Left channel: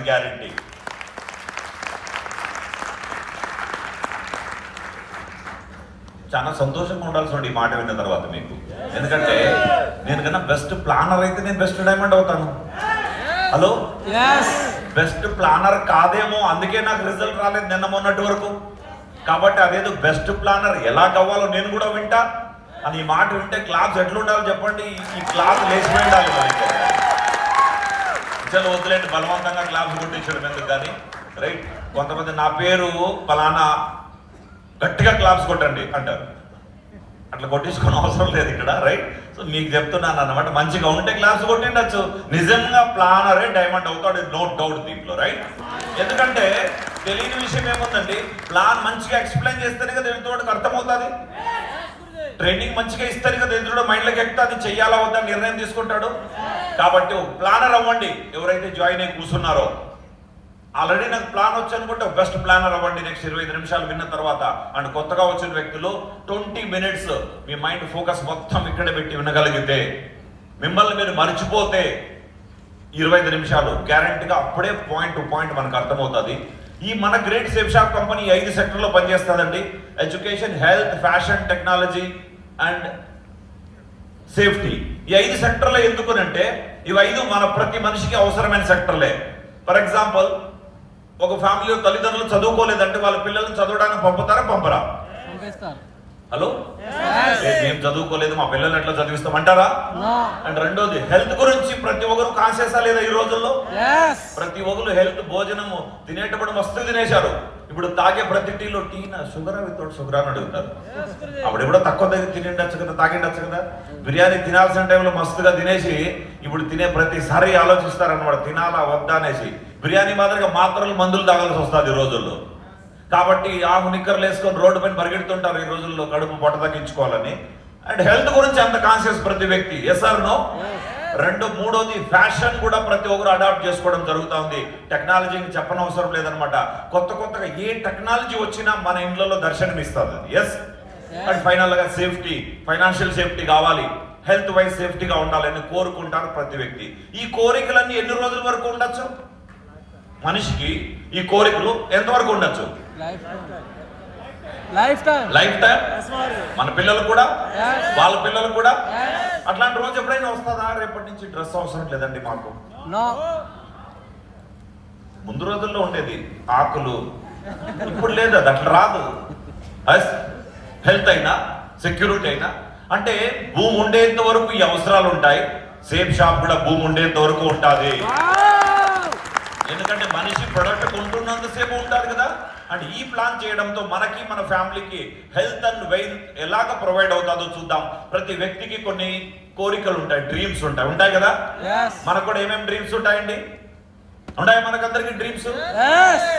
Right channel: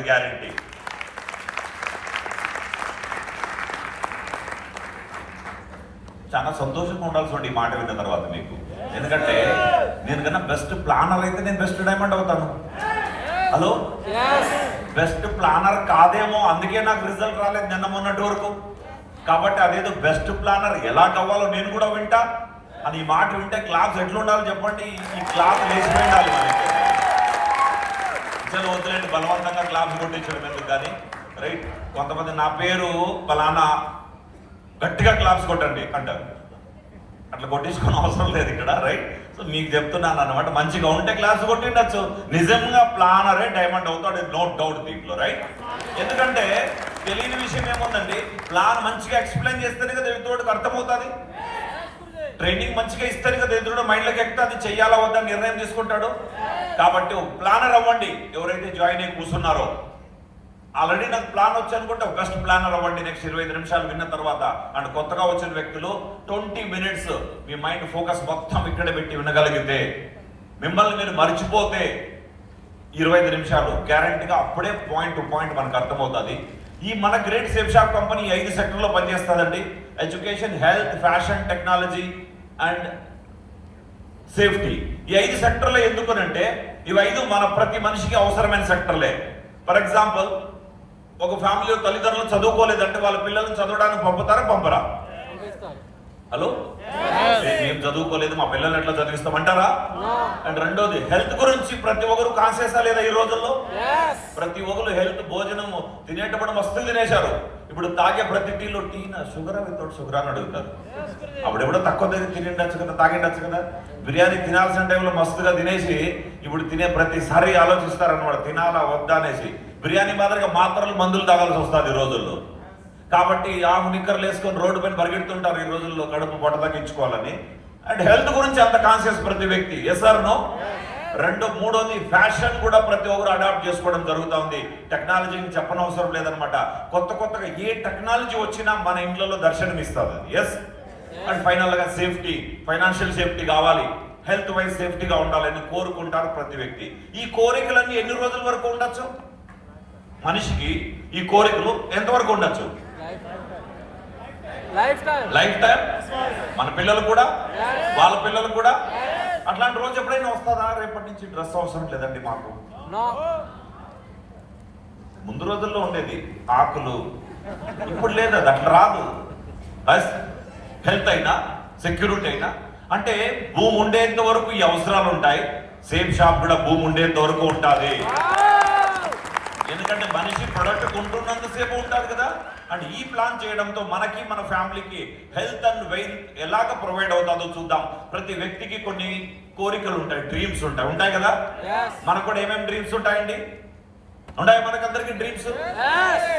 ఇది గ్యారెంటీ. చాలా సంతోషంగా ఉండాల్సి ఈ మాట విన్న తర్వాత మీకు. ఎందుకంటే నేను కన్నా బెస్ట్ ప్లానర్ అయితే నేను బెస్ట్ డైమండ్ అవుతాను. హలో, బెస్ట్ ప్లానర్ కాదేమో, అందుకే నాకు రిజల్ట్ రాలేదు నిన్న మొన్నటి వరకు. కాబట్టి అదేదో బెస్ట్ ప్లానర్ ఎలా కావాలో నేను కూడా వింటా. అని ఈ మాట వింటే క్లాస్ ఎట్లుండాలో చెప్పండి. ఈ క్లాస్ లేచి ఉండాలి. ఇచ్చలు వదిలేండి, బలవంతంగా క్లాస్ కొట్టించడం ఎందుకు కానీ. రైట్, కొంతమంది నా పేరు ఫలానా గట్టిగా క్లాప్స్ కొట్టండి అంటారు. అట్లా కొట్టించుకునే అవసరం లేదు ఇక్కడ. రైట్, సో మీకు చెప్తున్నాను అన్నమాట. మంచిగా ఉంటే క్లాస్ కొట్టిండొచ్చు. నిజంగా ప్లానరే డైమండ్ అవుతాడు, నో డౌట్ దీంట్లో. రైట్, ఎందుకంటే తెలియని విషయం ఏముందండి, ప్లాన్ మంచిగా ఎక్స్ప్లెయిన్ చేస్తేనే కదా ఎదుటివాడికి అర్థమవుతుంది. ట్రైనింగ్ మంచిగా ఇస్తేనే కదా ఎదురు మైండ్లోకి ఎక్కితే అది చెయ్యాలా వద్దని నిర్ణయం తీసుకుంటాడు. కాబట్టి ప్లానర్ అవ్వండి. ఎవరైతే జాయిన్ అయ్యి కూర్చున్నారో, ఆల్రెడీ నాకు ప్లాన్ వచ్చి అనుకుంటే బెస్ట్ ప్లానర్ అవ్వండి. నెక్స్ట్ 25 నిమిషాలు విన్న తర్వాత. అండ్ కొత్తగా వచ్చిన వ్యక్తులు 20 మినిట్స్ మీ మైండ్ ఫోకస్ మొత్తం ఇక్కడే పెట్టి వినగలిగితే, మిమ్మల్ని మీరు మర్చిపోతే 25 నిమిషాలు గ్యారంటీగా అప్పుడే పాయింట్ టు పాయింట్ మనకు అర్థమవుతుంది. ఈ మన గ్రేట్ సేఫ్ షాప్ కంపెనీ 5 సెక్టర్లో పనిచేస్తుందండి. Education, health, fashion, technology and safety. ఈ 5 సెక్టర్లు ఎందుకునంటే ఇవి 5 మన ప్రతి మనిషికి అవసరమైన సెక్టర్లే. ఫర్ ఎగ్జాంపుల్, ఒక ఫ్యామిలీలో తల్లిదండ్రులు చదువుకోలేదంటే వాళ్ళ పిల్లల్ని చదవడానికి పంపుతారా, పంపరా? హలో, మేము చదువుకోలేదు, మా పిల్లల్ని ఎట్లా చదివిస్తామంటారా? అండ్ రెండోది, హెల్త్ గురించి ప్రతి ఒక్కరు కాన్షియస్ లేదా ఈ రోజుల్లో? ప్రతి ఒక్కరు హెల్త్, భోజనము తినేటప్పుడు మస్తు తినేశారు. ఇప్పుడు తాగే ప్రతి టీలో టీనా షుగరా వితౌట్ షుగరా అని అడుగుతారు. అప్పుడు కూడా తక్కువ దగ్గర తినిండొచ్చు కదా, తాగిండొచ్చు కదా. బిర్యానీ తినాల్సిన టైంలో మస్తుగా తినేసి ఇప్పుడు తినే ప్రతిసారి ఆలోచిస్తారన్నమాట, తినాలా వద్దా అనేసి. బిర్యానీ మాదిరిగా మాత్రలు మందులు తాగాల్సి వస్తుంది ఈ రోజుల్లో. కాబట్టి ఆకు నిక్కర్లు వేసుకొని రోడ్డు పైన పరిగెడుతుంటారు ఈ రోజుల్లో కడుపు పొట్ట తగ్గించుకోవాలని. అండ్ హెల్త్ గురించి అంత కాన్షియస్ ప్రతి వ్యక్తి. Yes or no? మూడోది, ఫ్యాషన్ కూడా ప్రతి ఒక్కరు అడాప్ట్ చేసుకోవడం జరుగుతుంది. టెక్నాలజీని చెప్పనవసరం లేదనమాట. కొత్తగా ఏ టెక్నాలజీ వచ్చినా మన ఇంట్లో దర్శనమిస్తుంది. ఎస్. అండ్ ఫైనల్ గా సేఫ్టీ, ఫైనాన్షియల్ సేఫ్టీ కావాలి, హెల్త్ వైజ్ సేఫ్టీగా ఉండాలని కోరుకుంటారు ప్రతి వ్యక్తి. ఈ కోరికలన్నీ ఎన్ని రోజుల వరకు ఉండొచ్చు మనిషికి? ఈ కోరికలు ఎంతవరకు ఉండొచ్చు? Life time. మన పిల్లలు కూడా, వాళ్ళ పిల్లలు కూడా. అట్లాంటి రోజు ఎప్పుడైనా వస్తుందా? రేపటి నుంచి డ్రెస్ అవసరం లేదండి మాకు. ముందు రోజుల్లో ఉండేది ఆకులు, ఇప్పుడు లేదు, అది అట్లా రాదు. హెల్త్ అయినా, సెక్యూరిటీ అయినా, అంటే భూమి ఉండేంత వరకు ఈ అవసరాలు ఉంటాయి. సేఫ్ షాప్ కూడా భూమి ఉండేంత వరకు ఉంటుంది. ఎందుకంటే మనిషి ప్రొడక్ట్ కొంటున్నంతసేపు ఉంటుంది కదా. అండ్ ఈ ప్లాన్ చేయడంతో మనకి, మన ఫ్యామిలీకి హెల్త్ అండ్ వెల్త్ ఎలాగ ప్రొవైడ్ అవుతుందో చూద్దాం. ప్రతి వ్యక్తికి కొన్ని కోరికలు ఉంటాయి, డ్రీమ్స్ ఉంటాయి కదా. మనకు కూడా ఏమేమి డ్రీమ్స్ ఉంటాయండి? ఉన్నాయి మనకందరికి డ్రీమ్స్.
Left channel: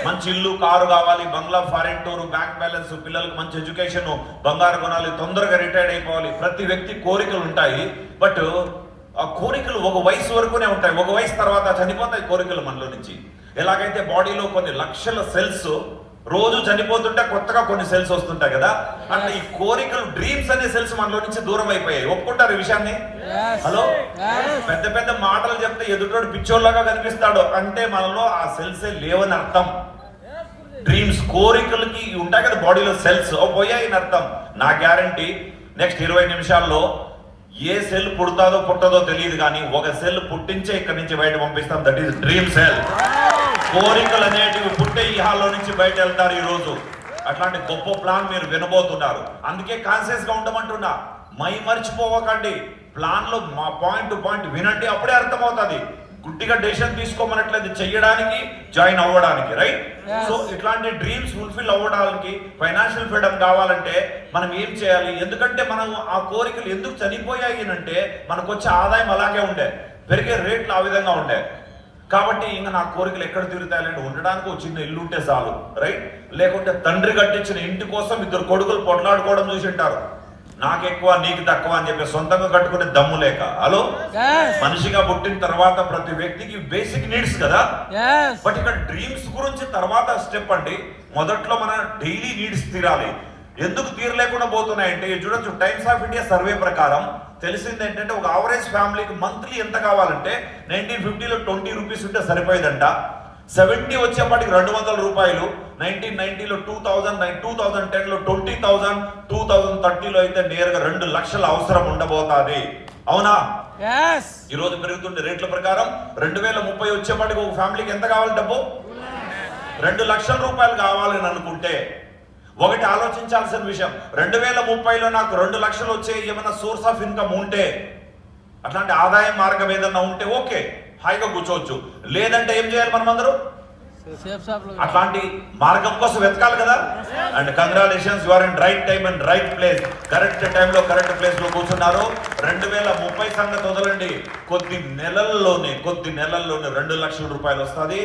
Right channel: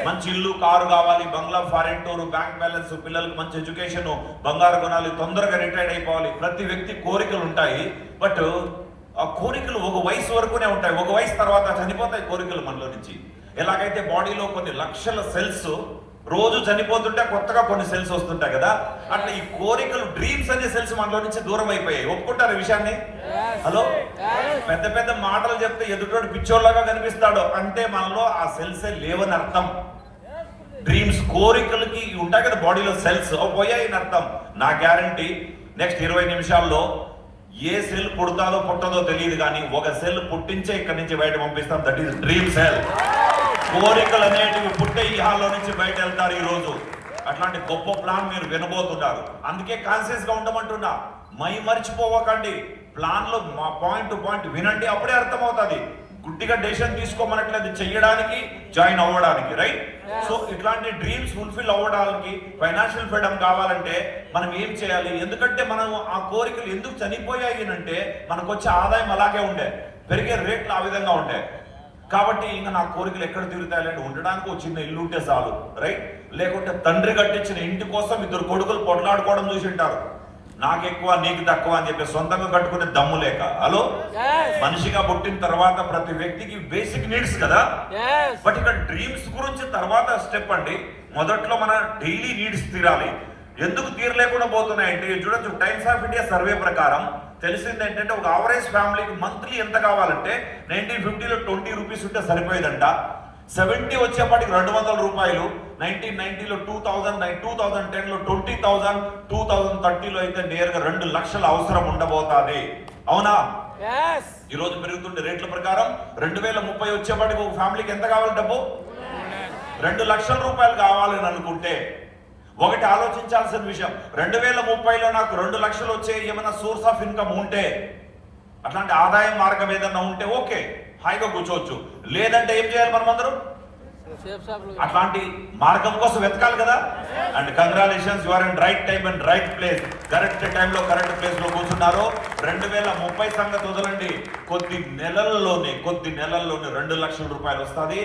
మంచి ఇల్లు, కారు కావాలి, బంగ్లా, ఫారెన్ టూర్, బ్యాంక్ బ్యాలెన్స్, పిల్లలకు మంచి ఎడ్యుకేషన్, బంగారు కొనాలి, తొందరగా రిటైర్డ్ అయిపోవాలి. ప్రతి వ్యక్తి కోరికలు ఉంటాయి. బట్ ఆ కోరికలు ఒక వయసు వరకునే ఉంటాయి. ఒక వయసు తర్వాత చనిపోతాయి కోరికలు మనలో నుంచి. ఎలాగైతే బాడీలో కొన్ని లక్షల సెల్స్ రోజు చనిపోతుంటే కొత్తగా కొన్ని సెల్స్ వస్తుంటాయి కదా, అట్లా ఈ కోరికలు, డ్రీమ్స్ అనే సెల్స్ మనలో నుంచి దూరం అయిపోయాయి. ఒప్పుకుంటారు ఈ విషయాన్ని? హలో, పెద్ద పెద్ద మాటలు చెప్తే ఎదుటోడు పిచ్చోళ్ళగా కనిపిస్తాడు అంటే మనలో ఆ సెల్సే లేవని అర్థం. డ్రీమ్స్, కోరికలకి ఉంటాయి కదా బాడీలో సెల్స్, పోయాయని అర్థం. నా గ్యారంటీ నెక్స్ట్ 20 నిమిషాల్లో ఏ సెల్ పుడతాదో పుట్టదో తెలియదు కానీ ఒక సెల్ పుట్టించే ఇక్కడి నుంచి బయట పంపిస్తాం. That is dream cell. కోరికలు అనేటివి పుట్టే ఈ హాల్లో నుంచి బయట వెళ్తారు ఈ రోజు. అట్లాంటి గొప్ప ప్లాన్ మీరు వినబోతున్నారు. అందుకే కాన్షియస్ గా ఉండమంటున్నా. మర్చిపోవకండి. ప్లాన్ లో మా పాయింట్ టు పాయింట్ వినండి, అప్పుడే అర్థమవుతుంది. గుడ్డిగా డెసిషన్ తీసుకోమనట్లేదు, చెయ్యడానికి, జాయిన్ అవ్వడానికి. రైట్? సో ఇట్లాంటి డ్రీమ్స్ ఫుల్ఫిల్ అవ్వడానికి, ఫైనాన్షియల్ ఫ్రీడమ్ కావాలంటే మనం ఏం చేయాలి? ఎందుకంటే మనం ఆ కోరికలు ఎందుకు చనిపోయాయి అంటే మనకు వచ్చే ఆదాయం అలాగే ఉండే, పెరిగే రేట్లు ఆ విధంగా ఉండే. కాబట్టి ఇంకా నా కోరికలు ఎక్కడ తిరుగుతాయంటే ఉండడానికి ఒక చిన్న ఇల్లు ఉంటే చాలు. రైట్? లేకుంటే తండ్రి కట్టించిన ఇంటి కోసం 2 కొడుకులు పొట్లాడుకోవడం చూసి ఉంటారు. నాకు ఎక్కువ నీకు తక్కువ అని చెప్పి సొంతంగా కట్టుకునే దమ్ము లేక. హలో, మనిషిగా పుట్టిన తర్వాత ప్రతి వ్యక్తికి బేసిక్ నీడ్స్ కదా. బట్ ఇక్కడ డ్రీమ్స్ గురించి తర్వాత స్టెప్ అండి. మొదట్లో మన డైలీ నీడ్స్ తీరాలి. ఎందుకు తీరలేకుండా పోతున్నాయంటే చూడొచ్చు, టైమ్స్ ఆఫ్ ఇండియా సర్వే ప్రకారం తెలిసింది ఏంటంటే ఒక యావరేజ్ ఫ్యామిలీకి మంత్లీ ఎంత కావాలంటే 1950లో 20 రూపీస్ ఉంటే సరిపోయిందంట. 70 వచ్చేప్పటికి 200 రూపాయలు, 1990లో 2000, 2010లో 20,000, 2030లో అయితే నేరుగా 2 లక్షల అవసరం ఉండబోతుంది. అవునా? ఈ రోజు పెరుగుతుండే రేట్ల ప్రకారం 2030 వచ్చేప్పటికి ఒక ఫ్యామిలీకి ఎంత కావాలి డబ్బు? 2 లక్షల రూపాయలు కావాలని అనుకుంటే ఒకటి ఆలోచించాల్సిన విషయం, 2030లో నాకు 2 లక్షలు వచ్చే ఏమైనా సోర్స్ ఆఫ్ ఇన్కమ్ ఉంటే, అట్లాంటి ఆదాయ మార్గం ఏదన్నా ఉంటే ఓకే, హాయిగా కూర్చోవచ్చు. లేదంటే ఏం చేయాలి మనం అందరూ? అట్లాంటి మార్గం కోసం వెతకాలి కదా. And congratulations, you are in right time and right place. Correct టైంలో కరెక్ట్ ప్లేస్ లో కూర్చున్నారు. 2030 సంగతి వదలండి, కొద్ది నెలల్లోనే 2 లక్షల రూపాయలు వస్తుంది.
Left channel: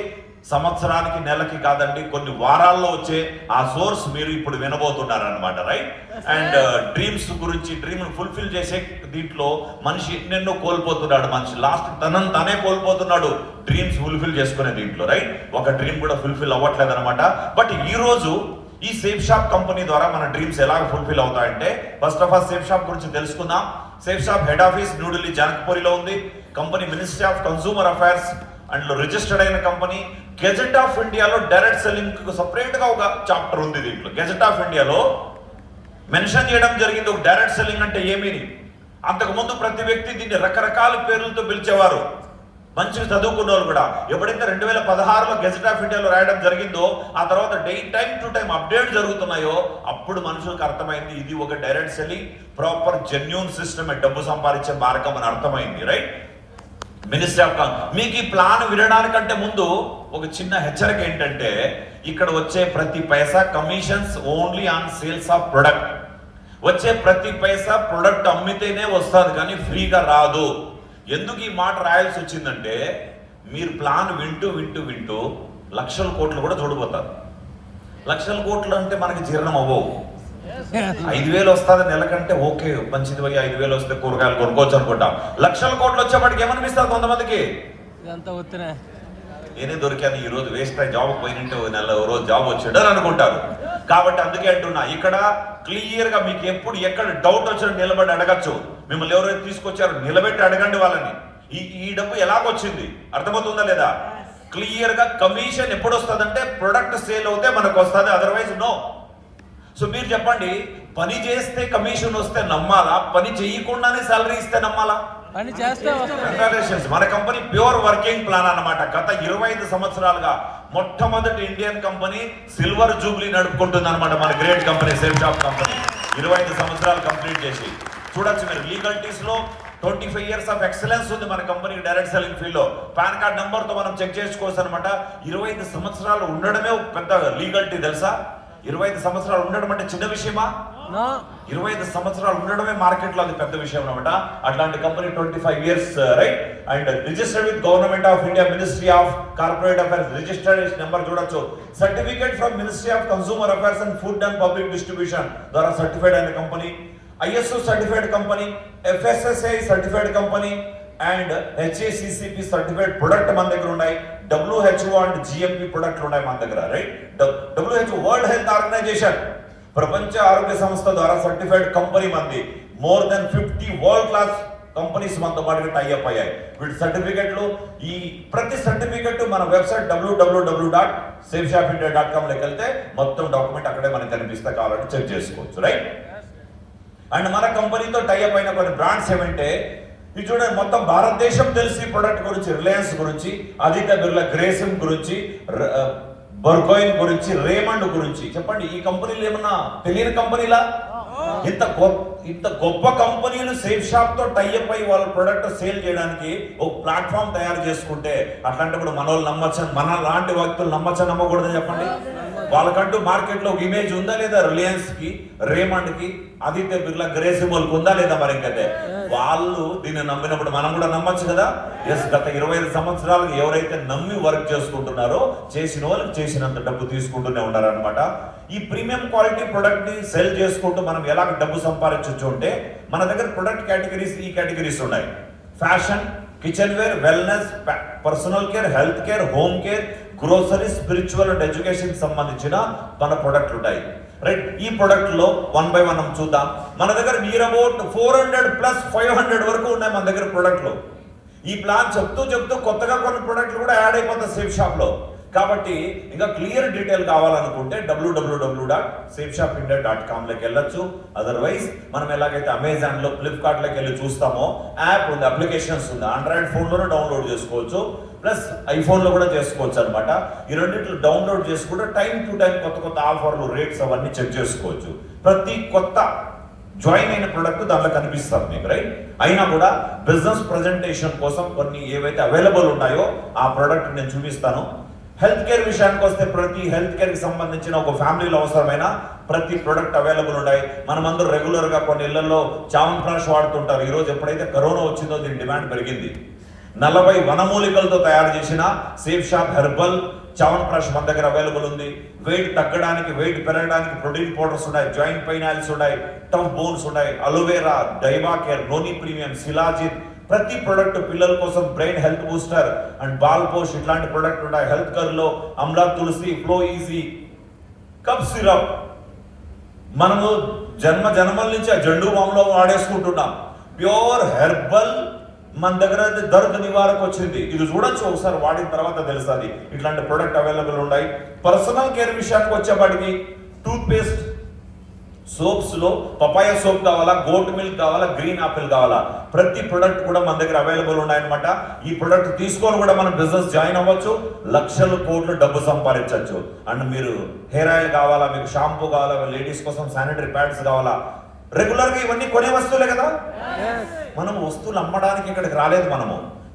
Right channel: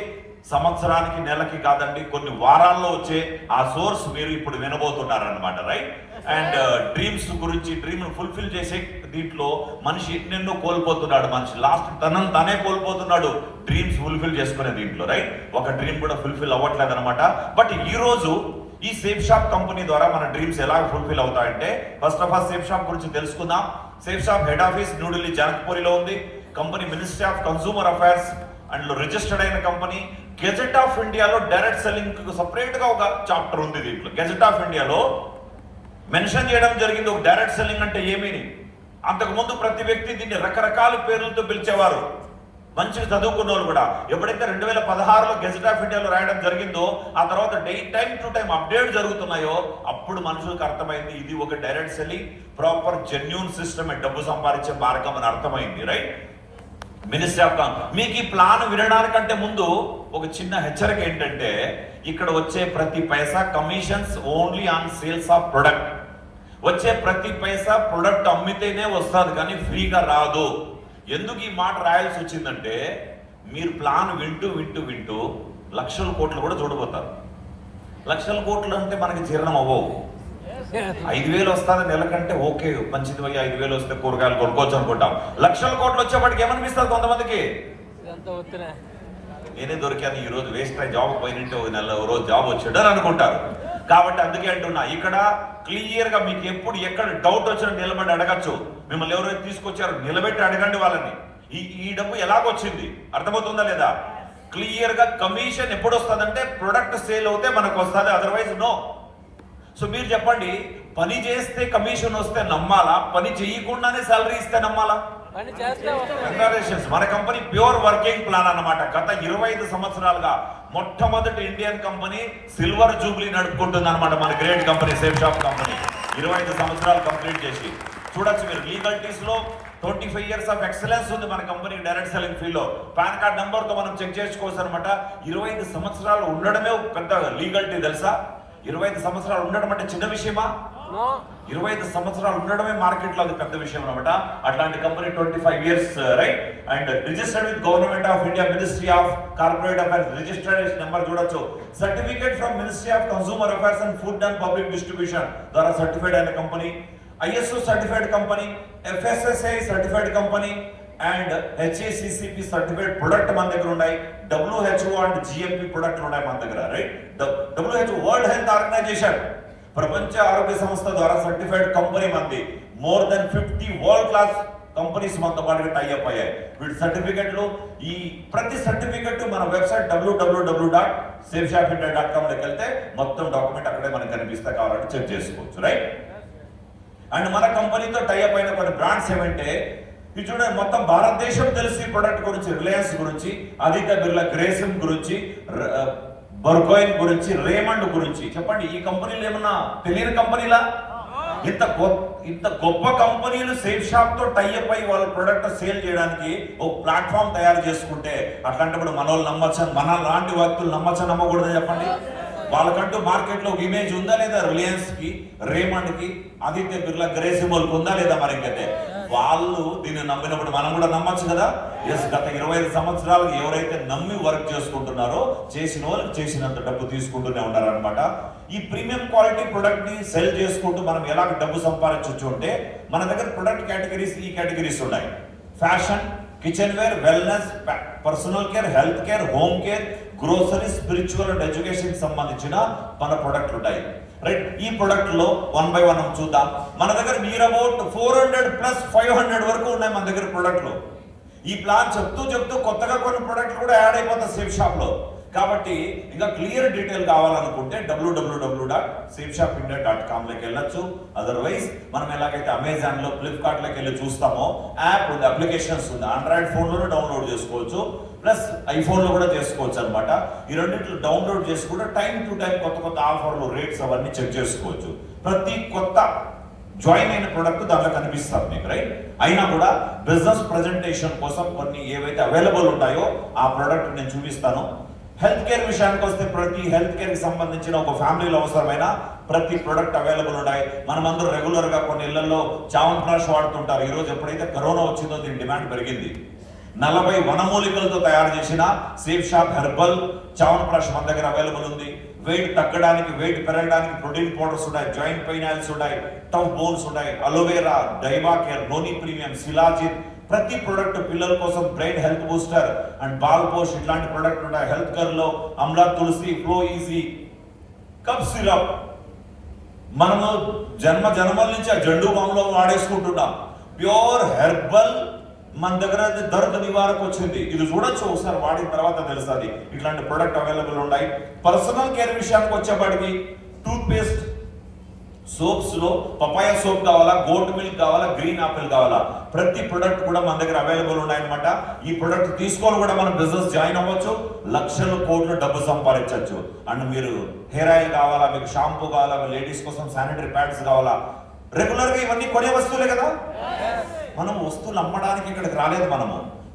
సంవత్సరానికి, నెలకి కాదండి, కొన్ని వారాల్లో వచ్చే ఆ సోర్స్ మీరు ఇప్పుడు వినబోతున్నారు అనమాట, రైట్? అండ్ డ్రీమ్స్ గురించి, డ్రీమ్ ఫుల్ఫిల్ చేసే దీంట్లో మనిషి ఎన్నెన్నో కోల్పోతున్నాడు. మనిషి లాస్ట్ తనను తానే కోల్పోతున్నాడు డ్రీమ్స్ ఫుల్ఫిల్ చేసుకునే దీంట్లో, రైట్? ఒక డ్రీమ్ కూడా ఫుల్ఫిల్ అవ్వట్లేదు అనమాట. బట్ ఈ రోజు ఈ సేఫ్ షాప్ కంపెనీ ద్వారా మన డ్రీమ్స్ ఎలా ఫుల్ఫిల్ అవుతాయంటే, first of all Safe Shop గురించి తెలుసుకుందాం. Safe Shop head office New Delhi జనక్పూరిలో ఉంది. Company ministry of consumer affairs and registered అయిన కంపెనీ. గెజెట్ ఆఫ్ ఇండియాలో డైరెక్ట్ సెల్లింగ్ సెపరేట్ గా ఒక చాప్టర్ ఉంది. దీంట్లో గెజెట్ ఆఫ్ ఇండియాలో మెన్షన్ చేయడం జరిగింది ఒక డైరెక్ట్ సెల్లింగ్ అంటే ఏమీని. అంతకుముందు ప్రతి వ్యక్తి దీన్ని రకరకాల పేర్లతో పిలిచేవారు, మంచిగా చదువుకున్న వాళ్ళు కూడా. ఎప్పుడైతే 2016లో గెజెట్ ఆఫ్ ఇండియాలో రాయడం జరిగిందో, ఆ తర్వాత టైం టు టైం అప్డేట్ జరుగుతున్నాయో, అప్పుడు మనుషులకు అర్థమైంది ఇది ఒక direct selling, proper genuine system, డబ్బు సంపాదించే మార్గం అని అర్థమైంది, రైట్? మినిస్ట్రీ ఆఫ్ మీకు ఈ ప్లాన్ వినడానికంటే ముందు ఒక చిన్న హెచ్చరిక ఏంటంటే, ఇక్కడ వచ్చే ప్రతి పైసా commissions only on sales of product. వచ్చే ప్రతి పైసా ప్రొడక్ట్ అమ్మితేనే వస్తుంది, కానీ ఫ్రీగా రాదు. ఎందుకు ఈ మాట రాయాల్సి వచ్చిందంటే, మీరు ప్లాన్ వింటూ వింటూ వింటూ లక్షల కోట్లు కూడా చూడబోతారు. లక్షల కోట్లు అంటే మనకి జీర్ణం అవ్వవు. 5,000 వస్తుంది నెలకంటే ఓకే, మంచిది, 5,000 వస్తే కూరగాయలు కొనుక్కోవచ్చు అనుకుంటాం. లక్షల కోట్లు వచ్చేప్పటికి ఏమనిపిస్తారు కొంతమందికి? నేనే దొరికాను ఈ రోజు, వేస్ట్ అయ్యి జాబ్ పోయినట్టే, ఒక నెల రోజు జాబ్ వచ్చాడు అని అనుకుంటారు. కాబట్టి అందుకే అంటున్నా, ఇక్కడ క్లియర్ గా మీకు ఎప్పుడు ఎక్కడ డౌట్ వచ్చినా నిలబడి అడగచ్చు. మిమ్మల్ని ఎవరైతే తీసుకొచ్చారో నిలబెట్టి అడగండి వాళ్ళని. ఈ డబ్బు ఎలాగొచ్చింది అర్థమవుతుందా లేదా? క్లియర్ గా కమిషన్ ఎప్పుడు వస్తుందంటే ప్రొడక్ట్ సేల్ అవుతే మనకు వస్తుంది, అదర్వైజ్ నో. సో మీరు చెప్పండి, పని చేస్తే కమిషన్ వస్తే నమ్మాలా, పని చేయకుండానే సాలరీ ఇస్తే నమ్మాలా? కంగ్రాచులేషన్స్, మన కంపెనీ ప్యూర్ వర్కింగ్ ప్లాన్ అన్నమాట. గత 25 సంవత్సరాలుగా మొట్టమొదటి ఇండియన్ కంపెనీ సిల్వర్ జూబ్లీ నడుపుకుంటుంది అనమాట మన great company safe shop company. 25 సంవత్సరాలు కంప్లీట్ చేసి చూడొచ్చు మీరు. లీగల్టీస్ లో 25 years ఆఫ్ ఎక్సలెన్స్ ఉంది మన కంపెనీ డైరెక్ట్ సెల్లింగ్ ఫీల్డ్ లో. పాన్ కార్డ్ నంబర్ తో మనం చెక్ చేసుకోవచ్చు అనమాట. 25 సంవత్సరాలు ఉండడమే పెద్ద లీగల్టీ తెలుసా? 25 సంవత్సరాలు ఉండడం అంటే చిన్న విషయమా? 25 సంవత్సరాలు ఉండడమే మార్కెట్ లో అది పెద్ద విషయం అనమాట. అట్లాంటి company 25 years, right? And registered with government of India, ministry of corporate affairs, registered number చూడొచ్చు. Certificate from ministry of consumer affairs and food and public distribution ద్వారా సర్టిఫైడ్ అయిన company. ISO certified company, FSSAI certified company and HACCP certified product మన దగ్గర ఉన్నాయి. WHO and GMP ప్రొడక్ట్లు ఉన్నాయి మన దగ్గర, right? WHO world health organisation, ప్రపంచ ఆరోగ్య సంస్థ ద్వారా సర్టిఫైడ్ కంపెనీ మంది. More than 50 world class companies మనతో పాటుగా టైఅప్ అయ్యాయి. వీటి సర్టిఫికెట్లు, ఈ ప్రతి సర్టిఫికెట్ మన వెబ్సైట్ www.safeshopindia.com లోకి వెళ్తే మొత్తం డాక్యుమెంట్ అక్కడే మనకు కనిపిస్తే, కావాలంటే చెక్ చేసుకోవచ్చు, రైట్? అండ్ మన కంపెనీతో టైఅప్ అయిన కొన్ని బ్రాండ్స్ ఏమంటే, ఇది చూడండి, మొత్తం భారతదేశం తెలిసి ప్రొడక్ట్ గురించి, రిలయన్స్ గురించి, ఆదిత్య బిర్లా గ్రేసిమ్ గురించి, బర్గోయిన్ గురించి, రేమండ్ గురించి. చెప్పండి, ఈ కంపెనీలు ఏమన్నా తెలియని కంపెనీలా? ఇంత గొప్ప కంపెనీలు సేఫ్ షాప్ తో టైఅప్ అయ్యి వాళ్ళ ప్రొడక్ట్ సేల్ చేయడానికి ఒక ప్లాట్ఫామ్ తయారు చేసుకుంటే, అట్లాంటప్పుడు మన వాళ్ళు నమ్మచ్చ, మన లాంటి వ్యక్తులు నమ్మచ్చ నమ్మకూడదు చెప్పండి? వాళ్ళకంటూ మార్కెట్ లో ఒక ఇమేజ్ ఉందా లేదా? రిలయన్స్ కి, రేమండ్ కి, ఆదిత్య బిర్లా గ్రేసిమ్ వాళ్ళకి ఉందా లేదా? మరి ఇంకైతే వాళ్ళు దీన్ని నమ్మినప్పుడు మనం కూడా నమ్మచ్చు కదా. ఎస్, గత 25 సంవత్సరాలు ఎవరైతే నమ్మి వర్క్ చేసుకుంటున్నారో, చేసిన వాళ్ళకి చేసినంత డబ్బు తీసుకుంటూనే ఉన్నారనమాట. ఈ ప్రీమియం క్వాలిటీ ప్రొడక్ట్ ని సెల్ చేసుకుంటూ మనం ఎలా డబ్బు సంపాదించవచ్చు అంటే, మన దగ్గర ప్రొడక్ట్ కేటగిరీస్ ఈ కేటగిరీస్ ఉన్నాయి. Fashion, kitchenware, wellness, personal care, health care, home care, grocery, spiritual and education సంబంధించిన మన ప్రొడక్ట్లు ఉంటాయి, రైట్? ఈ ప్రొడక్ట్ లో 1 by 1 చూద్దాం. మన దగ్గర నియర్ అబౌట్ 400 plus 500 వరకు ఉన్నాయి మన దగ్గర ప్రొడక్ట్లు. ఈ ప్లాన్ చెప్తూ కొత్తగా కొన్ని ప్రొడక్ట్లు కూడా యాడ్ అయిపోతాయి సేఫ్ షాప్ లో. కాబట్టి ఇంకా క్లియర్ డీటెయిల్ కావాలనుకుంటే www.safeshopindia.com లోకి వెళ్ళొచ్చు. అదర్వైజ్ మనం ఎలాగైతే అమెజాన్ లో, ఫ్లిప్కార్ట్ లోకి వెళ్ళి చూస్తామో యాప్ ఉంది, అప్లికేషన్స్ ఉంది, ఆండ్రాయిడ్ ఫోన్ లోనే డౌన్లోడ్ చేసుకోవచ్చు, ప్లస్ ఐఫోన్ లో కూడా చేసుకోవచ్చు అనమాట. ఈ రెండింటిలో డౌన్లోడ్ చేసుకుంటే టైం టు టైం కొత్త కొత్త ఆఫర్లు, రేట్స్ అవన్నీ చెక్ చేసుకోవచ్చు. ప్రతి కొత్త జాయిన్ అయిన ప్రొడక్ట్ దాంట్లో కనిపిస్తారు మీకు, రైట్? అయినా కూడా బిజినెస్ ప్రెజెంటేషన్ కోసం కొన్ని ఏవైతే అవైలబుల్ ఉన్నాయో ఆ ప్రొడక్ట్ నేను చూపిస్తాను. హెల్త్ కేర్ విషయానికి వస్తే ప్రతి హెల్త్ కేర్ కి సంబంధించిన ఒక ఫ్యామిలీలో అవసరమైన ప్రతి ప్రొడక్ట్ అవైలబుల్ ఉన్నాయి. మనమందరూ రెగ్యులర్ గా కొన్ని ఇళ్లలో చావన్ప్రాష్ వాడుతుంటారు. ఈ రోజు ఎప్పుడైతే కరోనా వచ్చిందో దీని డిమాండ్ పెరిగింది. 40 వనమూలికలతో తయారు చేసిన సేఫ్ షాప్ హెర్బల్ చావన్ప్రాష్ మన దగ్గర అవైలబుల్ ఉంది. వెయిట్ తగ్గడానికి, వెయిట్ పెరగడానికి ప్రోటీన్ పౌడర్స్ ఉన్నాయి, జాయింట్ పెయిన్ ఆయిల్స్ ఉన్నాయి, టఫ్ బోన్స్ ఉన్నాయి, అలోవేరా, డైమా కేర్, నోని ప్రీమియం, సిలాజిన్, ప్రతి ప్రొడక్ట్ పిల్లల కోసం brain health booster and Bal Posh ఇట్లాంటి ప్రొడక్ట్ ఉన్నాయి. హెల్త్ కేర్ లో Amla Tulsi, flow easy, cough syrup మనము జన్మల నుంచి ఆ జండు బాంలో వాడేసుకుంటున్నాం. ప్యూర్ హెర్బల్ మన దగ్గర దర్ద్ నివారక వచ్చింది. ఇది చూడొచ్చు ఒకసారి, వాడిన తర్వాత తెలుస్తుంది. ఇట్లాంటి ప్రొడక్ట్ అవైలబుల్ ఉన్నాయి. పర్సనల్ కేర్ విషయానికి వచ్చేప్పటికి టూత్ పేస్ట్, సోప్స్ లో పపాయ సోప్ కావాలా, గోట్ మిల్క్ కావాలా, గ్రీన్ ఆపిల్ కావాలా, ప్రతి ప్రొడక్ట్ కూడా మన దగ్గర అవైలబుల్ ఉన్నాయన్నమాట. ఈ ప్రొడక్ట్ తీసుకొని కూడా మనం బిజినెస్ జాయిన్ అవ్వచ్చు, లక్షలు కోట్లు డబ్బు సంపాదించవచ్చు. అండ్ మీరు హెయిర్ ఆయిల్ కావాలా, మీకు షాంపూ కావాలా, లేడీస్ కోసం శానిటరీ ప్యాడ్స్ కావాలా, రెగ్యులర్ గా ఇవన్నీ కొనే వస్తువులే కదా. మనం వస్తువులు అమ్మడానికి ఇక్కడికి రాలేదు. మనము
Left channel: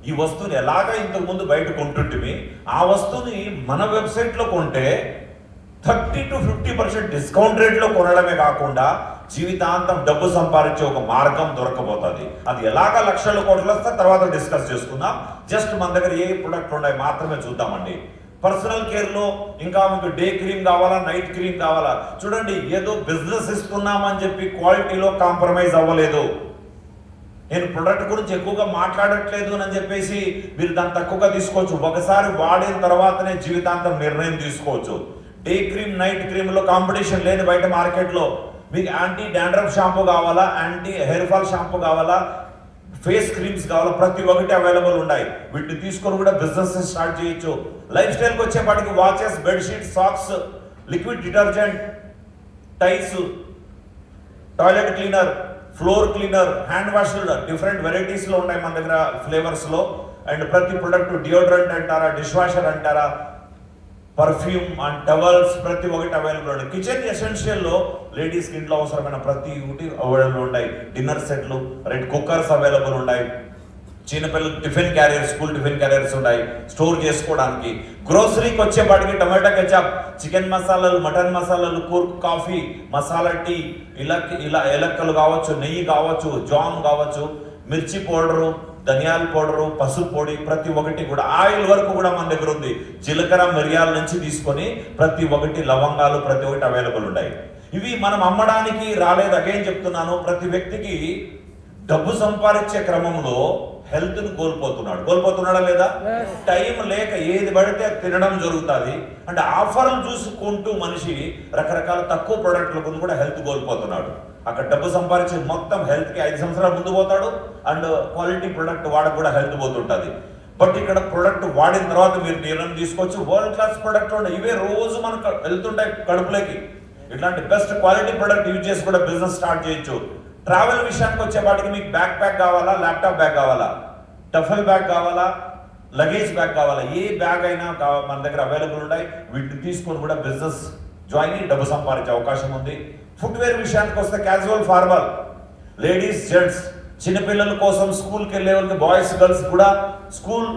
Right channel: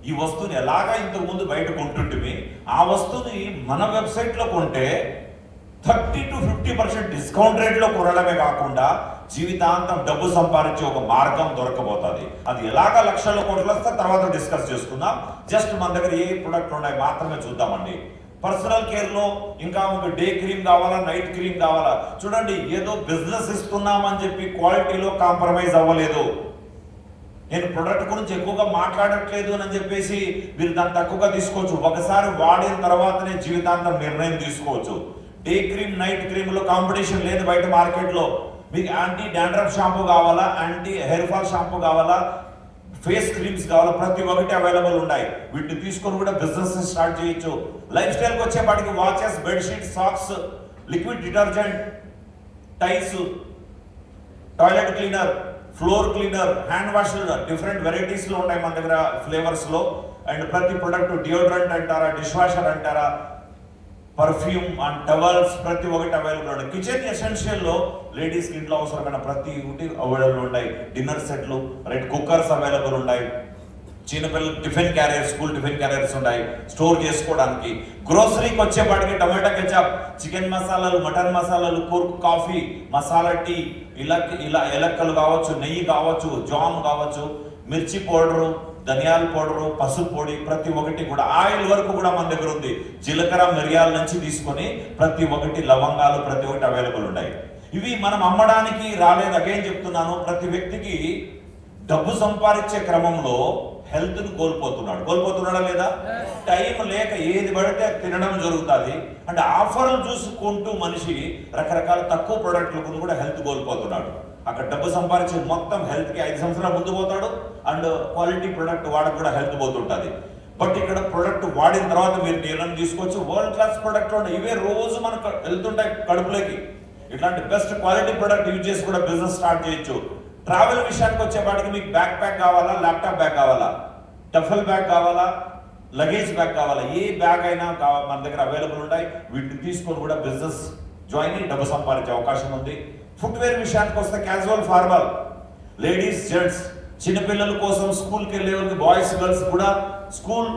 ఈ వస్తువుని ఎలాగా ఇంతకు ముందు బయట కొంటుంటివి, ఆ వస్తువుని మన వెబ్సైట్ లో కొంటే 30 to 50% డిస్కౌంట్ రేట్ లో కొనడమే కాకుండా జీవితాంతం డబ్బు సంపాదించే ఒక మార్గం దొరకబోతుంది. అది ఎలాగ లక్షల కోట్లు వస్తే తర్వాత డిస్కస్ చేసుకుందాం. జస్ట్ మన దగ్గర ఏ ప్రొడక్ట్ ఉన్నాయి మాత్రమే చూద్దామండి. పర్సనల్ కేర్ లో ఇంకా మీకు డే క్రీమ్ కావాలా, నైట్ క్రీమ్ కావాలా, చూడండి ఏదో బిజినెస్ ఇస్తున్నామని చెప్పి క్వాలిటీలో కాంప్రమైజ్ అవ్వలేదు. నేను ప్రొడక్ట్ గురించి ఎక్కువగా మాట్లాడట్లేదు అని చెప్పేసి మీరు దాన్ని తక్కువగా తీసుకోవచ్చు. ఒకసారి వాడిన తర్వాతనే జీవితాంతం నిర్ణయం తీసుకోవచ్చు. డే క్రీమ్, నైట్ క్రీమ్ లో కాంపిటీషన్ లేదు బయట మార్కెట్ లో. మీకు యాంటీ డాండ్రఫ్ షాంపూ కావాలా, యాంటీ హెయిర్ ఫాల్ షాంపూ కావాలా, ఫేస్ క్రీమ్స్ కావాలా, ప్రతి ఒక్కటి అవైలబుల్ ఉన్నాయి. వీటిని తీసుకొని కూడా బిజినెస్ స్టార్ట్ చేయొచ్చు. లైఫ్ స్టైల్కి వచ్చేపాటికి watches, bedsheet, socks, liquid detergent, tiles, toilet cleaner, floor cleaner, hand washer, different varieties లో ఉన్నాయి మన దగ్గర ఫ్లేవర్స్ లో. అండ్ ప్రతి ప్రొడక్ట్ డియోడ్రెంట్ అంటారా, డిష్ వాషర్ అంటారా, పర్ఫ్యూమ్ అండ్ టవల్స్ ప్రతి ఒక్కటి అవైలబుల్ ఉన్నాయి. కిచెన్ ఎసెన్షియల్ లో లేడీస్ ఇంట్లో అవసరమైన ప్రతి ఒక్కటి అవైలబుల్ ఉన్నాయి. డిన్నర్ సెట్లు, రెడ్ కుక్కర్స్ అవైలబుల్ ఉన్నాయి. చిన్నపిల్లలు tiffin carriers, school tiffin carriers ఉన్నాయి స్టోర్ చేసుకోవడానికి. గ్రోసరీకి వచ్చేపాటికి టమాటా కెచప్, చికెన్ మసాలాలు, మటన్ మసాలాలు, కూర్క్ కాఫీ, మసాలా టీ, ఇలా ఎలక్కలు కావచ్చు, నెయ్యి కావచ్చు, జామ్ కావచ్చు, మిర్చి పౌడరు, ధనియాల పౌడరు, పసుపు పొడి, ప్రతి ఒక్కటి కూడా. ఆయిల్ వరకు కూడా మన దగ్గర ఉంది. జీలకర్ర, మిరియాల నుంచి తీసుకొని ప్రతి ఒక్కటి, లవంగాలు, ప్రతి ఒక్కటి అవైలబుల్ ఉన్నాయి. ఇవి మనం అమ్మడానికి రాలేదు. అగైన్ చెప్తున్నాను, ప్రతి వ్యక్తికి డబ్బు సంపాదించే క్రమంలో హెల్త్ ను కోల్పోతున్నాడా లేదా? టైం లేక ఏది పడితే తినడం జరుగుతుంది. అంటే ఆఫర్లు చూసుకుంటూ మనిషి రకరకాల తక్కువ ప్రొడక్ట్ల గురించి కూడా హెల్త్ కోల్పోతున్నాడు. అక్కడ డబ్బు సంపాదించి మొత్తం హెల్త్ కి 5 సంవత్సరాలు ముందు పోతాడు. అండ్ క్వాలిటీ ప్రొడక్ట్ వాడ కూడా హెల్త్ పోతుంటది. బట్ ఇక్కడ ప్రొడక్ట్ వాడిన తర్వాత మీరు నిర్ణయం తీసుకోవచ్చు. వరల్డ్ క్లాస్ ప్రొడక్ట్ ఉంటాయి, ఇవే రోజు మనకు వెళ్తుంటాయి కడుపులోకి. ఇట్లాంటి బెస్ట్ క్వాలిటీ ప్రొడక్ట్ యూజ్ చేసి కూడా బిజినెస్ స్టార్ట్ చేయొచ్చు. ట్రావెల్ విషయానికి వచ్చేపాటికి మీకు బ్యాక్ ప్యాక్ కావాలా, ల్యాప్టాప్ బ్యాగ్ కావాలా, టఫల్ బ్యాగ్ కావాలా, లగేజ్ బ్యాగ్ కావాలా, ఏ బ్యాగ్ అయినా మన దగ్గర అవైలబుల్ ఉన్నాయి. వీటిని తీసుకొని కూడా బిజినెస్ జాయిన్ అయ్యి డబ్బు సంపాదించే అవకాశం ఉంది. ఫుట్వేర్ విషయానికి వస్తే క్యాజువల్, ఫార్మల్, లేడీస్, జెంట్స్, చిన్నపిల్లల కోసం స్కూల్కి వెళ్ళే వాళ్ళకి, బాయ్స్, గర్ల్స్ కూడా స్కూల్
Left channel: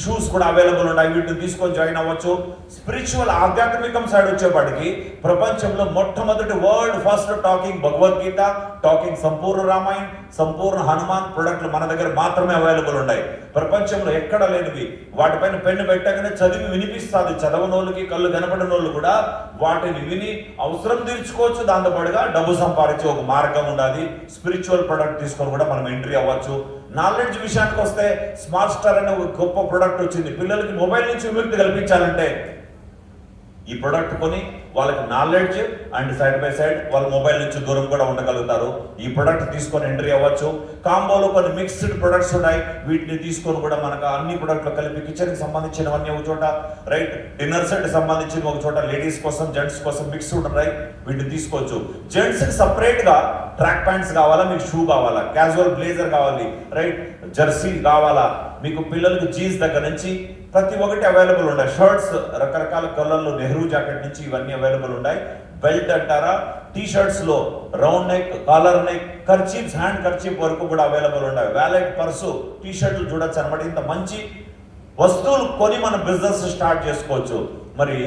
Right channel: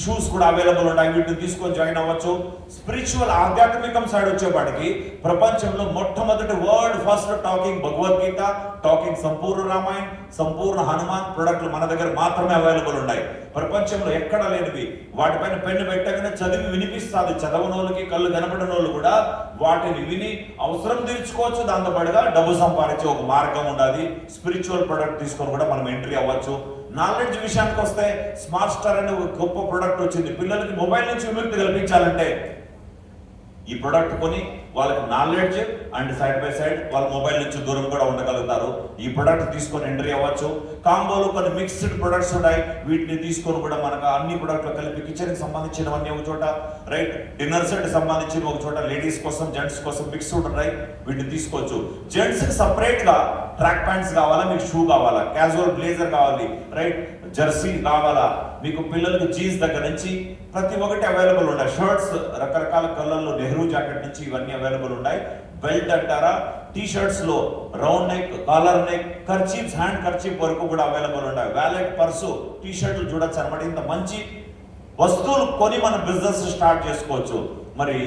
షూస్ కూడా అవైలబుల్ ఉన్నాయి. వీటిని తీసుకొని జాయిన్ అవ్వచ్చు. స్పిరిచువల్, ఆధ్యాత్మికం సైడ్ వచ్చేపాటికి ప్రపంచంలో మొట్టమొదటి world first talking Bhagavad Gita, talking సంపూర్ణ రామాయణ్, సంపూర్ణ హనుమాన్ ప్రొడక్ట్లు మన దగ్గర మాత్రమే అవైలబుల్ ఉన్నాయి. ప్రపంచంలో ఎక్కడ లేనివి. వాటిపైన పెన్ను పెట్టగానే చదివి వినిపిస్తుంది. చదవనోళ్ళకి, కళ్ళు కనపడిన వాళ్ళు కూడా వాటిని విని అవసరం తీర్చుకోవచ్చు. దాంతో పాటుగా డబ్బు సంపాదించే ఒక మార్గం ఉండాలి. స్పిరిచువల్ ప్రొడక్ట్ తీసుకొని కూడా మనం ఎంట్రీ అవ్వచ్చు. నాలెడ్జ్ విషయానికి వస్తే స్మార్ట్ స్టార్ అనే ఒక గొప్ప ప్రొడక్ట్ వచ్చింది. పిల్లలకి మొబైల్ నుంచి విముక్తి కల్పించాలంటే ఈ ప్రొడక్ట్ కొని వాళ్ళకి knowledge and side by side వాళ్ళ మొబైల్ నుంచి దూరం కూడా ఉండగలుగుతారు. ఈ ప్రొడక్ట్ తీసుకొని ఎంట్రీ అవ్వచ్చు. కాంబోలో కొన్ని మిక్స్డ్ ప్రొడక్ట్స్ ఉన్నాయి, వీటిని తీసుకొని కూడా మనకు అన్ని ప్రొడక్ట్లు కలిపి కిచెన్ కి సంబంధించినవన్నీ ఒక చోట, రైట్, డిన్నర్ సెట్ సంబంధించి ఒక చోట, లేడీస్ కోసం జెంట్స్ కోసం మిక్స్డ్ ఉన్నాయి, వీటిని తీసుకోవచ్చు. జెంట్స్ కి సపరేట్ గా ట్రాక్ ప్యాంట్స్ కావాలా, మీకు షూ కావాలా, క్యాజువల్ బ్లేజర్ కావాలి, రైట్, జెర్సీ కావాలా, మీకు పిల్లలకు జీన్స్ దగ్గర నుంచి ప్రతి ఒక్కటి అవైలబుల్ ఉన్నాయి. షర్ట్స్ రకరకాల కలర్లు, నెహ్రూ జాకెట్ నుంచి ఇవన్నీ అవైలబుల్ ఉన్నాయి. బెల్ట్ అంటారా, టీ షర్ట్స్ లో round neck, collar neck, kerchiefs, handkerchief వరకు కూడా అవైలబుల్ ఉన్నాయి. వ్యాలెట్, పర్సు, టీ షర్ట్లు చూడొచ్చు అనమాట. ఇంత మంచి వస్తువులు కొని మన బిజినెస్ స్టార్ట్ చేసుకోవచ్చు. మరి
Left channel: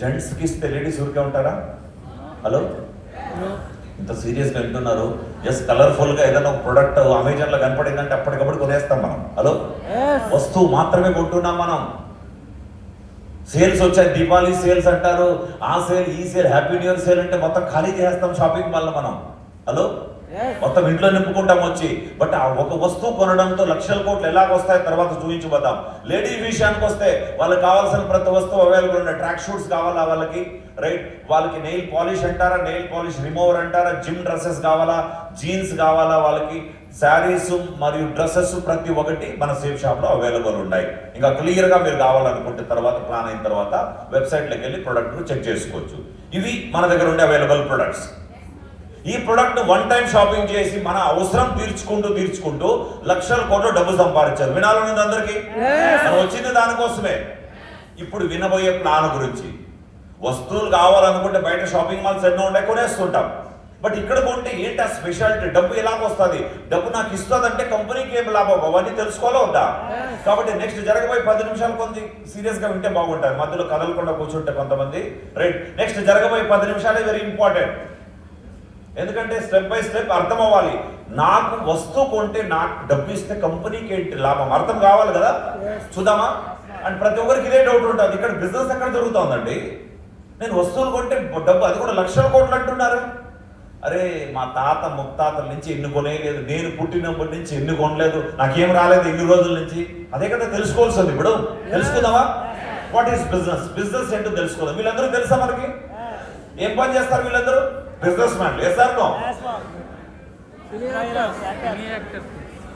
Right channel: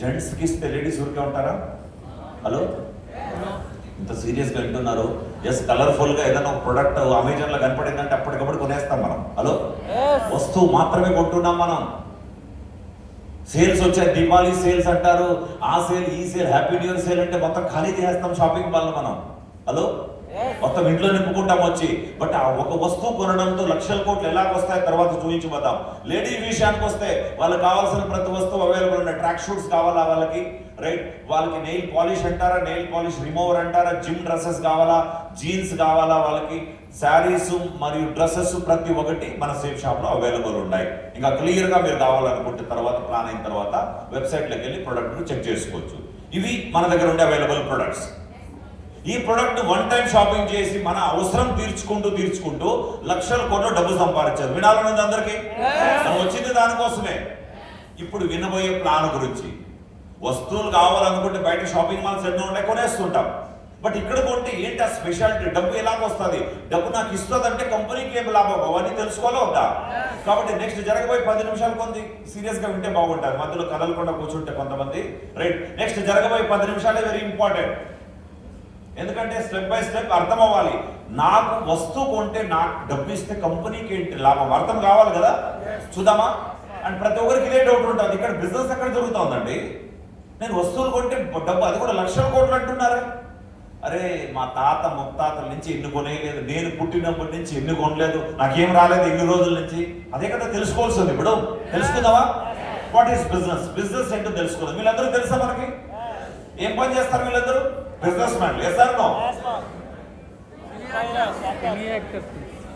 జెంట్స్ కి ఇస్తే లేడీస్ ఊరికే ఉంటారా? హలో, ఇంత సీరియస్ గా వింటున్నారు? ఎస్, కలర్ఫుల్ గా ఏదైనా ఒక ప్రొడక్ట్ అమెజాన్ లో కనపడిందంటే అప్పటికప్పుడు కొనేస్తాం మనం. హలో, వస్తువు మాత్రమే కొంటున్నాం మనం. సేల్స్ వచ్చాయి, దీపావళి సేల్స్ అంటారు, ఆ సేల్ ఈ sale, happy new year sale అంటే మొత్తం ఖాళీ చేస్తాం షాపింగ్ మాల్ మనం. హలో, మొత్తం ఇంట్లో నింపుకుంటాం వచ్చి. బట్ ఆ ఒక వస్తువు కొనడంతో లక్షల కోట్లు ఎలాగ వస్తాయి తర్వాత చూపించబోతాం. లేడీస్ విషయానికి వస్తే వాళ్ళకి కావాల్సిన ప్రతి వస్తువు అవైలబుల్ ఉన్నాయి. ట్రాక్ షూట్స్ కావాలా వాళ్ళకి, రైట్, వాళ్ళకి నెయిల్ పాలిష్ అంటారా, నెయిల్ పాలిష్ రిమూవర్ అంటారా, జిమ్ డ్రెస్సెస్ కావాలా, జీన్స్ కావాలా, వాళ్ళకి శారీస్ మరియు డ్రెస్సెస్ ప్రతి ఒక్కటి మన సేఫ్ షాప్ లో అవైలబుల్ ఉన్నాయి. ఇంకా క్లియర్ గా మీరు కావాలనుకుంటే తర్వాత ప్లాన్ అయిన తర్వాత వెబ్సైట్ లోకి వెళ్ళి ప్రొడక్ట్ చెక్ చేసుకోవచ్చు. ఇవి మన దగ్గర ఉండే అవైలబుల్ ప్రొడక్ట్స్. ఈ ప్రొడక్ట్ వన్ టైం షాపింగ్ చేసి మన అవసరం తీర్చుకుంటూ లక్షల కోట్ల డబ్బు సంపాదించారు. వినాలన్నది అందరికీ, మనం వచ్చింది దానికోసమే. ఇప్పుడు వినబోయే ప్లాన్ గురించి. వస్తువులు కావాలనుకుంటే బయట షాపింగ్ మాల్స్ ఎన్నో ఉన్నాయి, కొనేస్తుంటాం. బట్ ఇక్కడ కొంటే ఏంటి ఆ స్పెషాలిటీ? డబ్బు ఎలాగొస్తుంది? డబ్బు నాకు ఇస్తుందంటే కంపెనీకి ఏం లాభం? అవన్నీ తెలుసుకోవాలా వద్దా? కాబట్టి నెక్స్ట్ జరగబోయే 10 నిమిషాలు కొంత సీరియస్ గా వింటే బాగుంటారు. మధ్యలో కదలకుండా కూర్చుంటే కొంతమంది, రైట్. నెక్స్ట్ జరగబోయే 10 నిమిషాలే వెరీ ఇంపార్టెంట్. ఎందుకంటే స్టెప్ బై స్టెప్ అర్థం అవ్వాలి. నాకు వస్తువు కొంటే నాకు డబ్బు ఇస్తే కంపెనీకి ఏంటి లాభం అర్థం కావాలి కదా. చూద్దామా? అండ్ ప్రతి ఒక్కరికి ఇదే డౌట్ ఉంటుంది, ఇక్కడ బిజినెస్ ఎక్కడ జరుగుతుందండి? నేను వస్తువులు కొంటే డబ్బు, అది కూడా లక్షల కోట్లు అంటున్నారు. అరే, మా తాత ముత్తాతల నుంచి ఎన్ని కొనేయలేదు, నేను పుట్టినప్పటి నుంచి ఎన్ని కొనలేదు, నాకేం రాలేదు ఎన్ని రోజుల నుంచి. అదే కదా తెలుసుకోవాల్సింది. ఇప్పుడు తెలుసుకుందామా? What is business? బిజినెస్ ఏంటో తెలుసుకోవాలి. వీళ్ళందరూ తెలుసా మనకి? ఏం పని చేస్తారు వీళ్ళందరూ? బిజినెస్ మ్యాన్లు. Yes or no?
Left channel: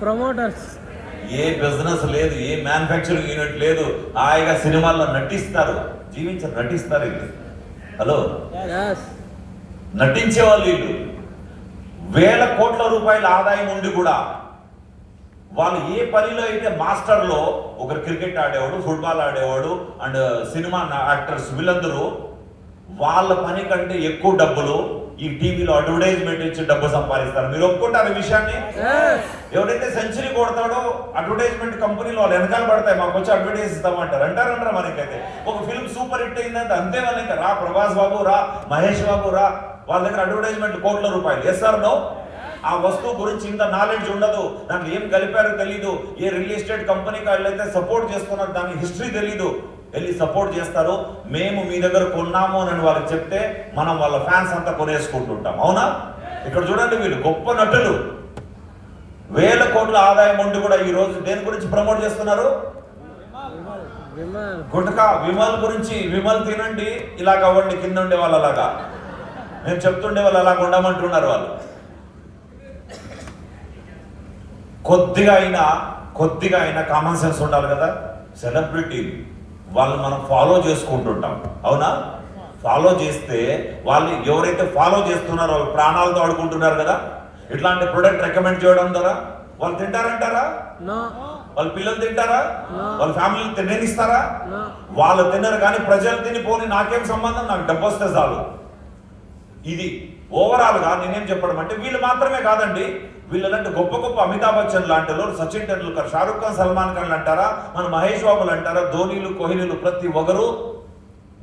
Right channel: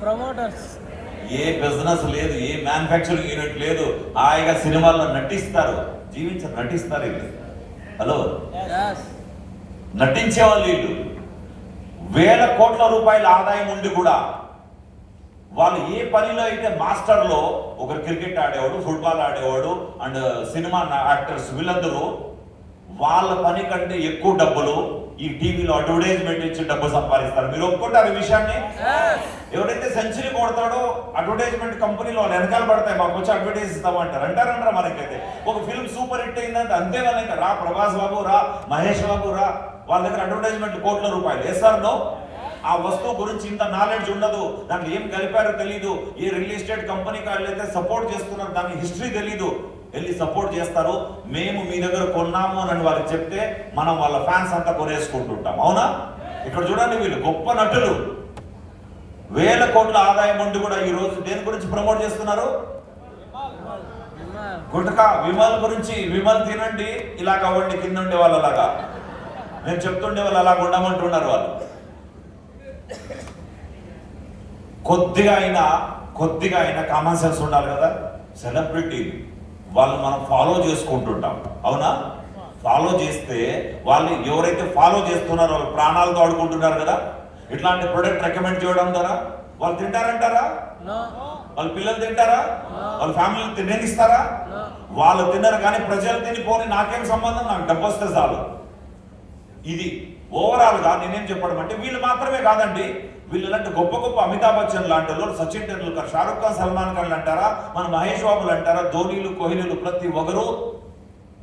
ప్రమోటర్స్. ఏ బిజినెస్ లేదు, ఏ మ్యానుఫ్యాక్చరింగ్ యూనిట్ లేదు. హాయిగా సినిమాల్లో నటిస్తారు, జీవించారు, నటిస్తారు వీళ్ళు. హలో, నటించే వాళ్ళు వీళ్ళు. వేల కోట్ల రూపాయల ఆదాయం ఉండి కూడా వాళ్ళు ఏ పనిలో అయితే మాస్టర్లో, ఒకరు క్రికెట్ ఆడేవాడు, ఫుట్బాల్ ఆడేవాడు అండ్ సినిమా యాక్టర్స్, వీళ్ళందరూ వాళ్ళ పని కంటే ఎక్కువ డబ్బులు ఈ టీవీలో అడ్వర్టైజ్మెంట్ ఇచ్చి డబ్బు సంపాదిస్తారు. మీరు ఒప్పుకుంటారు ఈ విషయాన్ని? ఎవరైతే సెంచరీ కొడతాడో అడ్వర్టైజ్మెంట్ కంపెనీలో వాళ్ళు వెనకాల పడతాయి, మాకు వచ్చి అడ్వర్టైజ్ ఇస్తామంటారు. అంటారంటారా? మనకైతే ఒక ఫిల్మ్ సూపర్ హిట్ అయిందంటే అంతే, మనకి రా ప్రభాస్ బాబు రా, మహేష్ బాబు రా, వాళ్ళ దగ్గర అడ్వర్టైజ్మెంట్ కోట్ల రూపాయలు. Yes or no? ఆ వస్తువు గురించి ఇంత నాలెడ్జ్ ఉండదు, దాంట్లో ఏం కలిపారో తెలీదు, ఏ రియల్ ఎస్టేట్ కంపెనీకి వాళ్ళైతే సపోర్ట్ చేస్తున్నారు దాని హిస్టరీ తెలీదు, వెళ్ళి సపోర్ట్ చేస్తారు. మేము మీ దగ్గర కొన్నాము అని వాళ్ళకి చెప్తే మనం వాళ్ళ ఫ్యాన్స్ అంతా కొనేసుకుంటుంటాం. అవునా? ఇక్కడ చూడండి, వీళ్ళు గొప్ప నటులు, వేల కోట్ల ఆదాయం ఉండి కూడా ఈ రోజు దేని గురించి ప్రమోట్ చేస్తున్నారు? గుట్కా, విమల్ గురించి. విమల్ తినండి, ఇలా కావండి, కింద ఉండే వాళ్ళు అలాగా, నేను చెప్తుండే వాళ్ళు అలా ఉండమంటున్నారు. వాళ్ళు కొద్దిగా అయినా కామన్ సెన్స్ ఉండాలి కదా. సెలబ్రిటీ వాళ్ళు మనం ఫాలో చేసుకుంటుంటాం. అవునా? ఫాలో చేస్తే వాళ్ళు ఎవరైతే ఫాలో చేస్తున్నారో వాళ్ళు ప్రాణాలతో ఆడుకుంటున్నారు కదా. ఇట్లాంటి ప్రొడక్ట్ రికమెండ్ చేయడం ద్వారా వాళ్ళు తింటారంటారా? వాళ్ళ పిల్లలు తింటారా? వాళ్ళ ఫ్యామిలీ తినేనిస్తారా? వాళ్ళు తినరు, కానీ ప్రజలు తినిపోని నాకేం సంబంధం, నాకు డబ్బు వస్తే చాలు. ఇది ఓవరాల్ గా నేనేం చెప్పడం అంటే, వీళ్ళు మాత్రమే కాదండి, వీళ్ళంటే గొప్ప గొప్ప అమితాబ్ బచ్చన్ లాంటి వాళ్ళు, సచిన్ టెండూల్కర్, షారుఖ్ ఖాన్, సల్మాన్ ఖాన్ అంటారా, మన మహేష్ బాబులు అంటారా, ధోనీలు, కోహ్లీలు, ప్రతి ఒక్కరు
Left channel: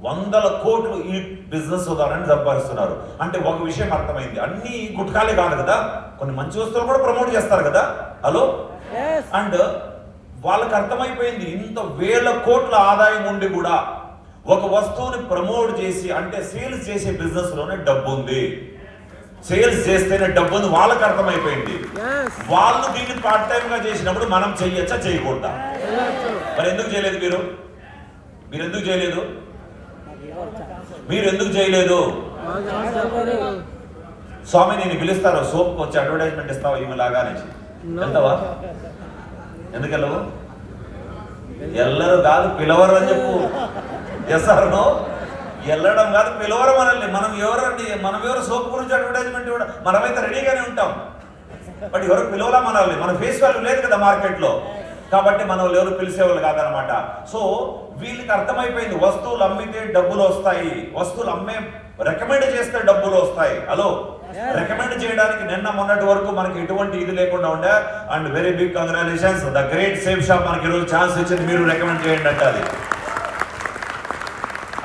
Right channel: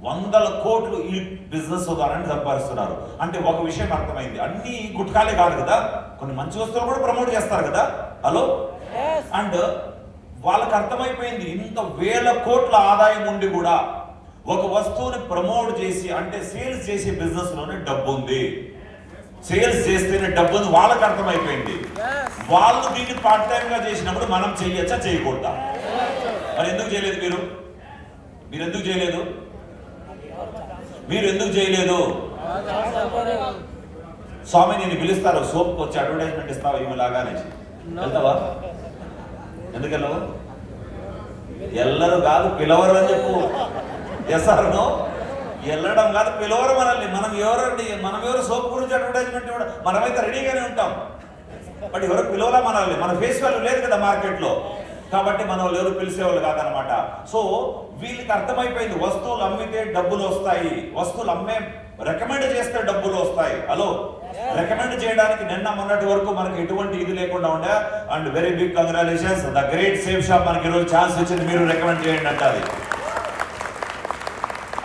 వందల కోట్లు ఈ బిజినెస్ ద్వారా సంపాదిస్తున్నారు. అంటే ఒక విషయం అర్థమైంది, అన్ని గుట్కాలే కాదు కదా, కొన్ని మంచి వస్తువులు కూడా ప్రమోట్ చేస్తారు కదా. హలో, అండ్ వాళ్ళకి అర్థమైపోయింది, ఇంత వేల కోట్ల ఆదాయం ఉండి కూడా ఒక వస్తువుని ప్రమోట్ చేసి, అంటే సేల్స్ చేసే బిజినెస్ లోనే డబ్బు ఉంది, సేల్స్ చేస్తేనే డబ్బు ఉంది వాళ్ళకి అర్థమైపోయింది. వాళ్ళు దీన్ని పార్ట్ టైం గా చేసినప్పుడు మనం చెయ్యొచ్చా, చేయకూడదా? మరి ఎందుకు చేయలేదు? మీరు ఎందుకు చేయలేదు? మీరు ఎందుకు చేయలేదు? స్వామి నేను పిలుస్తారు సోప్కి వచ్చి అడ్వర్టైజ్మెంట్ ఇస్తావా ఈమె లాగా అనేసి వెళ్తావా? ఎందుకు వెళ్ళవు? ఎల్లరు కాదు పిలవరు అని చెప్పు. ఎస్ఆర్నో వెళ్ళడం కాదు పిలవరు మనల్ని. మనం ఎవరు సోప్ గురించి అడ్వర్టైజ్మెంట్ ఇవ్వడం? మనమైతే రెడీగానే ఉంటాం, బట్ ఎవరు పిలవలా మనల్ని. మన ఫేస్ వాల్యూ లేదు కదా మార్కెట్లో, కాబట్టి మనం ఎవరు పిలిచేవాళ్ళు కాదనమాట. సో వీళ్ళకి అర్థమైపోయింది వస్తువులు అమ్మితే డబ్బులు వస్తాయి, వస్తువులు రికమెండ్ చేస్తే డబ్బులు వస్తాయి. హలో, రికమెండ్ చేయడానికి నిన్న మొన్నటి వరకు మనకి ఎటువంటి ఇది లేకుండా ఉండే. And very big congratulations, the great Safe Shop మనకి ఈరోజు ఛాన్స్ వచ్చింది, మీరు రికమెండ్ చేయండి అంటే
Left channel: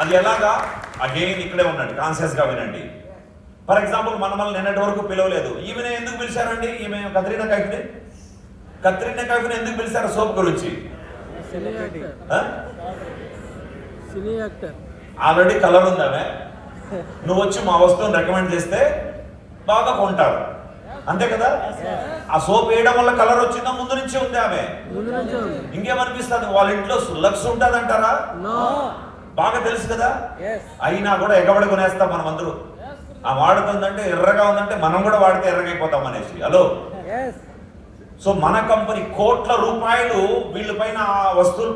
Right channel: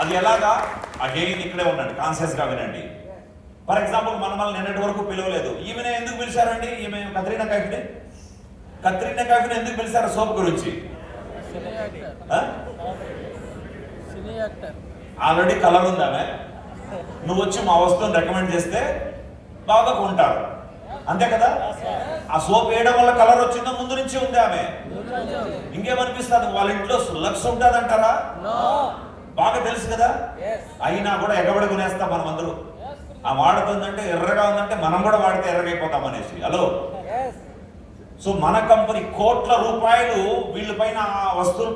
అది ఎలాగా? అగైన్ ఇక్కడే ఉండండి, కాన్షియస్ గా వినండి. ఫర్ ఎగ్జాంపుల్ మనల్ని నిన్నటి వరకు పిలవలేదు, ఈమెను ఎందుకు పిలిచారండి? ఈమె కత్రీనా కైఫ్ని ఎందుకు పిలిచారు సోప్ గురించి? ఆల్రెడీ కలర్ ఉందామే, నువ్వు వచ్చి మా వస్తువుని రికమెండ్ చేస్తే బాగా కొంటారు, అంతే కదా? ఆ సోప్ వేయడం వల్ల కలర్ వచ్చిందో ముందు నుంచి ఉంది ఆమె? ఇంకేమనిపిస్తుంది? వాళ్ళ ఇంట్లో లక్స్ ఉంటుంది అంటారా? బాగా తెలుసు కదా. అయినా కూడా ఎగబడి కొనేస్తాం మనం అందరూ. ఆ వాడుతుందంటే ఎర్రగా ఉందంటే మనం కూడా వాడితే ఎర్రగైపోతాం అనేసి. హలో, సో మన కంపెనీ కోట్ల రూపాయలు వీళ్ళపైన వస్తువులు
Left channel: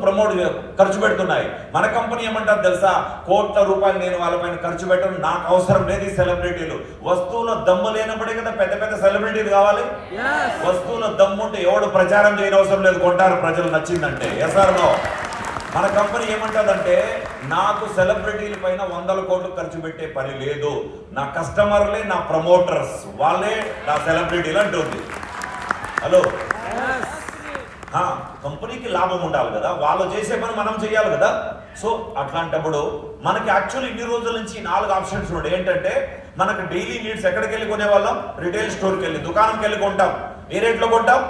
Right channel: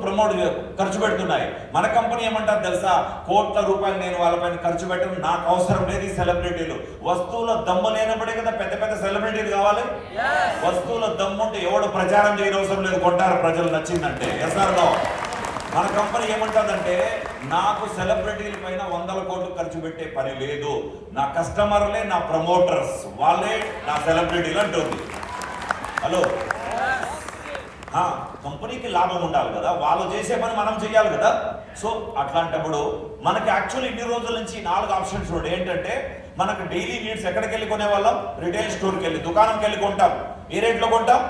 ఖర్చు పెడుతున్నాయి. మన కంపెనీ ఏమంటారు తెలుసా? కోట్ల రూపాయలు నేను వాళ్ళపైన ఖర్చు పెట్టను, నాకు అవసరం లేదు ఈ సెలబ్రిటీలు. వస్తువుల దమ్ము లేనప్పుడే కదా పెద్ద పెద్ద సెలబ్రిటీలు కావాలి. వస్తువుల దమ్ము ఉంటే ఎవడు ప్రచారం చేయని అవసరం లేదు, కొంటారు ప్రజలు నచ్చిందంటే. ఎస్ఆర్నో మన కంపెనీ ఏమంటుందంటే, నాకు సెలబ్రిటీల పైన 100 కోట్లు ఖర్చు పెట్టే పని లేదు, నా కస్టమర్లే నా ప్రమోటర్స్, వాళ్ళే నా సెలబ్రిటీలు అంటుంది. హలో, కంపెనీకి లాభం ఉండాలి కదా, వాళ్ళు చేసే పని మనం చేయాలి కదా. సో అట్లాంటప్పుడు మనకి యాక్చువల్లీ ఇన్ని రోజుల నుంచి 4 ఆప్షన్స్ ఉన్నాయి. ఏంటంటే మనకు డైలీ నీడ్స్ ఎక్కడికి వెళ్ళి కొనేవాళ్ళం? రిటైల్ స్టోర్కి వెళ్ళి, దుకాణంకి వెళ్ళి కొంటాం. ఏ రేట్లో కొంటాం?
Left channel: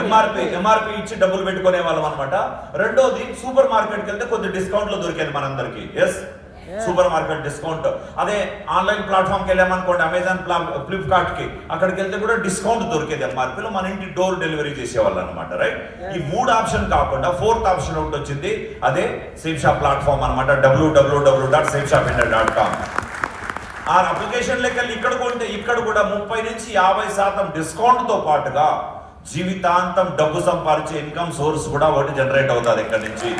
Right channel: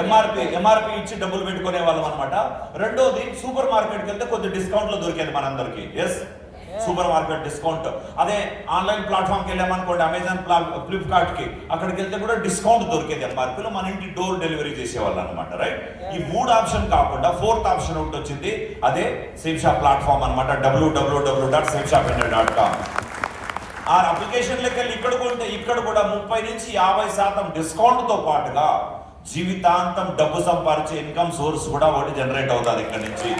ఎంఆర్పి ఇచ్చి డబ్బులు పెట్టుకునే వాళ్ళం అనమాట. రెండోది సూపర్ మార్కెట్కి వెళ్తే కొద్ది డిస్కౌంట్ లో దొరికేది మనందరికి. Yes, supermarket discount. అదే ఆన్లైన్ ప్లాట్ఫామ్కి వెళ్ళామనుకోండి, అమెజాన్, ఫ్లిప్కార్ట్ కి, అక్కడికి వెళ్తే కూడా డిస్కౌంట్ దొరికేది ఎంఆర్పీలో, మన ఇంటి డోర్ డెలివరీ చేసేవాళ్ళు అనమాట. రైట్, ఈ 3 ఆప్షన్ కాకుండా 4th ఆప్షన్ ఒకటి వచ్చింది, అదే సేఫ్ షాప్ ప్లాట్ఫామ్ అనమాట. www.safeshopindia.com. ఆ అప్లికేషన్లోకి వెళ్ళి ఇక్కడ కొంటే ఇక్కడ కూడా 30 నుంచి 50% డిస్కౌంట్ తో పాటుగా జీవితాంతం డబ్బు సంపాదించే ఇన్కమ్ సోర్స్ కూడా ఒకటి జనరేట్ అవుతుంది ఇక్కడ నుంచి.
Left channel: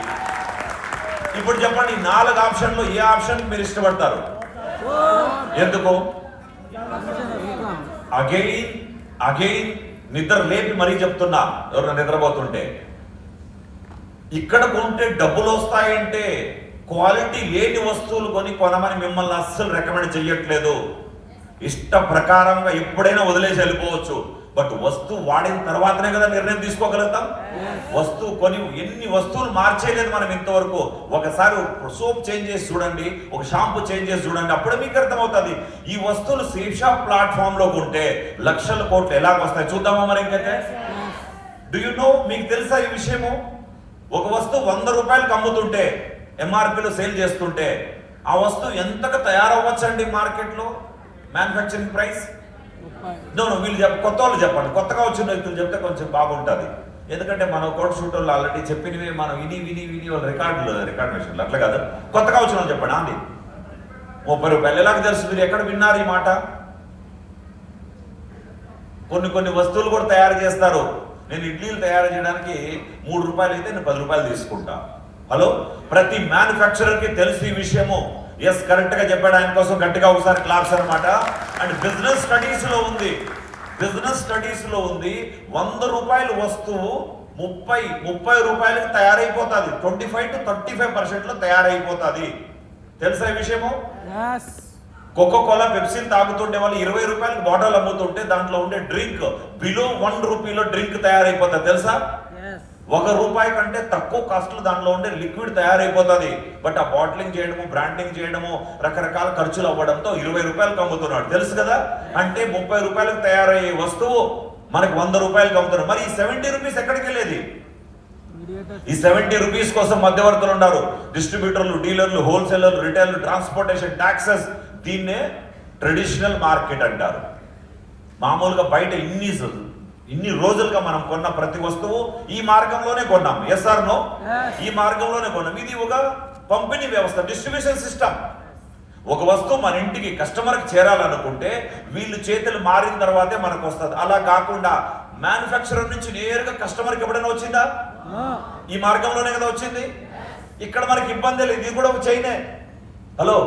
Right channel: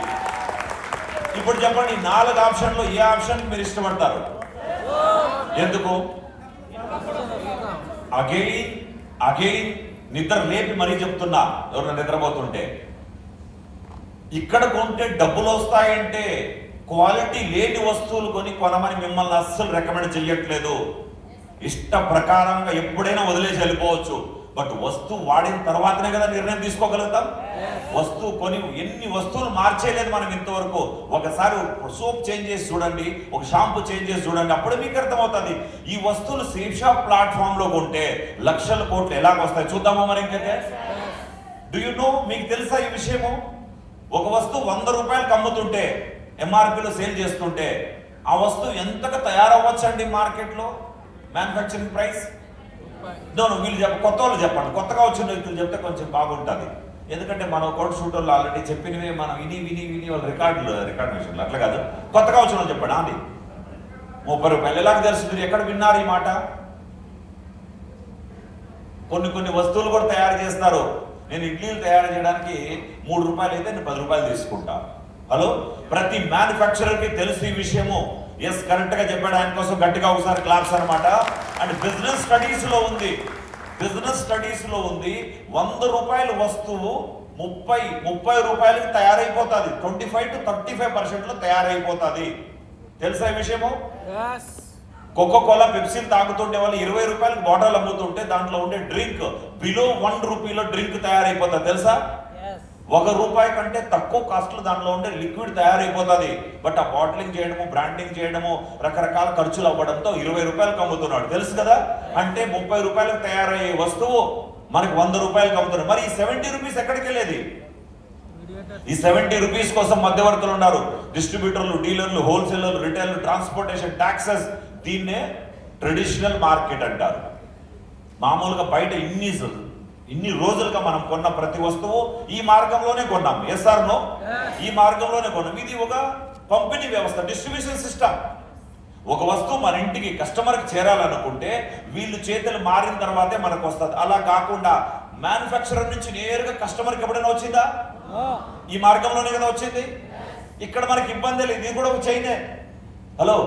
ఇప్పుడు చెప్పండి, 4 ఆప్షన్లో ఏ ఆప్షన్ మీరు ఇష్టపడతారు? ఎందుకు? అగైన్ నిద్ర లేపి మరీ చెప్తున్నా, ఎవరైనా నిద్రపోతుంటే, ఇక్కడ కొంటే డబ్బులు వస్తాయంటే క్వాలిటీ లేని వస్తువులు కొనమని మిమ్మల్ని అస్సలు రికమెండ్ చేయట్లేదు. ఇష్ట ప్రకారంగా ఎప్పుడైనా వదిలేసి వెళ్ళిపోవచ్చు, బట్ వస్తువు వాడిన తర్వాతనే కదా నిర్ణయం తీసుకోగలుగుతాం. వస్తువు కొని ఎన్ని వస్తువులు మార్చేయలేదు మనం ఇంతవరకు. ఒకసారి సోప్ చేంజ్ చేసి చూడండి, ఒక షాంపూ చేంజ్ చేసి చూడండి, అప్పుడే మీకు అర్థమవుతుంది. ఈ వస్తువులు సేఫ్ షాప్ ప్లాట్ఫామ్ లో కొంటే లక్షల కోట్లు ఎలాగ వస్తాయి చూద్దామా మరి ఇంకైతే. డూ యు నో, మీకు తెలుసా ఈ విషయము? ఒక వస్తువు 100 రూపాయలకు అమ్ముతుంటే, ఎంఆర్పీలో సేల్ చేస్తుంటే, ఆ వస్తువు ఎంతగా తయారవ్వచ్చండి మార్కెట్లో? మ్యానుఫ్యాక్చరింగ్ ప్రైస్ వీళ్ళు కొత్త వాళ్ళు చెప్పండి, కొత్తగా వచ్చిన వ్యక్తులు చెప్తే కొంచెం బాగుంటుంది. ఎందుకంటే మనం కోట్ షూటర్లు ఆల్రెడీ చెప్పినవి మనం విని వాళ్ళు రికార్డ్ మెషిన్లు, అట్లా కాదు. కొత్తగా వచ్చిన వాళ్ళు చెప్పండి. అండి 30 రూపాయలు ఎలాగ తెలుస్తుంది? మీరు ఎక్కడ విన్నారు ఈ మాట? కొన్ని వస్తువులు కూడా తయారు చేస్తారు. నేను ఇడ్లీలు తయారు చేయడానికి 3 రూపాయలు అయితే నేను 10 రూపాయలు తీసుకుంటా. హలో, ప్రతి మ్యానుఫ్యాక్చరర్కి తెలుసు ఈ విషయము. ఎస్, కరెక్ట్ గా చెప్పాడు, ఆయన కోసం గట్టిగా ఒకసారి క్లాప్స్ అనమాట. అండ్ బిజినెస్ స్టడీస్ లో ఉంది 100 రూపాయల వస్తువు 30 రూపాయలకి తయారైపోతుంది. 25 to 35% లో తయారైపోతుంది. తెలుసా ఈ విషయము? కోకోకోలా, పెప్సీ తాగుతుండే వాళ్ళు 20 రూపాయలకి బాటిల్ అమ్ముతుంటే దాంట్లో ఉండే డ్రింక్ బిలో 1 రూపీలో డ్రింక్ తయారైపోతుంది. తెలుసా? 1 రూపాయి కంటే తక్కువ కాస్ట్ లో దాంట్లో ఉండే లిక్విడ్ తయారైపోతుంది. బట్ ఆ బాటిలింగ్ చేయడము, బ్రాండింగ్ చేయడము, రకరకాల ఖర్చులు అవ్వడంతో 20 రూపాయలకు అమ్ముతున్నాడు. తెలుసు కదా? అంటే 30 రూపాయలకు తయారయ్యే వస్తువు మనకు 100 రూపాయలకు అమ్ముతున్నారు. మరి ఈ 70 రూపీస్ ఎక్కడికి వెళ్ళేది? ఈ 70 రూపీస్ కోసం మధ్యవర్తులు ఉన్నారు, డిస్ట్రిబ్యూటర్లు, డీలర్లు, హోల్సేలర్లు, రిటైల్, ట్రాన్స్పోర్టేషన్, టాక్సెస్. దీన్నే ట్రెడిషనల్ మార్కెట్ అంటారు. మామూలుగా బయట ఇన్ని రోజులుగా మనం కొన్న ప్రతి వస్తువు ఈ మార్గంలోనే కొన్నాం. Yes or no? ఈ మార్గంలోనే కొన్నాం. ఇది ఒక పంపిణీ వ్యవస్థ, డిస్ట్రిబ్యూషన్ సిస్టమ్. ఒక వస్తువు మన ఇంటికి కస్టమర్కి చేరాలనుకుంటే వీళ్ళు చేతులు మారిన తర్వాతే మనకు వస్తుంది. అలా కాకుండా మ్యానుఫ్యాక్చరర్ నుంచి నేరుగా కస్టమర్కి ఎప్పుడైనా వచ్చిందా? ఈ మార్గంలోనే కదా వచ్చింది. ఇక్కడ మనకి ఇబ్బంది లేదు. ఇది కూడా ఒక చైనే. హలో,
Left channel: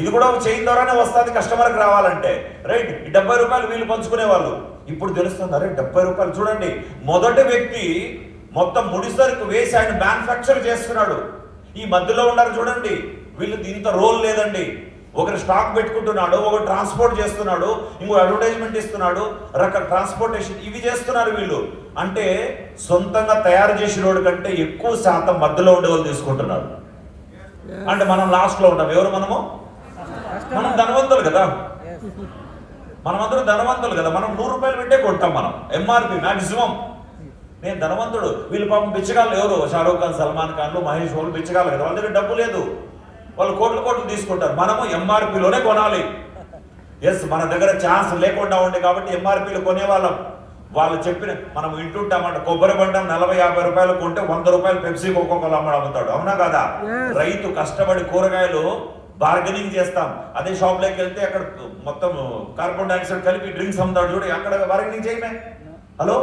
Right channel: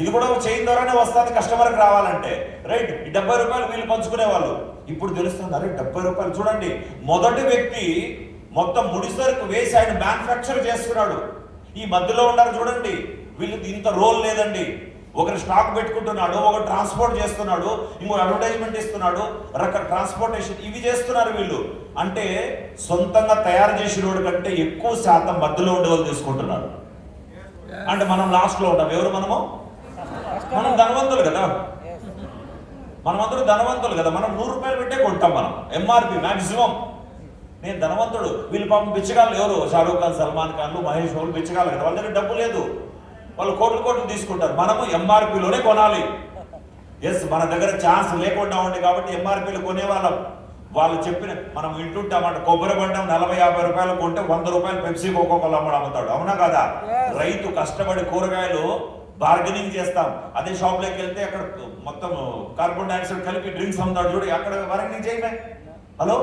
ఇది కూడా ఒక చైన్ ద్వారానే వస్తుంది కస్టమర్కి రావాలంటే, రైట్? ఈ 70 రూపాయలు వీళ్ళు పంచుకునే వాళ్ళు. ఇప్పుడు తెలుస్తుంది, అరే 70 రూపాయలు. చూడండి, మొదటి వ్యక్తి మొత్తం ముడిసరుకు వేసి ఆయన మ్యానుఫ్యాక్చర్ చేస్తున్నాడు. ఈ మధ్యలో ఉన్నారు చూడండి, వీళ్ళు దీంతో రోల్ లేదండి. ఒకరు స్టాక్ పెట్టుకుంటున్నాడు, ఒకరు ట్రాన్స్పోర్ట్ చేస్తున్నాడు, ఇంకో అడ్వర్టైజ్మెంట్ ఇస్తున్నాడు, రకరకాల ట్రాన్స్పోర్టేషన్ ఇవి చేస్తున్నారు వీళ్ళు. అంటే సొంతంగా తయారు చేసిన వాడి కంటే ఎక్కువ శాతం మధ్యలో ఉండే వాళ్ళు తీసుకుంటున్నారు. అంటే మనం లాస్ట్ లో ఉంటాం. ఎవరు మనము? మనం ధనవంతులు కదా, మనమందరూ ధనవంతులు కదా. మనం 100 రూపాయలు పెట్టే కొంటాం మనం, ఎంఆర్పి మాక్సిమం. నేను ధనవంతుడు, వీళ్ళు పాపం బిచ్చగాళ్ళు. ఎవరు? షారూక్ ఖాన్, సల్మాన్ ఖాన్లు, మహేష్ వాళ్ళు బిచ్చగాళ్ళు కదా. వాళ్ళ దగ్గర డబ్బు లేదు, వాళ్ళు కోట్లు తీసుకుంటారు. మనము ఎంఆర్పిలోనే కొనాలి. ఎస్, మన దగ్గర ఛాన్స్ లేకుండా ఉంది కాబట్టి ఎంఆర్పీలు కొనేవాళ్ళం. వాళ్ళు చెప్పిన మనం వింటుంటామంట, కొబ్బరి బండం 40-50 రూపాయలు కొంటే 100 రూపాయలు పెప్సీ కోకోకోలా అమ్ముతాడు. అవునా కదా? రైతు కష్టపడి కూరగాయలు బార్గెనింగ్ చేస్తాం. అదే షాప్ లోకి వెళ్తే అక్కడ మొత్తం కార్బన్ డైఆక్సైడ్ కలిపి డ్రింక్స్ అమ్ముతాడు చూడు, అక్కడ బార్గెనింగ్ చేయమే. హలో,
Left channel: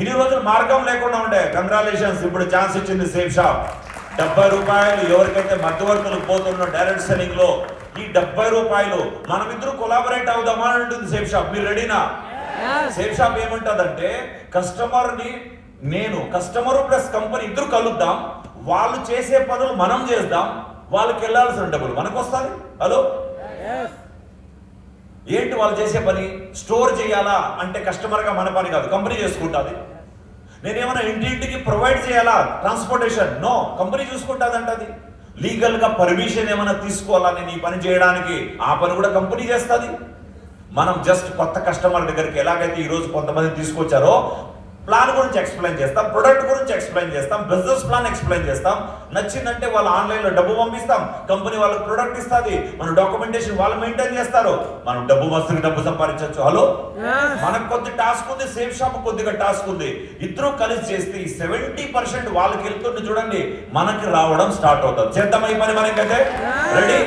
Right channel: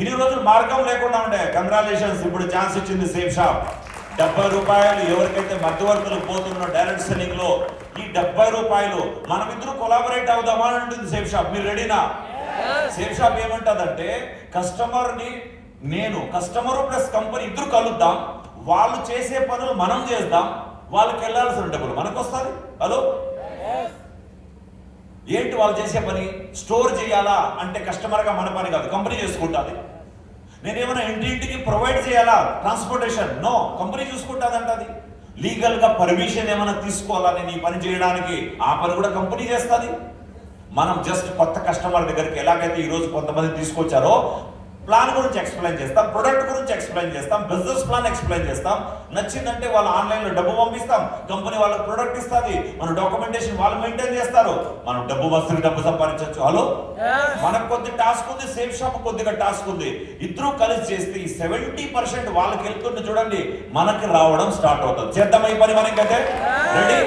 ఇన్ని రోజులు మార్గం లేకుండా ఉండే. కంగ్రాచులేషన్స్, ఇప్పుడు ఛాన్స్ ఇచ్చింది సేఫ్ షాప్. 70 రూపాయలు ఎవరికైతే మధ్యవర్తులకు పోతున్న డైరెక్ట్ సెల్లింగ్ లో ఈ 70 రూపాయలు మనమిద్దరు కొలాబరేట్ అవుదామా అని ఉంటుంది సేఫ్ షాప్. మీరు రెడీనా? సేఫ్ షాప్ ఏమంటదంటే, కస్టమర్ ని నేను, కస్టమర్ ప్లస్ కంపెనీ ఇద్దరు కలుద్దాం, వాళ్ళు చేసే పనులు మనం చేద్దాం, వాళ్ళకి వెళ్ళాల్సిన డబ్బులు మనకు వస్తాయి. హలో, ఏంటి వాళ్ళు చేసే పని? స్టోర్ చేయాలా అంటే కస్టమర్ గా మన పని కాదు, కంపెనీ చేసుకుంటుంది. నేనేమైనా ఇంటింటికి ప్రొవైడ్ చేయాలా ట్రాన్స్పోర్టేషన్? నో, కంపెనీ చూసుకుంటుందంటది. లీగల్ గా పర్మిషన్ ఏమైనా తీసుకోవాలని నీ పని చేయడానికి, ఆ పని కూడా కంపెనీ చేస్తుంది. మనం జస్ట్ కొత్త కస్టమర్ దగ్గరికి ఎలాగైతే ఈ రోజు కొంతమంది తీసుకొచ్చారో ప్లాన్ గురించి ఎక్స్ప్లెయిన్ చేస్తాం, ప్రొడక్ట్ గురించి ఎక్స్ప్లెయిన్ చేస్తాం, బిజినెస్ ప్లాన్ ఎక్స్ప్లెయిన్ చేస్తాం. నచ్చిందంటే వాళ్ళు ఆన్లైన్ లో డబ్బు పంపిస్తాం, కంపెనీ వాళ్ళకి ప్రొడక్ట్ ఇస్తుంది, మన డాక్యుమెంటేషన్ వాళ్ళు మెయింటైన్ చేస్తారు, మనం డబ్బు సంపాదించవచ్చు. హలో, మనకు కొద్ది టాస్క్ ఉంది, సేఫ్ షాప్ కొద్దిగా టాస్క్ ఉంది. ఇద్దరు కలిసి చేస్తే ఈ 70% వాళ్ళకి వెళ్తుంది చూడండి, మనకి రావడం స్టార్ట్ అవుతుంది. చేద్దాం ఈ పని మనకైతే. రెడీ?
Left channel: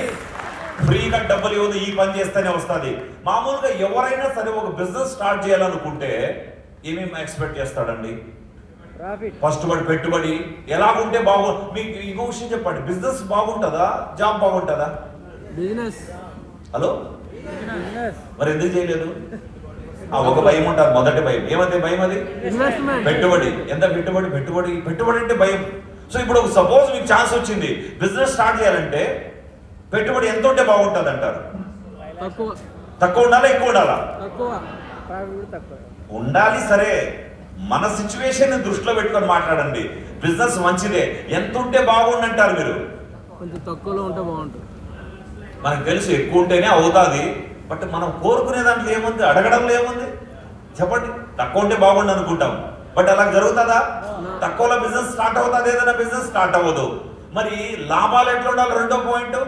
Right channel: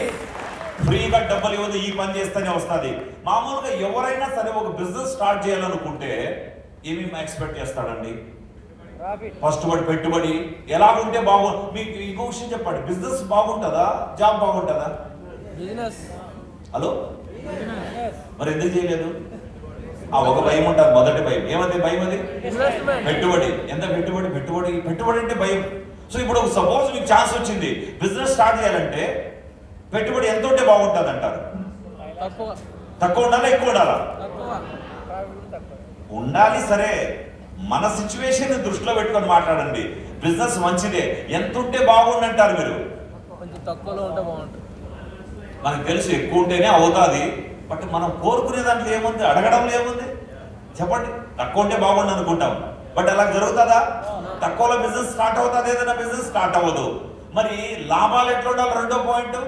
ఫ్రీగా డబ్బులు ఇవ్వదు, ఈ పని చేస్తేనే వస్తుంది. మామూలుగా ఎవరైనా సరే ఒక బిజినెస్ స్టార్ట్ చేయాలనుకుంటే ఏమేమి ఎక్స్పెక్ట్ చేస్తాడండి? ఫస్ట్ వాడు పెట్టుబడి ఎలా ఉంటే మీకు ఇంకో విషయం చెప్పండి, బిజినెస్ బాగుంటుందా, జాబ్ బాగుంటుందా? బిజినెస్. హలో, మరి ఎందుకు చేయలేదు? ఆ ఒక భయం ఉంటుంది, మొదటి భయం. ఏమంటే భయం? అది పెట్టుబడి. ఎంత పెట్టుబడి అంటే భయం. సో ఇప్పుడు సపోజ్ మీకు ఛాన్స్ వచ్చింది బిజినెస్ స్టార్ట్ చేయాలంటే, పెట్టుబడి ఎంత ఉంటే బాగుంటుంది అంటారు? తక్కువ ఉండాలా, ఎక్కువ ఉండాలా? ఉండాలి. సరే, మన సిచ్యువేషన్ దృష్టిలో పెట్టుకొని మాట్లాడండి. బిజినెస్ మంచిదే, ఎంత ఉంటే బాగుండి అంటారు మీరు? కొంచెం తక్కువలో ఉంటే బాగుంటుంది. మనకు తెలుసు ఎక్కువ ఉంటేనే అవుతుంది, బట్ మనం కోరుకునే దాంట్లో ఏముంది, అడగడంలో ఏముంది చెప్పండి? తక్కువ ఉంటే బాగుండు అనుకుంటాం, బట్ అలా జరుగుతుందా? తక్కువలో బిజినెస్ స్టార్ట్ అవుతుంది, ఏదైనా బిజినెస్ స్టార్ట్ అవ్వదు. మరి లాభాలు ఎట్లా ఉండాలి? రెండో పాయింట్,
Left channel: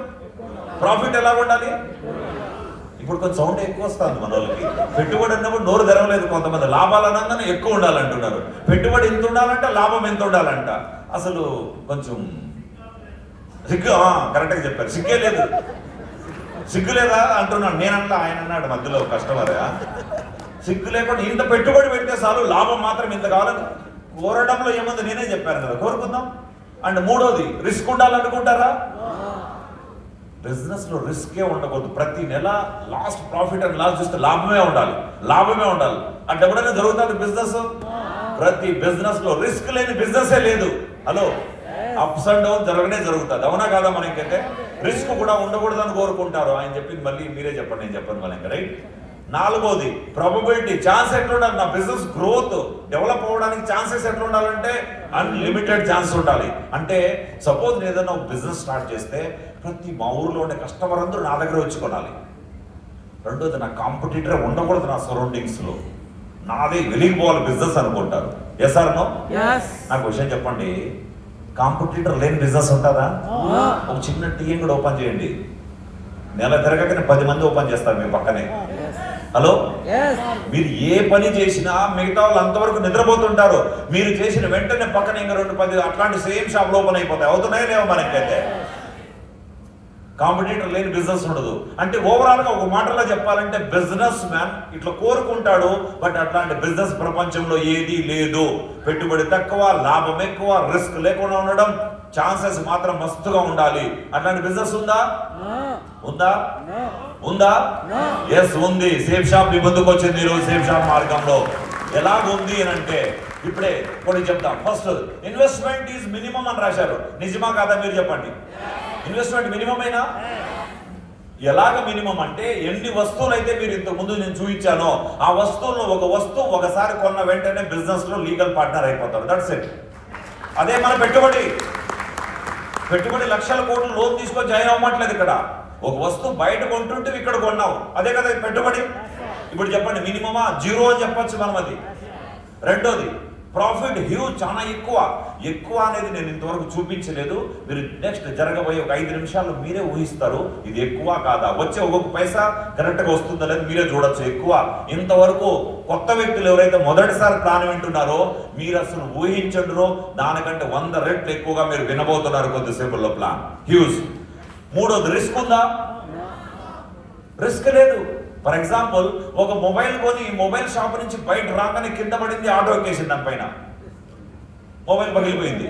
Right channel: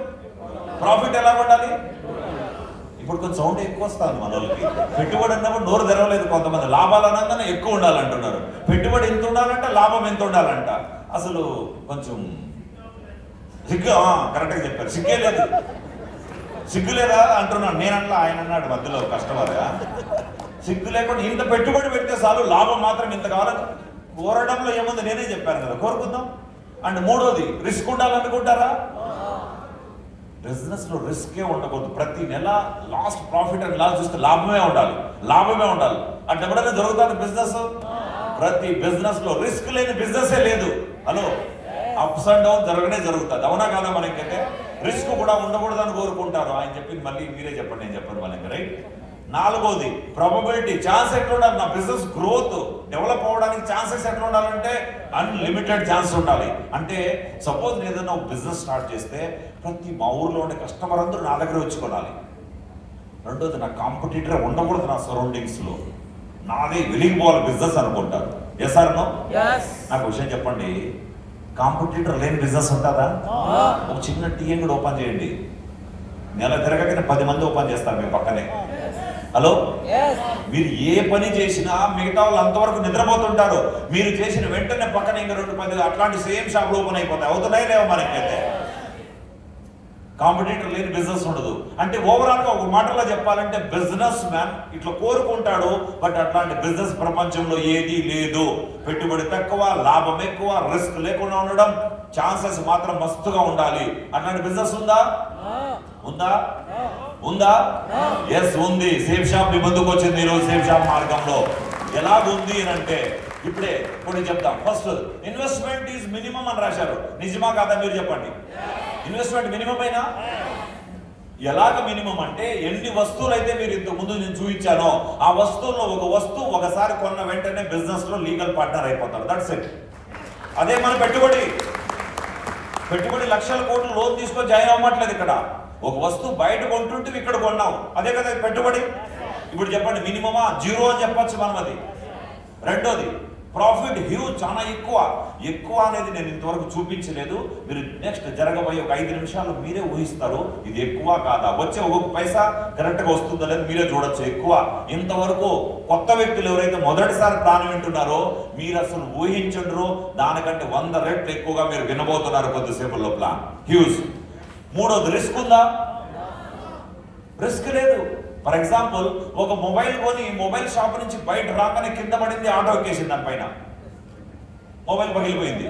ప్రాఫిట్ ఎలా ఉండాలి? ఇప్పుడు కొంచెం సౌండ్ ఎక్కువ వస్తుంది మన వాళ్ళకి. పెట్టుబడి అన్నప్పుడు నోరు తెరవలేదు కొంతమంది. లాభాలు అనగానే ఎక్కువ ఉండాలంటున్నారు, పెట్టుబడి ఎంత ఉండాలంట, లాభం ఎంత ఉండాలంట. అసలు కొంచెం సిగ్గు. కరెక్ట్గా చెప్పారు, సిగ్గే లేదు. సిగ్గు లేదా అంటున్నాను నేనన్నా, ఆయన అన్నాడు మధ్యలో కస్టమర్గా. సిగ్గు లేకుండా ఇంత పెట్టుబడి పెడితే చాలు, లాభం మాత్రం ఇంత కావాలి. కోరడంలో ఏముంది, నేనే చెప్పాను కదా, కోరుకుందాం. అండ్ మూడోది, రిస్క్ ఉండాలనుకుంటారా? బిజినెస్ లో రిస్కే ఉండకూడదు. ప్రతి నెల లాస్ట్ ప్రాఫిట్ అండ్ లాస్ చూస్తే లాభమే ఉండాలి. అంటే ఎప్పుడైనా జరుగుతుంది బిజినెస్? ప్రతి బిజినెస్ లో రిస్క్ లేని బిజినెస్ లేదు. హలో, అప్స్ అండ్ డౌన్ జరుగుతుంది. అవునా కాదా? మనకైతే రిస్క్ కూడా ఉండకూడదని కోరుకుంటారు. ఆయన చెప్పింది మళ్ళీ మీరే చెప్పండి, నేను చెప్పను మనకి. రైట్? నాలుగోది, ప్రాబబిలిటీ. ఛాన్స్ ఎట్లా ఉండాలి? నా బిజినెస్ గ్రోత్ డెవలప్ అవ్వడానికి ఛాన్సెస్ ఎట్లా ఉండాలంటే అన్లిమిటెడ్ ఛాన్స్ ఉండాలి. అంటే సపోజ్ ఏదైనా బిజినెస్ స్టార్ట్ చేస్తే ప్రతి మా ఊర్లో ఉండే కస్టమర్ అందరూ నా దగ్గర వచ్చి కొనాలి. రెండోది, నా కాంపిటీటర్ ఉండకూడదు నా సరౌండింగ్స్ లో, నాదే వెలిగిపోవాలి బిజినెస్ అనుకుంటారు. Yes or no? నాకు విషయం చెప్పండి, కాంపిటీటర్ లేని బిజినెస్ ఉంటుందా? ఒక చిన్న టీఎం కూడా ఓపెన్ చేయండి, నెల తిరగకనే 10 మంది ఓపెన్ చేస్తారు మీ పక్కనే. హలో, మీరు ఏ పని చేసినా మిగతా వాళ్ళు అంతవరకు నిద్రపోతుంటారు. మీరు చేసిన వెంటనే పక్కన ఇంకా 2-10 అట్లాంటి సేమ్ షాప్లు ఓపెన్ అయిపోతాయి. అవుతున్నాయో లేవో మనకైతే? కాంపిటీటర్ లేని బిజినెస్ ఉండదు. అంటే ఓవరాల్ గా ఒక మాటలో చెప్పాలంటే బిజినెస్ మ్యాన్ ఇట్లా కోరుకుంటాడు, బట్ అట్లాంటి బిజినెస్ ప్రపంచంలో ఏది లేదు. పెట్టుబడి తక్కువ, లాభం ఎక్కువ, రిస్క్ లేకుండా ఉండడం, ఛాన్సెస్ మాత్రం మస్తుగా ఉండాలి. అట్లాంటి బిజినెస్ ఉందా? ఉందా? ఉందా? ఎస్ ఉంది. సేఫ్ షాప్ మీ ముందుకు వచ్చింది ఈరోజు. సేఫ్ షాప్ మార్గంలో ఎలాగుంది అని అంటే ఇప్పుడే కొన్ని చెప్తాం. ఫస్ట్, ఇన్వెస్ట్మెంట్ ఈజ్ మినిమం అని రాశారు. నిజమా కాదా మీరు చెప్పండి? ఇన్వెస్ట్మెంట్ మినిమం అయినా ఎలాగ మినిమం అంటే ఎన్ని వస్తువులు అయితే మీరు ఇంతకు ముందు నేను చూపించానో ఆ వస్తువుల్లో ఒక వస్తువు ఒకసారి కొన్న వెంటనే బిజినెస్ లో లీగల్ పార్ట్నర్ అయిపోతారు. That's it. అదే మన పెట్టుబడి. పెట్టుబడి లక్షల కోట్లు లోన్ తీసుకొని జాయిన్ అవ్వట్లేదు. ఇక్కడ ఒక వస్తువు బయట కొంటుంటే ఇక్కడ కొన్నాం, అదే కదా పెట్టుబడి. ఇప్పుడు చెప్పండి, మినిమమా జీరో అని చెప్పొచ్చు మనం. అది రెండోది, ప్రాఫిట్ హ్యూజ్, చాలా ఎక్కువ అనేది నేను ఇంతవరకు చూపించలేదు. మీరు నెక్స్ట్ జరగబోయే ఒక 5 నిమిషాల్లో మీరే ఊహిస్తారు ఇది ఎక్కువ కాదా. వచ్చే ఒక్కొక్క పైసా కరెక్ట్గా వస్తుందో లేదో మీరే చూడొచ్చు. ఎక్కువ ఇంతవరకు కొత్త వ్యక్తులు ఎవరైతే మొదటిసారి ప్లాన్ వింటున్నారో మీరు అసలు ఊహించండిరో దానికంటే 100 రెట్లు ఎక్కువగా మీరు వినబోతున్నారు కొద్దిసేపుల్లో. Plan huge. మూడోది, రిస్క్ ఉందా? రిస్క్ లేదు. ఫర్ ఎగ్జాంపుల్, ఒక మొబైల్ కొని మొబైల్ షాప్ నుంచి బయట రాగానే కింద పడింది, ఆటో ఎక్కేసింది, దానిపైన మొబైల్ పగిలిపోయింది.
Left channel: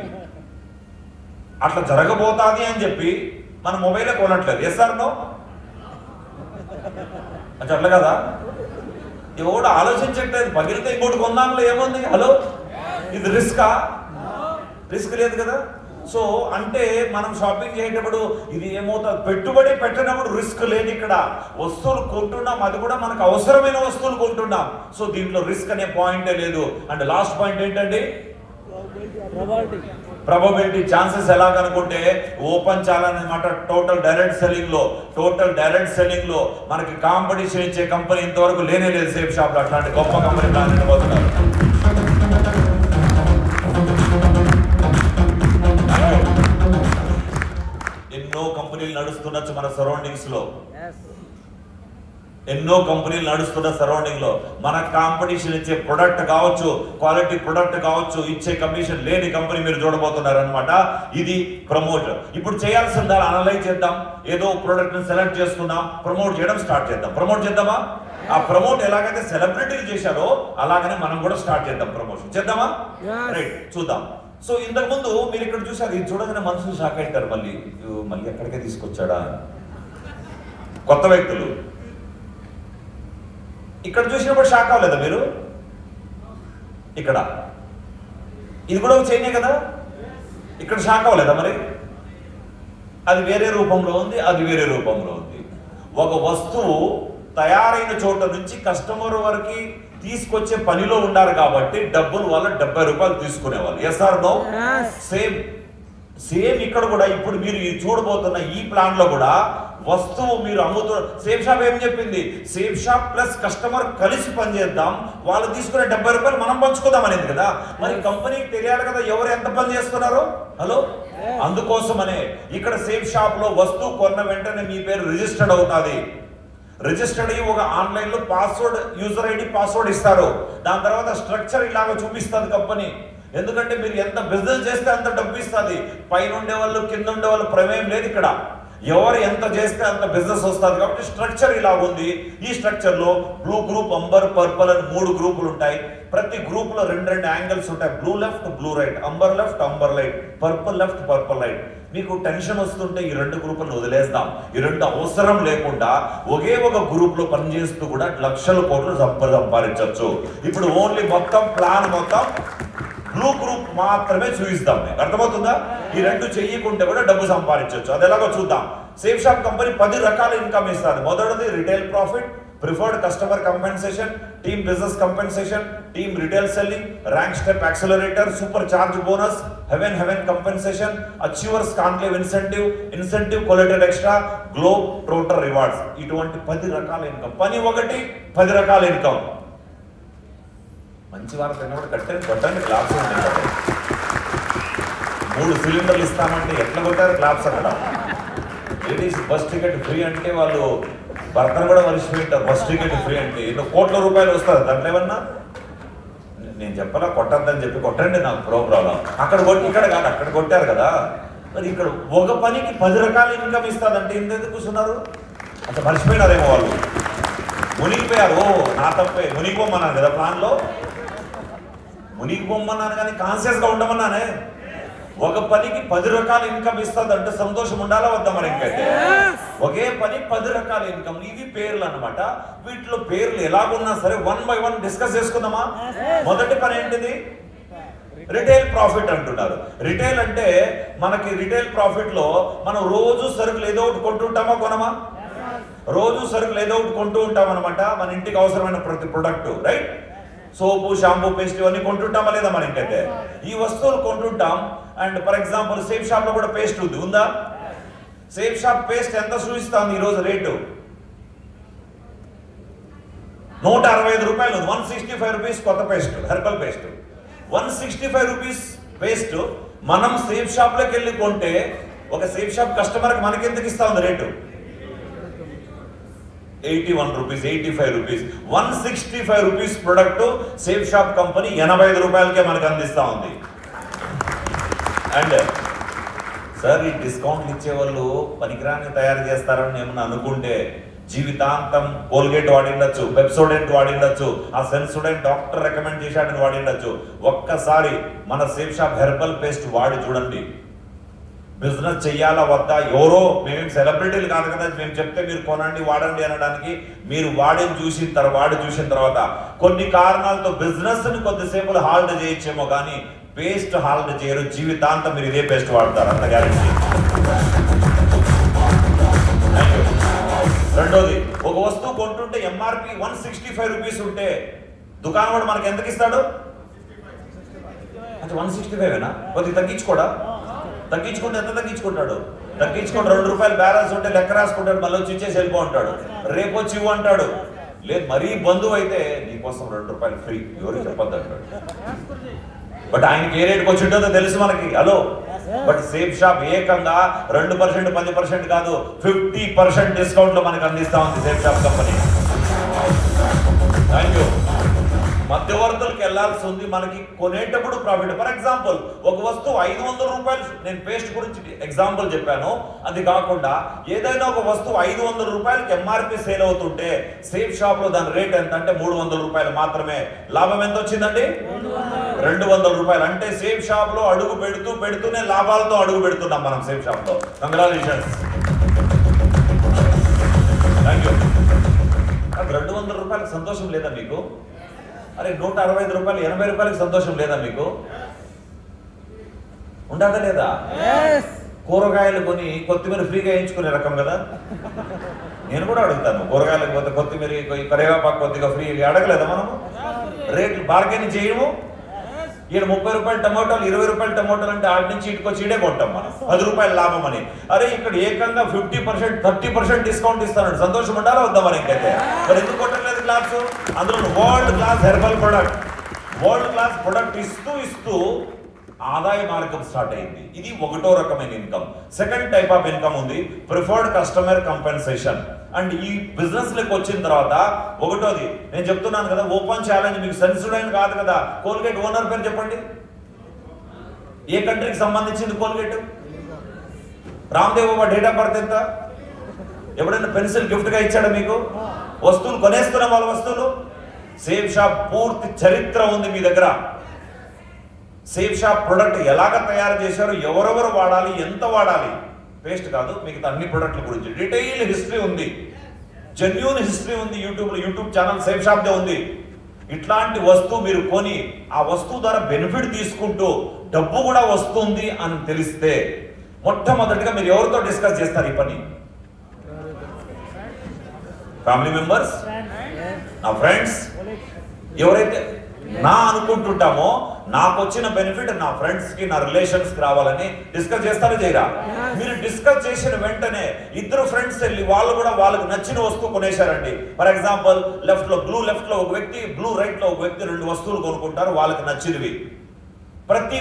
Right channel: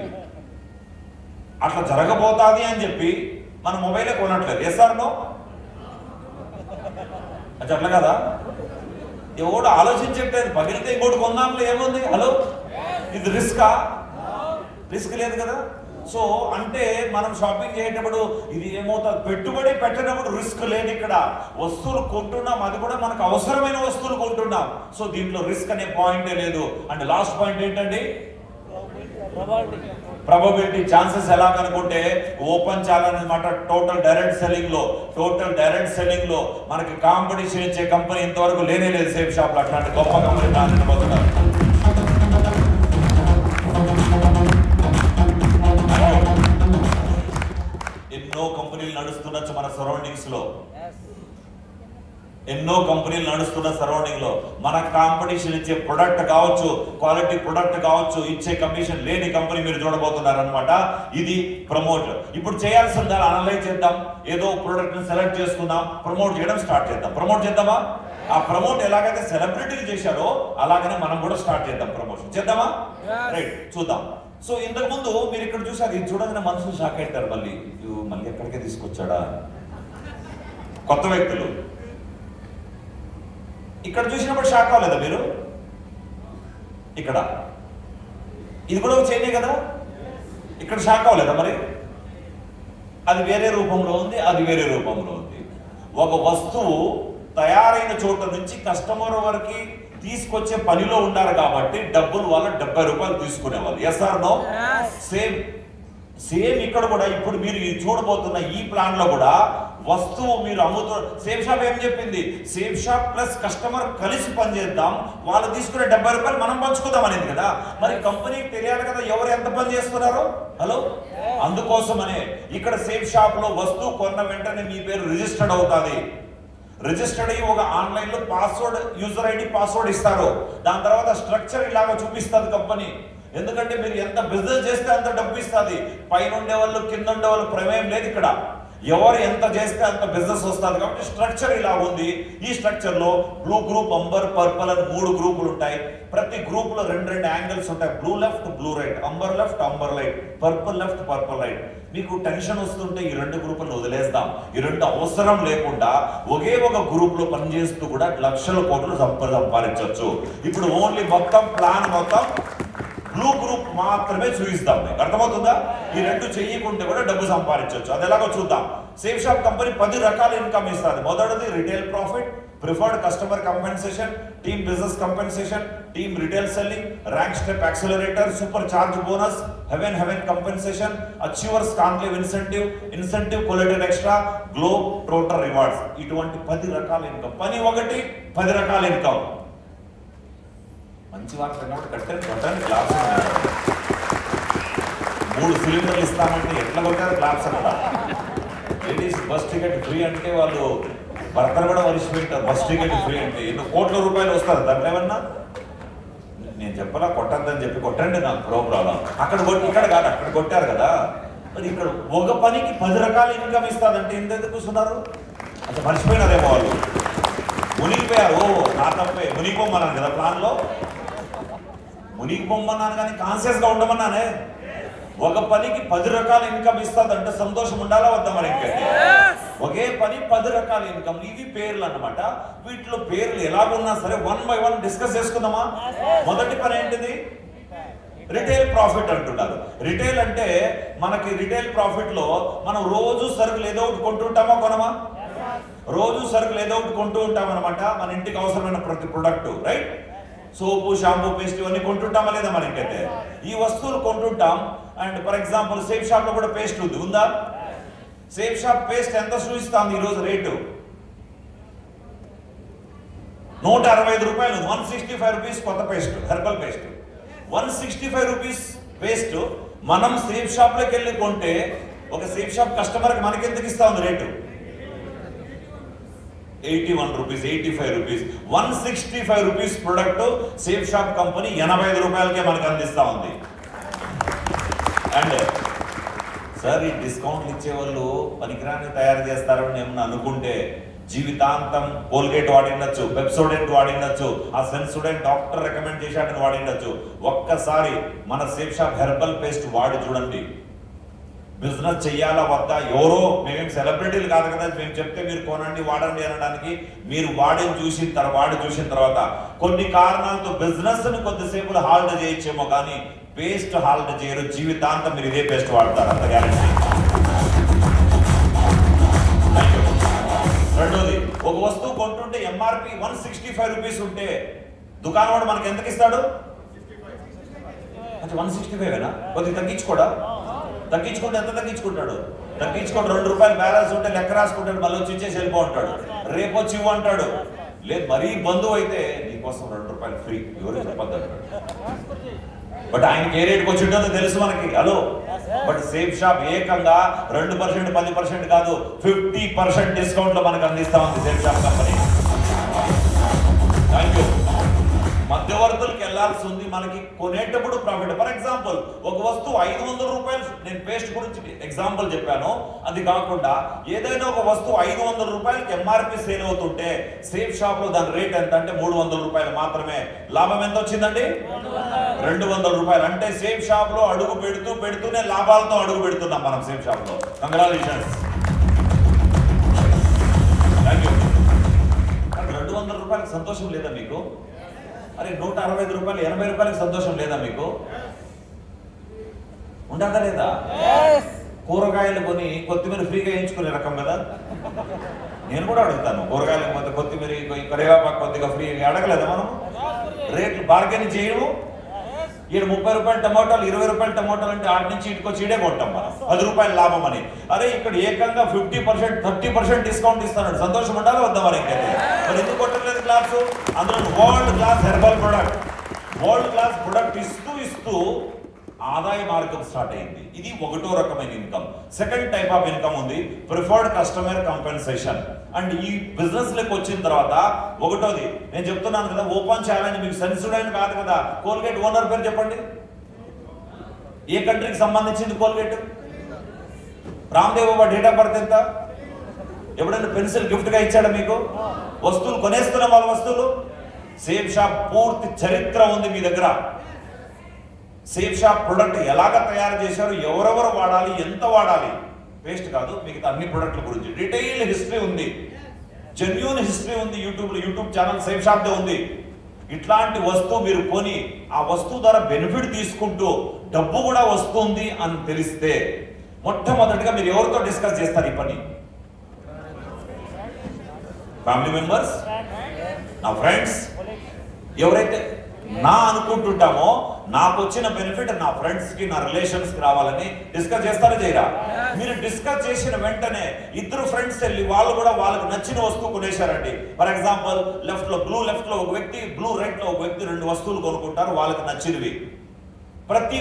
అట్లా జరగబోతుంది అని చెప్పి మన మొబైలే కొనట్లేదు. Yes or no? అట్లా కదా. ఎవడు ఆలోచించట్లేదు. పగిలితే ఇంకోటి కొందాంలో ఏముంది? హలో, ఇది రిస్కా? రిస్క్ లేదు కదా. సో అంటే మనం షాపింగ్ చేసేటప్పుడు ఇది ఏమవుతుంది, పెట్టుబడి పెట్టినప్పుడు రిస్క్ లేదు. ఇక్కడ వస్తువులు కొంటున్నాం, అది కూడా మనకు అవసరమైన వస్తువులు కొంటున్నాం. సో దీంట్లో రిస్క్ అనే పాయింటే లేదు. అండ్ లాస్ట్ పాయింట్ ఏంటండి? Probability, chances. ఎలా కనుకుంటే ఓపెన్ ఛాలెంజ్ అనమాట. టోటల్ డైరెక్ట్ సెల్లింగ్ లో మనకి కాంపిటీషన్ ఇచ్చే కంపెనీ ఇంతవరకు లేనే లేదు సేఫ్ షాప్ లో. అట్లాంటి గొప్ప కంపెనీ రాబోతున్నారు. ఎన్నో కంపెనీలు నడుస్తుండొచ్చు మన సరౌండింగ్స్ లో. ఎన్నో కంపెనీలు నడుస్తున్న సరౌండింగ్ లో మన కాంపిటీషన్ ఇచ్చే ప్రొడక్ట్ కావచ్చు, క్వాలిటీ ప్రొడక్ట్ కావచ్చు, ఇచ్చే కమిషన్ లేని కంపెనీ మీరు చూడబోతున్నారు అనమాట. ఇది ప్రమోట్. ఇప్పుడు చేయాల్సిందా అనలైజ్ చేద్దాం. ఏదో ప్రొడక్ట్ ని సెలెక్ట్ చేసుకున్నాం, ప్రమోట్ చేయడం స్టార్ట్ చేద్దాం. ప్రమోట్ చేద్దామా? ఆ ప్రమోట్ ఎలాగైతే సెలబ్రిటీలు చేశారో అలాగనే మనం కూడా స్టార్ట్ చేద్దాం. ప్రమోషన్ చేద్దామా? రైట్, చూద్దాం. సో ఇంతకు ముందు మీరు ఇక్కడ చూసారు, ఇది చూడగానే మనుషులు షాక్ అవుతారు. మళ్ళీ ఎక్కడికే తీసుకొచ్చాడా కొత్త వ్యక్తులు. ఇక్కడ చూసినప్పుడు షాక్ అవ్వలేదా మీరు? ఇక్కడ ఇది కూడా ఒక చైనే కదా. ఇక్కడ షాక్ అవ్వలేదా మరి? అది వేరే రూపంలో ఉంది, అది వేరే రూపంలో ఉంది. ఒక వస్తువు తయారైన చోట నుంచి కస్టమర్ వరకు తీసుకొచ్చే పనిలో ఉండాలి కాబట్టి డబ్బులు వాళ్ళ 70 రూపాయలు తీసుకునేవాళ్ళు. Yes or no? సేమ్ ఇక్కడ కూడా ఇప్పుడు మీరు చూడబోతున్న ఈ ప్లాన్ లో కూడా వస్తువు మీరు సేఫ్ షాప్ ఏం చెప్పింది? సేఫ్ షాప్ ప్లస్ కస్టమర్ కలిసి పనిచేద్దాం, వాళ్ళు తీసుకునే 70 రూపాయలు మనం పంచుకుందాం అనేది కదా. మరి కంపెనీకి తెలియాలి కదా ఎవరు ఎంత పని చేస్తున్నారో. హలో, అందుకోసమనే ఇక్కడ సేఫ్ షాప్ లో వస్తువు కొన్న వెంటనే మీ పేరు రిజిస్టర్డ్ అవుతుంది. రిజిస్టర్డ్ అయ్యి ఒక ఆన్లైన్ లో పాస్వర్డ్, యూజర్ ఐడి పాస్వర్డ్ ఇస్తారు. దాని తర్వాత స్ట్రక్చర్ ఇలాగ చూపిస్తుంది కంపెనీ. ఎందుకంటే మీరు ఎంత బిజినెస్ చేస్తే అంత డబ్బు ఇస్తుంది. పైన ఉండేవాళ్ళు కింద ఉండేవాళ్ళు ప్రమేయం లేదు. ఇక్కడ ఎవరు ఎంత చేస్తే అంత బిజినెస్ వస్తుంది. కాబట్టి స్ట్రక్చర్ ఇలా ఉంది. ఈ స్ట్రక్చర్ లో బ్లూ గ్రూప్, అంబర్, పర్పుల్ అని 3 గ్రూపులు ఉంటాయి. ప్రతి గ్రూప్ లో 2 యాంగిల్స్ ఉంటాయి. Blue left, blue right, amber left, amber right, purple left, purple right. మీకు టెన్షన్ వస్తుంటే ఈ 2 గ్రూపులను వదిలేస్తాం. ఈ 2 అవసరం లేకుండా ఒకే ఒక గ్రూప్ లో పనిచేస్తూ కూడా లక్షల కోట్లు సంపాదించవచ్చు. ఇప్పుడు ఓన్లీ మొత్తం ప్లాన్ మొత్తం బ్లూ గ్రూప్ మాత్రమే చూపిస్తాం. అర్థమవుతుందా? ఈ 2 చెయ్యకుంటే కూడా డబ్బు సంపాదించవచ్చు. అది ఎలాగో చూద్దాం. సేఫ్ షాప్ కంపెనీ 10 రకాల ఇన్కమ్ ఇస్తుంది. మొదటిది retail profit, preferred customer compensation, team business compensation, team retail selling, rank step accelerator, supercharge bonus, heaven compensation, achievers conclave incentive collateral extra, globe total rewards. ఇటువంటి 10 రకాల income. పని ఒకటి, 10 రకాల income. మంచి వారు కట్టండి క్లాప్స్. 3 సిలిండర్లు ఇస్తామంటే ఎట్లా కొట్టారు క్లాప్స్ అక్కడ. లేడీస్ బస్ టికెట్ ఫ్రీ అంటే వాళ్ళు భర్తను కూడా మర్చిపోయింటారు. బస్ టికెట్ ఫ్రీ అంటే ఎన్నో కోట్ల రూపాయలు వస్తారు. దాంట్లో ఏమన్నా నేను చెప్పాలా కొట్టద్దని చెప్పి కొట్టండి, నాకు ప్రాబ్లం. అక్కడ కొట్టి ఇక్కడ కాదు, అక్కడ కొట్టారు కదా. మరి ఇక్కడ ఒక పనికి 10 రకాల ఇన్కమ్ ఇస్తుందంటే ఎందుకు కూర్చున్నారు? అసలు మర్చిపోయినారేమో వాళ్ళు, మునిగిపోయారు. ఓ నా తప్పే, మునిగిపోమన్నాను కదా ప్లాన్లో, మునిగిపోమన్నాను కానీ కాన్షియస్గా ఉండమన్నానే. ఒక పనికి 10 రకాల ఇన్కమ్ ఇస్తుందంటే సంతోషం ఉండాలా వద్దా? మరి ఇంకైతే ఒకే పని 10 రకాల ఇన్కమ్, ఇవి పేర్లు అన్నమాట. వీటిలో పేర్లు ఎలాగున్నా సరే 1 by 1 డిస్కస్ చేసుకుందామా? మొదటి పని ఏంటిది? రిటైల్ ప్రాఫిట్ అంటున్నారు. రిటైల్ అంటే మనకి రిటైల్ ప్రాఫిట్ లో మనం రోజు సరుకులు ఏదో ఒకటి కొంటుంటామా కొనమా? రోజు సరుకులు ఏదో ఒకటి కొంటూ ఉంటాం అనమాట. మన ఇంటికి అవసరమైన ప్రతి product, right? Soap, shampoo, paste ఇవన్నీ కొంటుంటామా లేదా? మన ఇంకైతే ఈ వస్తువులు కొంటుంటాం. And for example safe shop లో కూడా పేస్ట్ ఉందా? సేఫ్ షాప్ పేస్ట్ ఎంత చూపిస్తాం ఈరోజు రేటు? 165 రూపాయలు, 165 రూపీస్ కొత్త paste, herbal paste. 165 rupees paste మనం సేఫ్ షాప్ లోకి వెళ్ళి కొంటే ఒక సేఫ్ షాప్ కస్టమర్ కి మనకి ఎందుకు ఇస్తా ఉంది rate? 81 rupees, 85 rupees. 165 rupees product safe shop company 85 రూపాయలకే మనకు అందిస్తా ఉంది. అండ్ సార్, ఈ డిస్కౌంట్లు ఇచ్చేవాళ్ళు పనికిరాని తయారు చేస్తారని ఏమన్నా అనుకుంటే జీవితాంతం కోల్గేట్ వాడిండొచ్చు, పెప్సోడెంట్ వాడిండొచ్చు, ఆ సెన్సోడెంట్ డాక్టర్ రికమెండ్ చేశాడని వాడిండొచ్చు. ఒక్కసారి మన సేఫ్ షాప్ హెర్బల్ పేస్ట్ వాడి చూడండి. బిజినెస్ చెయ్యాలా వద్దా? ఎవరో మేమేం సెలబ్రిటీలు కాదు కదా, మేము చెప్తే మీరు కొనండి వాడండి అనడానికి. మీరు వాడి చూసిన తర్వాత కొన్ని కారణాలతో బిజినెస్ ని కొద్దిసేపు హాల్ట్ చేయొచ్చేమో కానీ పేస్ట్ హాల్ట్ చేయరు. జీవితాంతం మీరు ఇదే పేస్ట్ వాడతారు, అంత గ్యారెంటీ. రెండోది, ఒక వస్తువు కొంటుంటే ఎంఆర్పి 165 రూపీస్ ఉంటే దుకాణం వాడు మనకి ఎంతకి ఇస్తాడు? అది 165 కొద్దిగా తగ్గించుకోడా? తగ్గించుకుంటే ఎంత తగ్గించుకుంటాడు? తగ్గించుకుంటే 2 రూపాయలు బ్యాలెన్స్ ఉంటే లెక్క రాసుకుంటాడు, మళ్ళీ వచ్చి ఇచ్చేసి వెళ్ళిపో అంటాడు. రేపు వచ్చి ఇవ్వు అంటాడు. లేదు మరీ బంధువు అయితే నీకోసం 2 రూపాయలు ఫ్రీ, ఎవరికి చెప్పొద్దు అంటాడు. బట్ ఆయనకి ఏ రేటుకి వచ్చి ఉంటుందో తెలుసు మనకి. హలో, బట్ సేఫ్ షాప్ ఏకంగా 2%, 10% కాదు, 50% డిస్కౌంట్ లో మనకు అందిస్తా ఉంది safe shop company. Thank you. మధ్యవర్తులకు వెళ్లాల్సి ఉంది, మనకి కొనేటప్పుడు ప్రాఫిట్. ఫర్ ఎగ్జాంపుల్ ఒక వస్తువు 500 రూపాయలు, నేను పేస్ట్ గురించి ఎగ్జాంపుల్ చెప్పాను. అది కాకుండా ఏదైనా ఒక వస్తువు 500 రూపాయలకి ఎంఆర్పి సేల్ అవుతుంటే సేఫ్ షాప్ లో దాని రేట్ ఎంత అంటే 300 రూపాయలు మాత్రమే. లాభం ఎంత వచ్చిందండి? 200 రూపాయలు. అంటే సేఫ్ షాప్ లో అడుగు పెడుతూనే లాభాలతో అడుగు పెడుతున్నాం మనం సేఫ్ షాప్ లో. కంగ్రాచులేషన్స్. Thank you. 200 రూపాయలకు సంతోషం లేదా మీకు? అరే 165 రూపాయలు, 80 రూపాయలకి సంతోషం లేదా మీకు? ఉండదా లేదా? కూరగాయలు కొని కొత్తిమీర ఫ్రీగా వేయించుకునే రకం కదా. నేను కూడా అడుగుతాను, కూరగాయలు పోతే కొత్తిమీర, కరివేపాకు కొద్దిగా ఫ్రీగా అడగలేదా మనం? రేట్లు బార్గెనింగ్ చేయము. ఈడ 30 రూపాయలు టమాటోలు, 20 రూపాయలు టమాటోలు అంటే ఆడి నుంచి ఇటుకు వచ్చి ఇడే కొంటాం మనం 10 రూపాయలు లాభం అని. అరే ఇక్కడ ఏకంగా 50%, 30% డిస్కౌంట్ ఇస్తాడు. సంతోషం ఉండాలా వద్దా మరి? ఇంకైతే మరి ఎందుకు కొట్టలేదు క్లాస్? అందులో world class herbal product, world class product ఇస్తూ ఆదాయ మార్గం స్టార్ట్ అయింది. ఇది ఒకటో రకమైన income. Second type of income ఉంది, ప్రిఫర్డ్ కస్టమర్ కంపెన్సేషన్. అండ్ ఈ బిజినెస్ లోకి వచ్చిన తర్వాత ఒకటోది నేను చెప్తున్నాను కదా, ఓపెన్ ఛాలెంజ్. మీకు సెన్సిటివ్ కాదు కదా. కోల్గేట్ ఓనర్ పేరు చెప్పండి. ఏ కంట్రీకి సంబంధించింది Colgate? Ramdev Baba date of birth ఎంత? ఎప్పుడైనా పెన్సిల్ గిఫ్ట్ గా ఇచ్చాడా మీకు? వస్తువులు కొనేస్తున్న వాళ్ళ వస్తువులు. సేఫ్ షాప్ పూర్తి చరిత్ర ఉంది మీ దగ్గర. సేఫ్ షాప్ ప్రొడక్ట్ ఎలాగ తయారు చేశారు, ఎవరెవరు వాడాలి, ఎంత వాడాలి, పేస్ట్ కాదు మిగతా అన్ని ప్రొడక్ట్ల గురించి డీటెయిల్ హిస్టరీ ఉంది, జెన్యూన్ హిస్టరీ ఉంది. YouTube channel safe shop they ఉంది. ఇట్లాంటి వస్తువు మీరు కొని ఆ వస్తువు ద్వారా బెనిఫిట్ తీసుకుంటూ డబ్బు కూడా వస్తుంది అని తెలిస్తే మొట్టమొదటిగా మీరు ఎవరితో డిస్కస్ చేస్తారు ఈ పని? ఫ్యామిలీ మెంబర్స్, నా ఫ్రెండ్స్, ఎవరైతే నా అనుకుంటుంటామో నాకు వచ్చిన బెనిఫిట్ నా ఫ్రెండ్స్ కి, నా రిలేషన్స్ కి రావాలని డిస్కస్ చేస్తారో చేయరా? మీరు డిస్కస్ చేసిన వెంటనే ఇద్దరు ఫ్రెండ్స్ వెళ్ళి వాళ్ళు కూడా వాళ్ళకి నచ్చిన వస్తువు కొనేశారండి. ఫర్ ఎగ్జాంపుల్ లెఫ్ట్ లో ఒక వ్యక్తి, బ్లూ రైట్ లో ఒక వ్యక్తి 2 వస్తువులు కొనుక్కుంటారు వాళ్ళకి నచ్చినవి. ప్రతి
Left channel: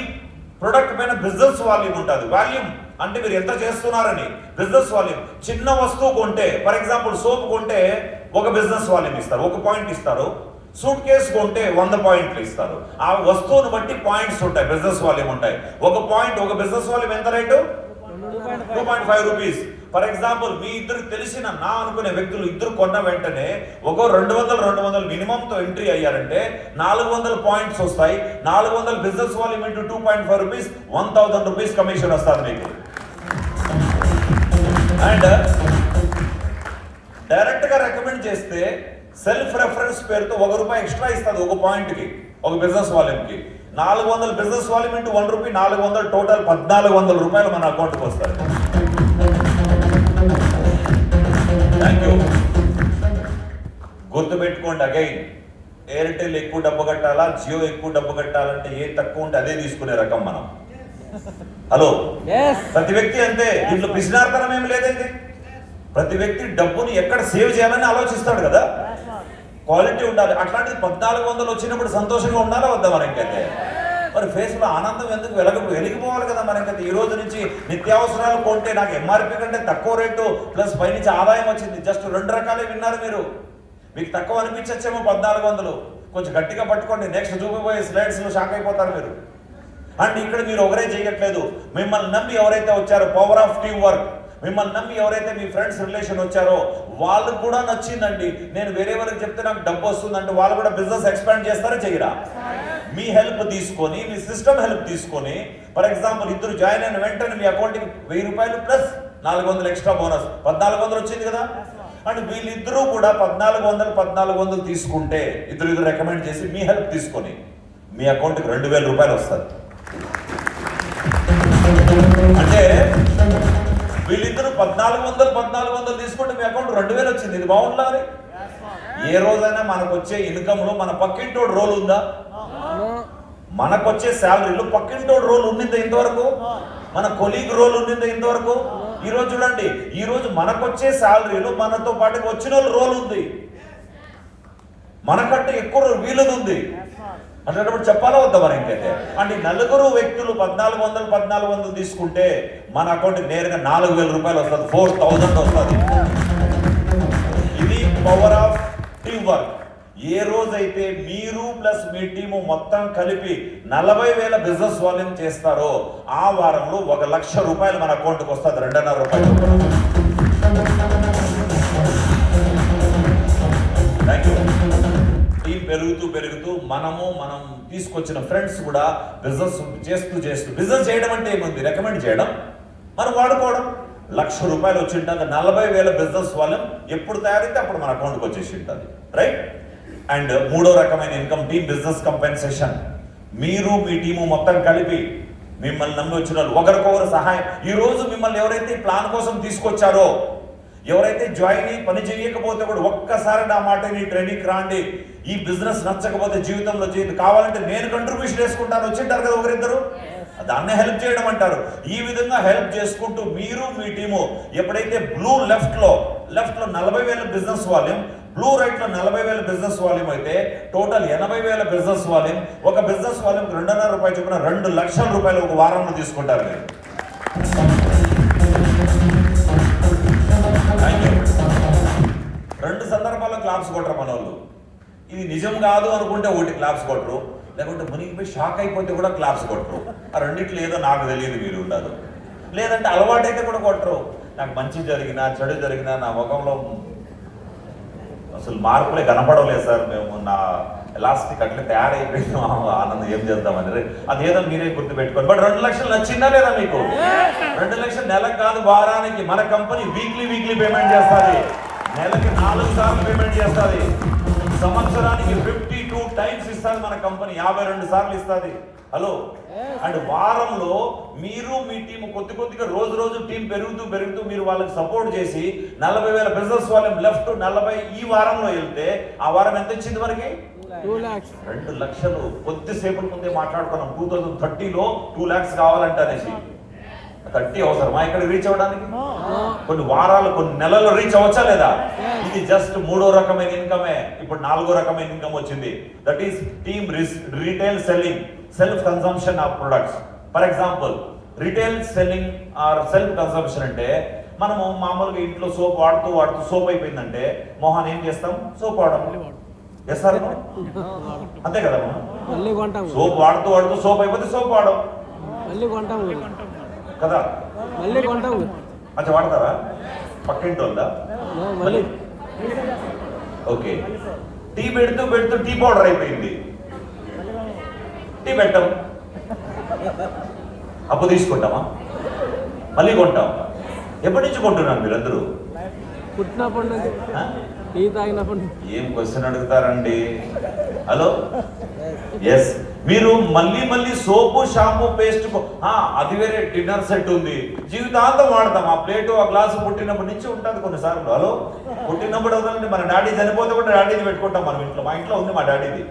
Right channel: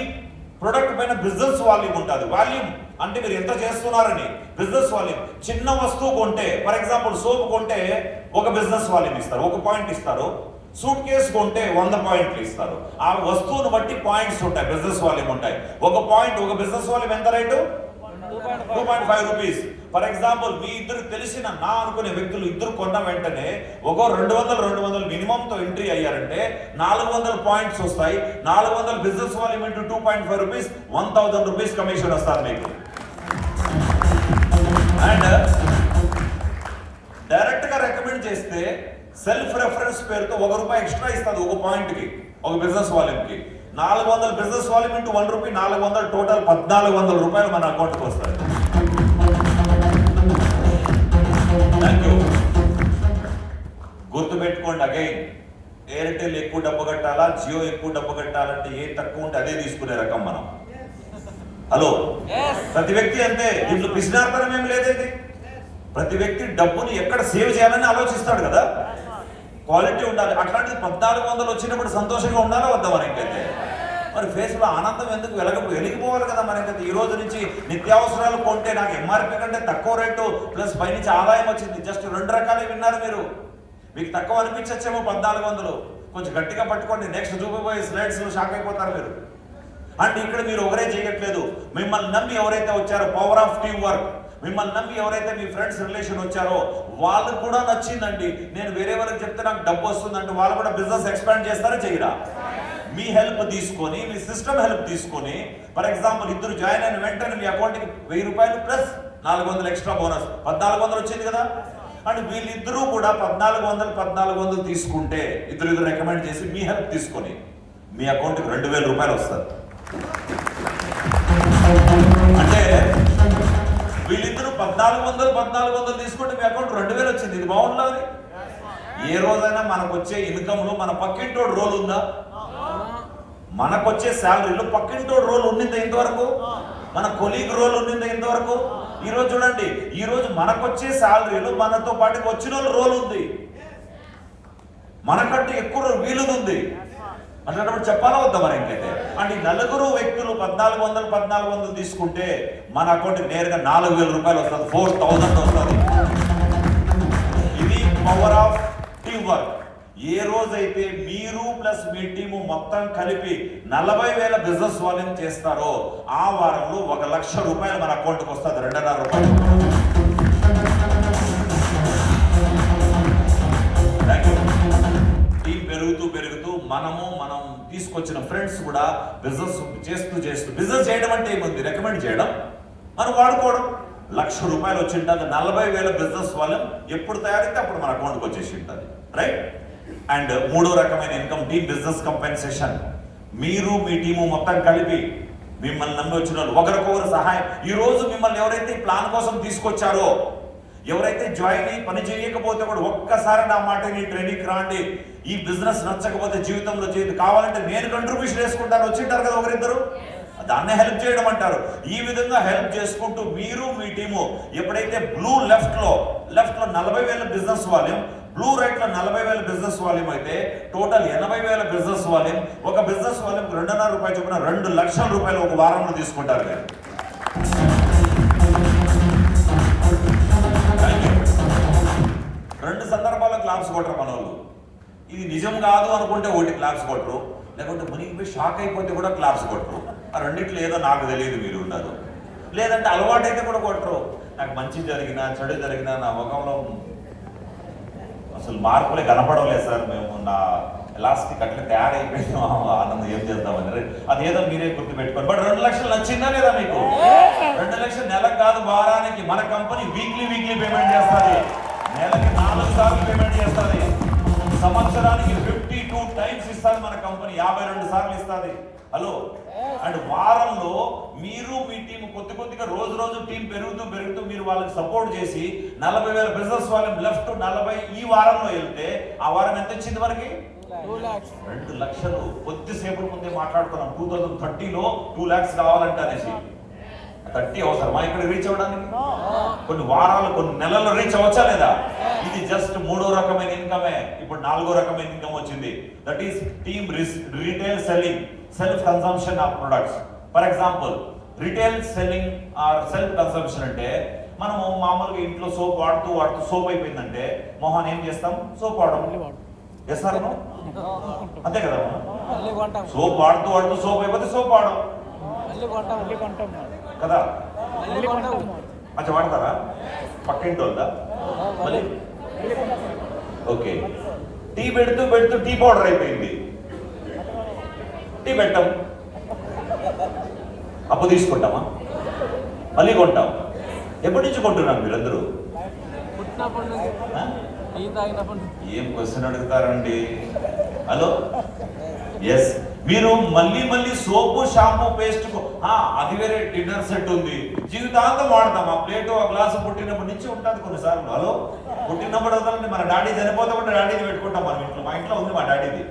ప్రొడక్ట్ పైన బిజినెస్ వాల్యూమ్ ఉంటుంది. వాల్యూమ్ అంటే మీరు ఎంత చేస్తున్నారని బిజినెస్ వాల్యూమ్. చిన్న వస్తువు కొంటే, ఫర్ ఎగ్జాంపుల్ సోప్ కొంటే ఒక బిజినెస్ వాల్యూమ్ ఇస్తారు, 1 పాయింట్ ఇస్తారు. సూట్ కేసు కొంటే 100 పాయింట్లు ఇస్తారు. ఆ వస్తువును బట్టి పాయింట్స్ ఉంటాయి, బిజినెస్ వాల్యూమ్ ఉంటాయి. 1 పాయింట్, ఒక బిజినెస్ వాల్యూమ్ ఎంత రేటు? 2.5 రూపీస్. ఫర్ ఎగ్జాంపుల్ మీ ఇద్దరు తెలిసిన నా అనుకునే వ్యక్తులు ఇద్దరు కొన్న వెంటనే ఒక 200 మినిమంతో ఎంట్రీ అయ్యారంటే 400 పాయింట్స్ వస్తాయి. 400 business volume into 2.5 rupees 1000 rupees commission వస్తారు మీకు. అండ్ డైరెక్ట్ గా రికమెండ్ చేస్తే సెల్ఫ్ రెఫరెన్స్ పేరుతో ₹1 ఎక్స్ట్రా ఇస్తుంది ఒక పాయింట్ కి, ఒక బిజినెస్ వాల్యూమ్ కి. 400 బిజినెస్ వాల్యూమ్ ఇంటూ ₹1 400, టోటల్ ₹1400 మన అకౌంట్ కి వస్తాయి. Thank you. గుర్తుపెట్టుకోండి, అగైన్ ఎయిర్టెల్ ఎక్కువ డబ్బు కట్టాలా, జియో ఎక్కువ డబ్బు కట్టాలంటే ఏ తక్కువ ఉంటే అదే తీసుకునే రకం మనం. హలో, ప్రతి వ్యక్తి అంతే, దీంట్లో పిసినార్తనం ఏమి లేదండి. ప్రతి వ్యక్తి డబ్బుని ఎక్కడ సేవ్ చేయాలని ఆలోచిస్తాడు కదా, క్వాలిటీ ఉండాలి. అట్లాంటిది 1400 వచ్చినప్పుడు సంతోషంగా ఉండాలా వద్దా మనకైతే? మరి ఫేస్ లో ఆనందం ఎందుకు వెలిగిపోవాలి కదా మనకైతే. ఈ రోజు నుంచి నిత్యావసరాలు కొంటే నాకు ఎంఆర్పీ కంటే తక్కువ రేటు ప్లస్ పైనుంచి ఆదాయం వచ్చింది. జస్ట్ 2 రకాలే విన్నారు మీరు. మీకు తక్కువ అనిపించచ్చేమో 1400, కొంచెం గట్టిగా పట్టుకోండి. నెక్స్ట్ చూపిపోయే స్లైడ్స్ లో షాక్ అయిపోతారు మీరు. అండ్ ఇక్కడ మీరు ఒకరే చేయట్లేదు, మిమ్మల్ని నమ్మి ఎవరైతే వచ్చారో, పవర్ ఆఫ్ టీమ్ వర్క్, మిమ్మల్ని నమ్మి ఎవరైతే మీ ఫ్రెండ్స్ రిలేషన్ వచ్చారో వాళ్ళు కూడా నచ్చిందండి. నేను వేరే వాళ్ళకి చెప్తే నాకు డబ్బు వస్తుందంటే వాళ్ళు కూడా బిజినెస్ ఎక్స్పాండ్ చేస్తారా చేయరా? మీ హెల్ప్ తీసుకొని, మీ సిస్టమ్ హెల్ప్ తీసుకొని, ఫర్ ఎగ్జాంపుల్ ఇద్దరు జాయిన్ అయిన వెంటనే మీ అకౌంట్కి ₹1000 ప్లస్ 400 ఎక్స్ట్రా బోనస్ 1400 వచ్చింది కదా. అండ్ వీళ్ళిద్దరూ కూడా 1400 తీసుకుంటే ఇద్దరు రికమెండ్ చేసి మీ హెల్ప్ తీసుకొని మీ అకౌంట్కి ₹2000 వస్తుంది. అంటే వీళ్ళిద్దరు 1400 తీసుకుంటే మీ అకౌంట్ 2000 వచ్చింది. ఇది బాగుండాలి. ఏ రోజైనా మనకు వచ్చే ఇన్కమ్ లో మన పక్కింటోడు రోల్ ఉందా? మనకు వచ్చే శాలరీలో పక్కింటోడు రోల్ ఉండిందా ఇంతవరకు? మన కొలీగ్ రోల్ ఉండిందా ఇంతవరకు? ఈ రోజు చూడండి, ఈ రోజు మనకు వచ్చే శాలరీలో మనతో పాటు వచ్చిన వాళ్ళు రోల్ ఉంది, మనకంటే ఎక్కువ వీలుది ఉంది. అట్లాంటప్పుడు చెప్పాలా వద్దా మరి ఇంకైతే? అంటే 4 వ్యక్తులు 1400 తీసుకుంటే మన అకౌంట్కి నేరుగా ₹4000 వస్తుంది, 4000 వస్తుంది. ఇది పవర్ ఆఫ్ టీమ్ వర్క్. ఏ రోజైతే మీరు ప్లస్ మీ టీము మొత్తం కలిపి 40,000 బిజినెస్ వాల్యూమ్ చేస్తారో ఆ వారంలో ₹1,00,000 మన అకౌంట్కి వస్తుంది, ₹2,500. Thank you. టీం పెరుగుతూ మనం తీసుకొచ్చిన ఫ్రెండ్స్ కూడా బిజినెస్ చేస్తూ బిజినెస్ చేయడం అంటే ఏముంది, రికమెండ్ చేయడం, మనం వాడుకోవడం. ₹1,00,000 వచ్చి ఉంటుంది. 40,000 బిజినెస్ వాల్యూమ్ ఎప్పుడు తయారైతే అప్పుడు మన అకౌంట్కి వచ్చేసి ఉంటుంది, రైట్? అండ్ మూడో రకమైన ఇన్కమ్ టీమ్ బిజినెస్ కంపెన్సేషన్. మీరు మీ టీము మొత్తం కలిపి మిమ్మల్ని నమ్మి వచ్చిన ఒకరికొకరు సహాయం. ఈ రోజు మిమ్మల్ని ఎవరైతే ప్లాన్ కోసం తీసుకొచ్చారో, ఎవరైతే జాయిన్ అయ్యి పని చేయకపోతే కూడా ఒక్కసారి నా మాట నీ ట్రైనింగ్ రాండి, ఈ బిజినెస్ నచ్చకపోతే జీవితంలో చేయదు, కావాలంటే నేను కంట్రిబ్యూషన్ వేసుకుంటాను వచ్చింటారు కదా ఒకరిద్దరు, దాన్నే హెల్ప్ చేయడం అంటారు. ఈ విధంగా హెల్ప్ చేసుకుంటూ మీరు మీ టీము ఎప్పుడైతే బ్లూ లెఫ్ట్ లో 40,000 బిజినెస్ వాల్యూమ్, బ్లూ రైట్ లో 40,000 బిజినెస్ వాల్యూమ్ అయితే టోటల్ 80,000 బిజినెస్ వాల్యూమ్. ఒక బిజినెస్ వాల్యూమ్ ₹2,500 చొప్పున ₹2,00,000 ఒక వారంలో తీసుకుంటారు మీరు. 2 సందర్భాల్లో క్లాప్స్ కొట్టరు మన వాళ్ళు. ఇది నిజం కాదు అనుకుంటే ఒకటి క్లాప్స్ కొట్టరు, లేకుంటే మునిగిపోయి షాక్ అయిపోతే కూడా క్లాప్స్ కొట్టరు. ఆ రెండిట్లో ఏదో నాకు తెలియదు మీరు ఉన్నారు. లేదంటే అలవాటు అయితే కూడా కొట్టరు. నాకు మంచి జరిగినా చెడు జరిగినా నా ముఖంలో అసలు మార్పులే కనపడలేదు సార్. మేము నా ఎలాస్టిక్ అట్లా తయారైపోయింది, ఆనందం ఏం చేద్దామని. అదేదో మీరే గుర్తు పెట్టుకోండి. బట్ 2,00,000 నచ్చిందా లేదా మీకు? 2,00,000 నెలకు కాదు, వారానికి. మన కంపెనీ వీక్లీ పేమెంట్ చేస్తుంది, నెలకి 4 సార్లు పేమెంట్ చేస్తుంది, సంవత్సరానికి 52 టైమ్స్ ఇస్తుంది మన కంపెనీ, 52 సార్లు ఇస్తుంది. హలో. అండ్ వారంలో మీరు మీ టీం కొద్దిగా రోజు టీం పెరుగుతూ మీరు వాళ్ళకి సపోర్ట్ చేసి 40,000 బిజినెస్ వాల్యూమ్ లెఫ్ట్ 40 ఈ వారంలో వెళ్తే ఆ వారం ఎంత ఇచ్చింది మనకి? 2,00,000. కొద్దిసేపు ముందే మాట్లాడుకున్నాం 2030లో 2 lakhs కావాలంటే అనేసి. 30 అవసరమా ఇక్కడ రీచ్ అవ్వడానికి? కొన్ని వారాలు కొన్ని నెలలు రీచ్ అవ్వచ్చా లేదా? ఇది జస్ట్ 3వ రకమైన ఇన్కమే. ఇప్పుడు 4వ రకమైన ఇన్కమ్ వచ్చింది. That is team retail selling, self consumption of products. For example retail selling or self consumption అంటే మనము మామూలుగా ఇంట్లో సోప్ వాడుతూ సోప్ అయిపోయిందంటే మొహాన్ ఏం చేస్తాం? సోప్ వాడడం. చేస్తారు అంతే కదా. సోప్ వాడుతూ సోప్ అయిపోతే సోప్ వాడడం కదా. మళ్ళీ కొంటాం. అది వాడతారా? పక్కింటి ఉందా? మళ్ళీ ఓకే. టీ పెడుతూ పెడుతూ టీ పౌడర్ అయిపోయింది. టీ పెట్టాం, అప్పు తీసుకుంటామా? మళ్ళీ కొంటాం. ఎప్పటి నుంచి కొంటున్నారు మీరందరూ? పుట్టినప్పటి నుంచి టీ తాగినప్పటి నుంచి. ఏం క్వశ్చన్ అడుగుతారండి? Hello, yes. మీరు మళ్ళీ మళ్ళీ సోపు షాంపూ పేస్ట్ అది వేరే డిన్నర్ సెట్ ఉంది, జీవితాంతం వాడతాం. ఆ ప్లేటు ఆ గ్లాసు పుట్టినప్పటి నుంచి ఉంటుంది కొన్నిసార్లు. హలో, పుట్టినప్పుడు వదలండి, మన డాడీ చనిపోతే కూడా డాడీది పెట్టుకుంటాం మనం ఇంట్లో. మా ఇంట్లో ఉంది, మా డాడీది.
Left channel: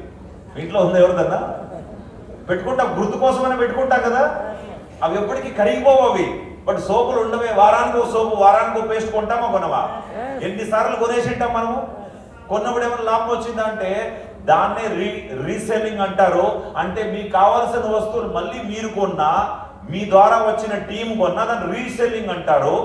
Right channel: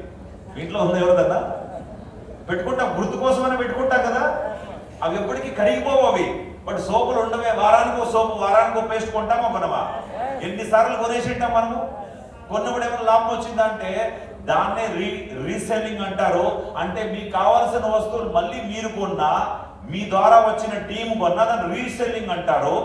మీ ఇంట్లో ఉంది ఎవరిదన్నా? పెట్టుకుంటాం, గుర్తు కోసమైనా పెట్టుకుంటాం కదా. అవి ఎప్పటికీ కరిగిపోవు అవి. బట్ సోపులు ఉండవే, వారానికో సోపు వారానికో పేస్ట్ కొంటామా కొనవా? ఎన్నిసార్లు కొనేసి ఉంటాం మనము. కొన్నప్పుడు ఏమైనా లాభం వచ్చిందంటే దాన్నే రీసెల్లింగ్ అంటారు. అంటే మీకు కావాల్సిన వస్తువులు మళ్ళీ మీరు కొన్నా, మీ ద్వారా వచ్చిన టీం కొన్నా దాన్ని రీసెల్లింగ్ అంటారు.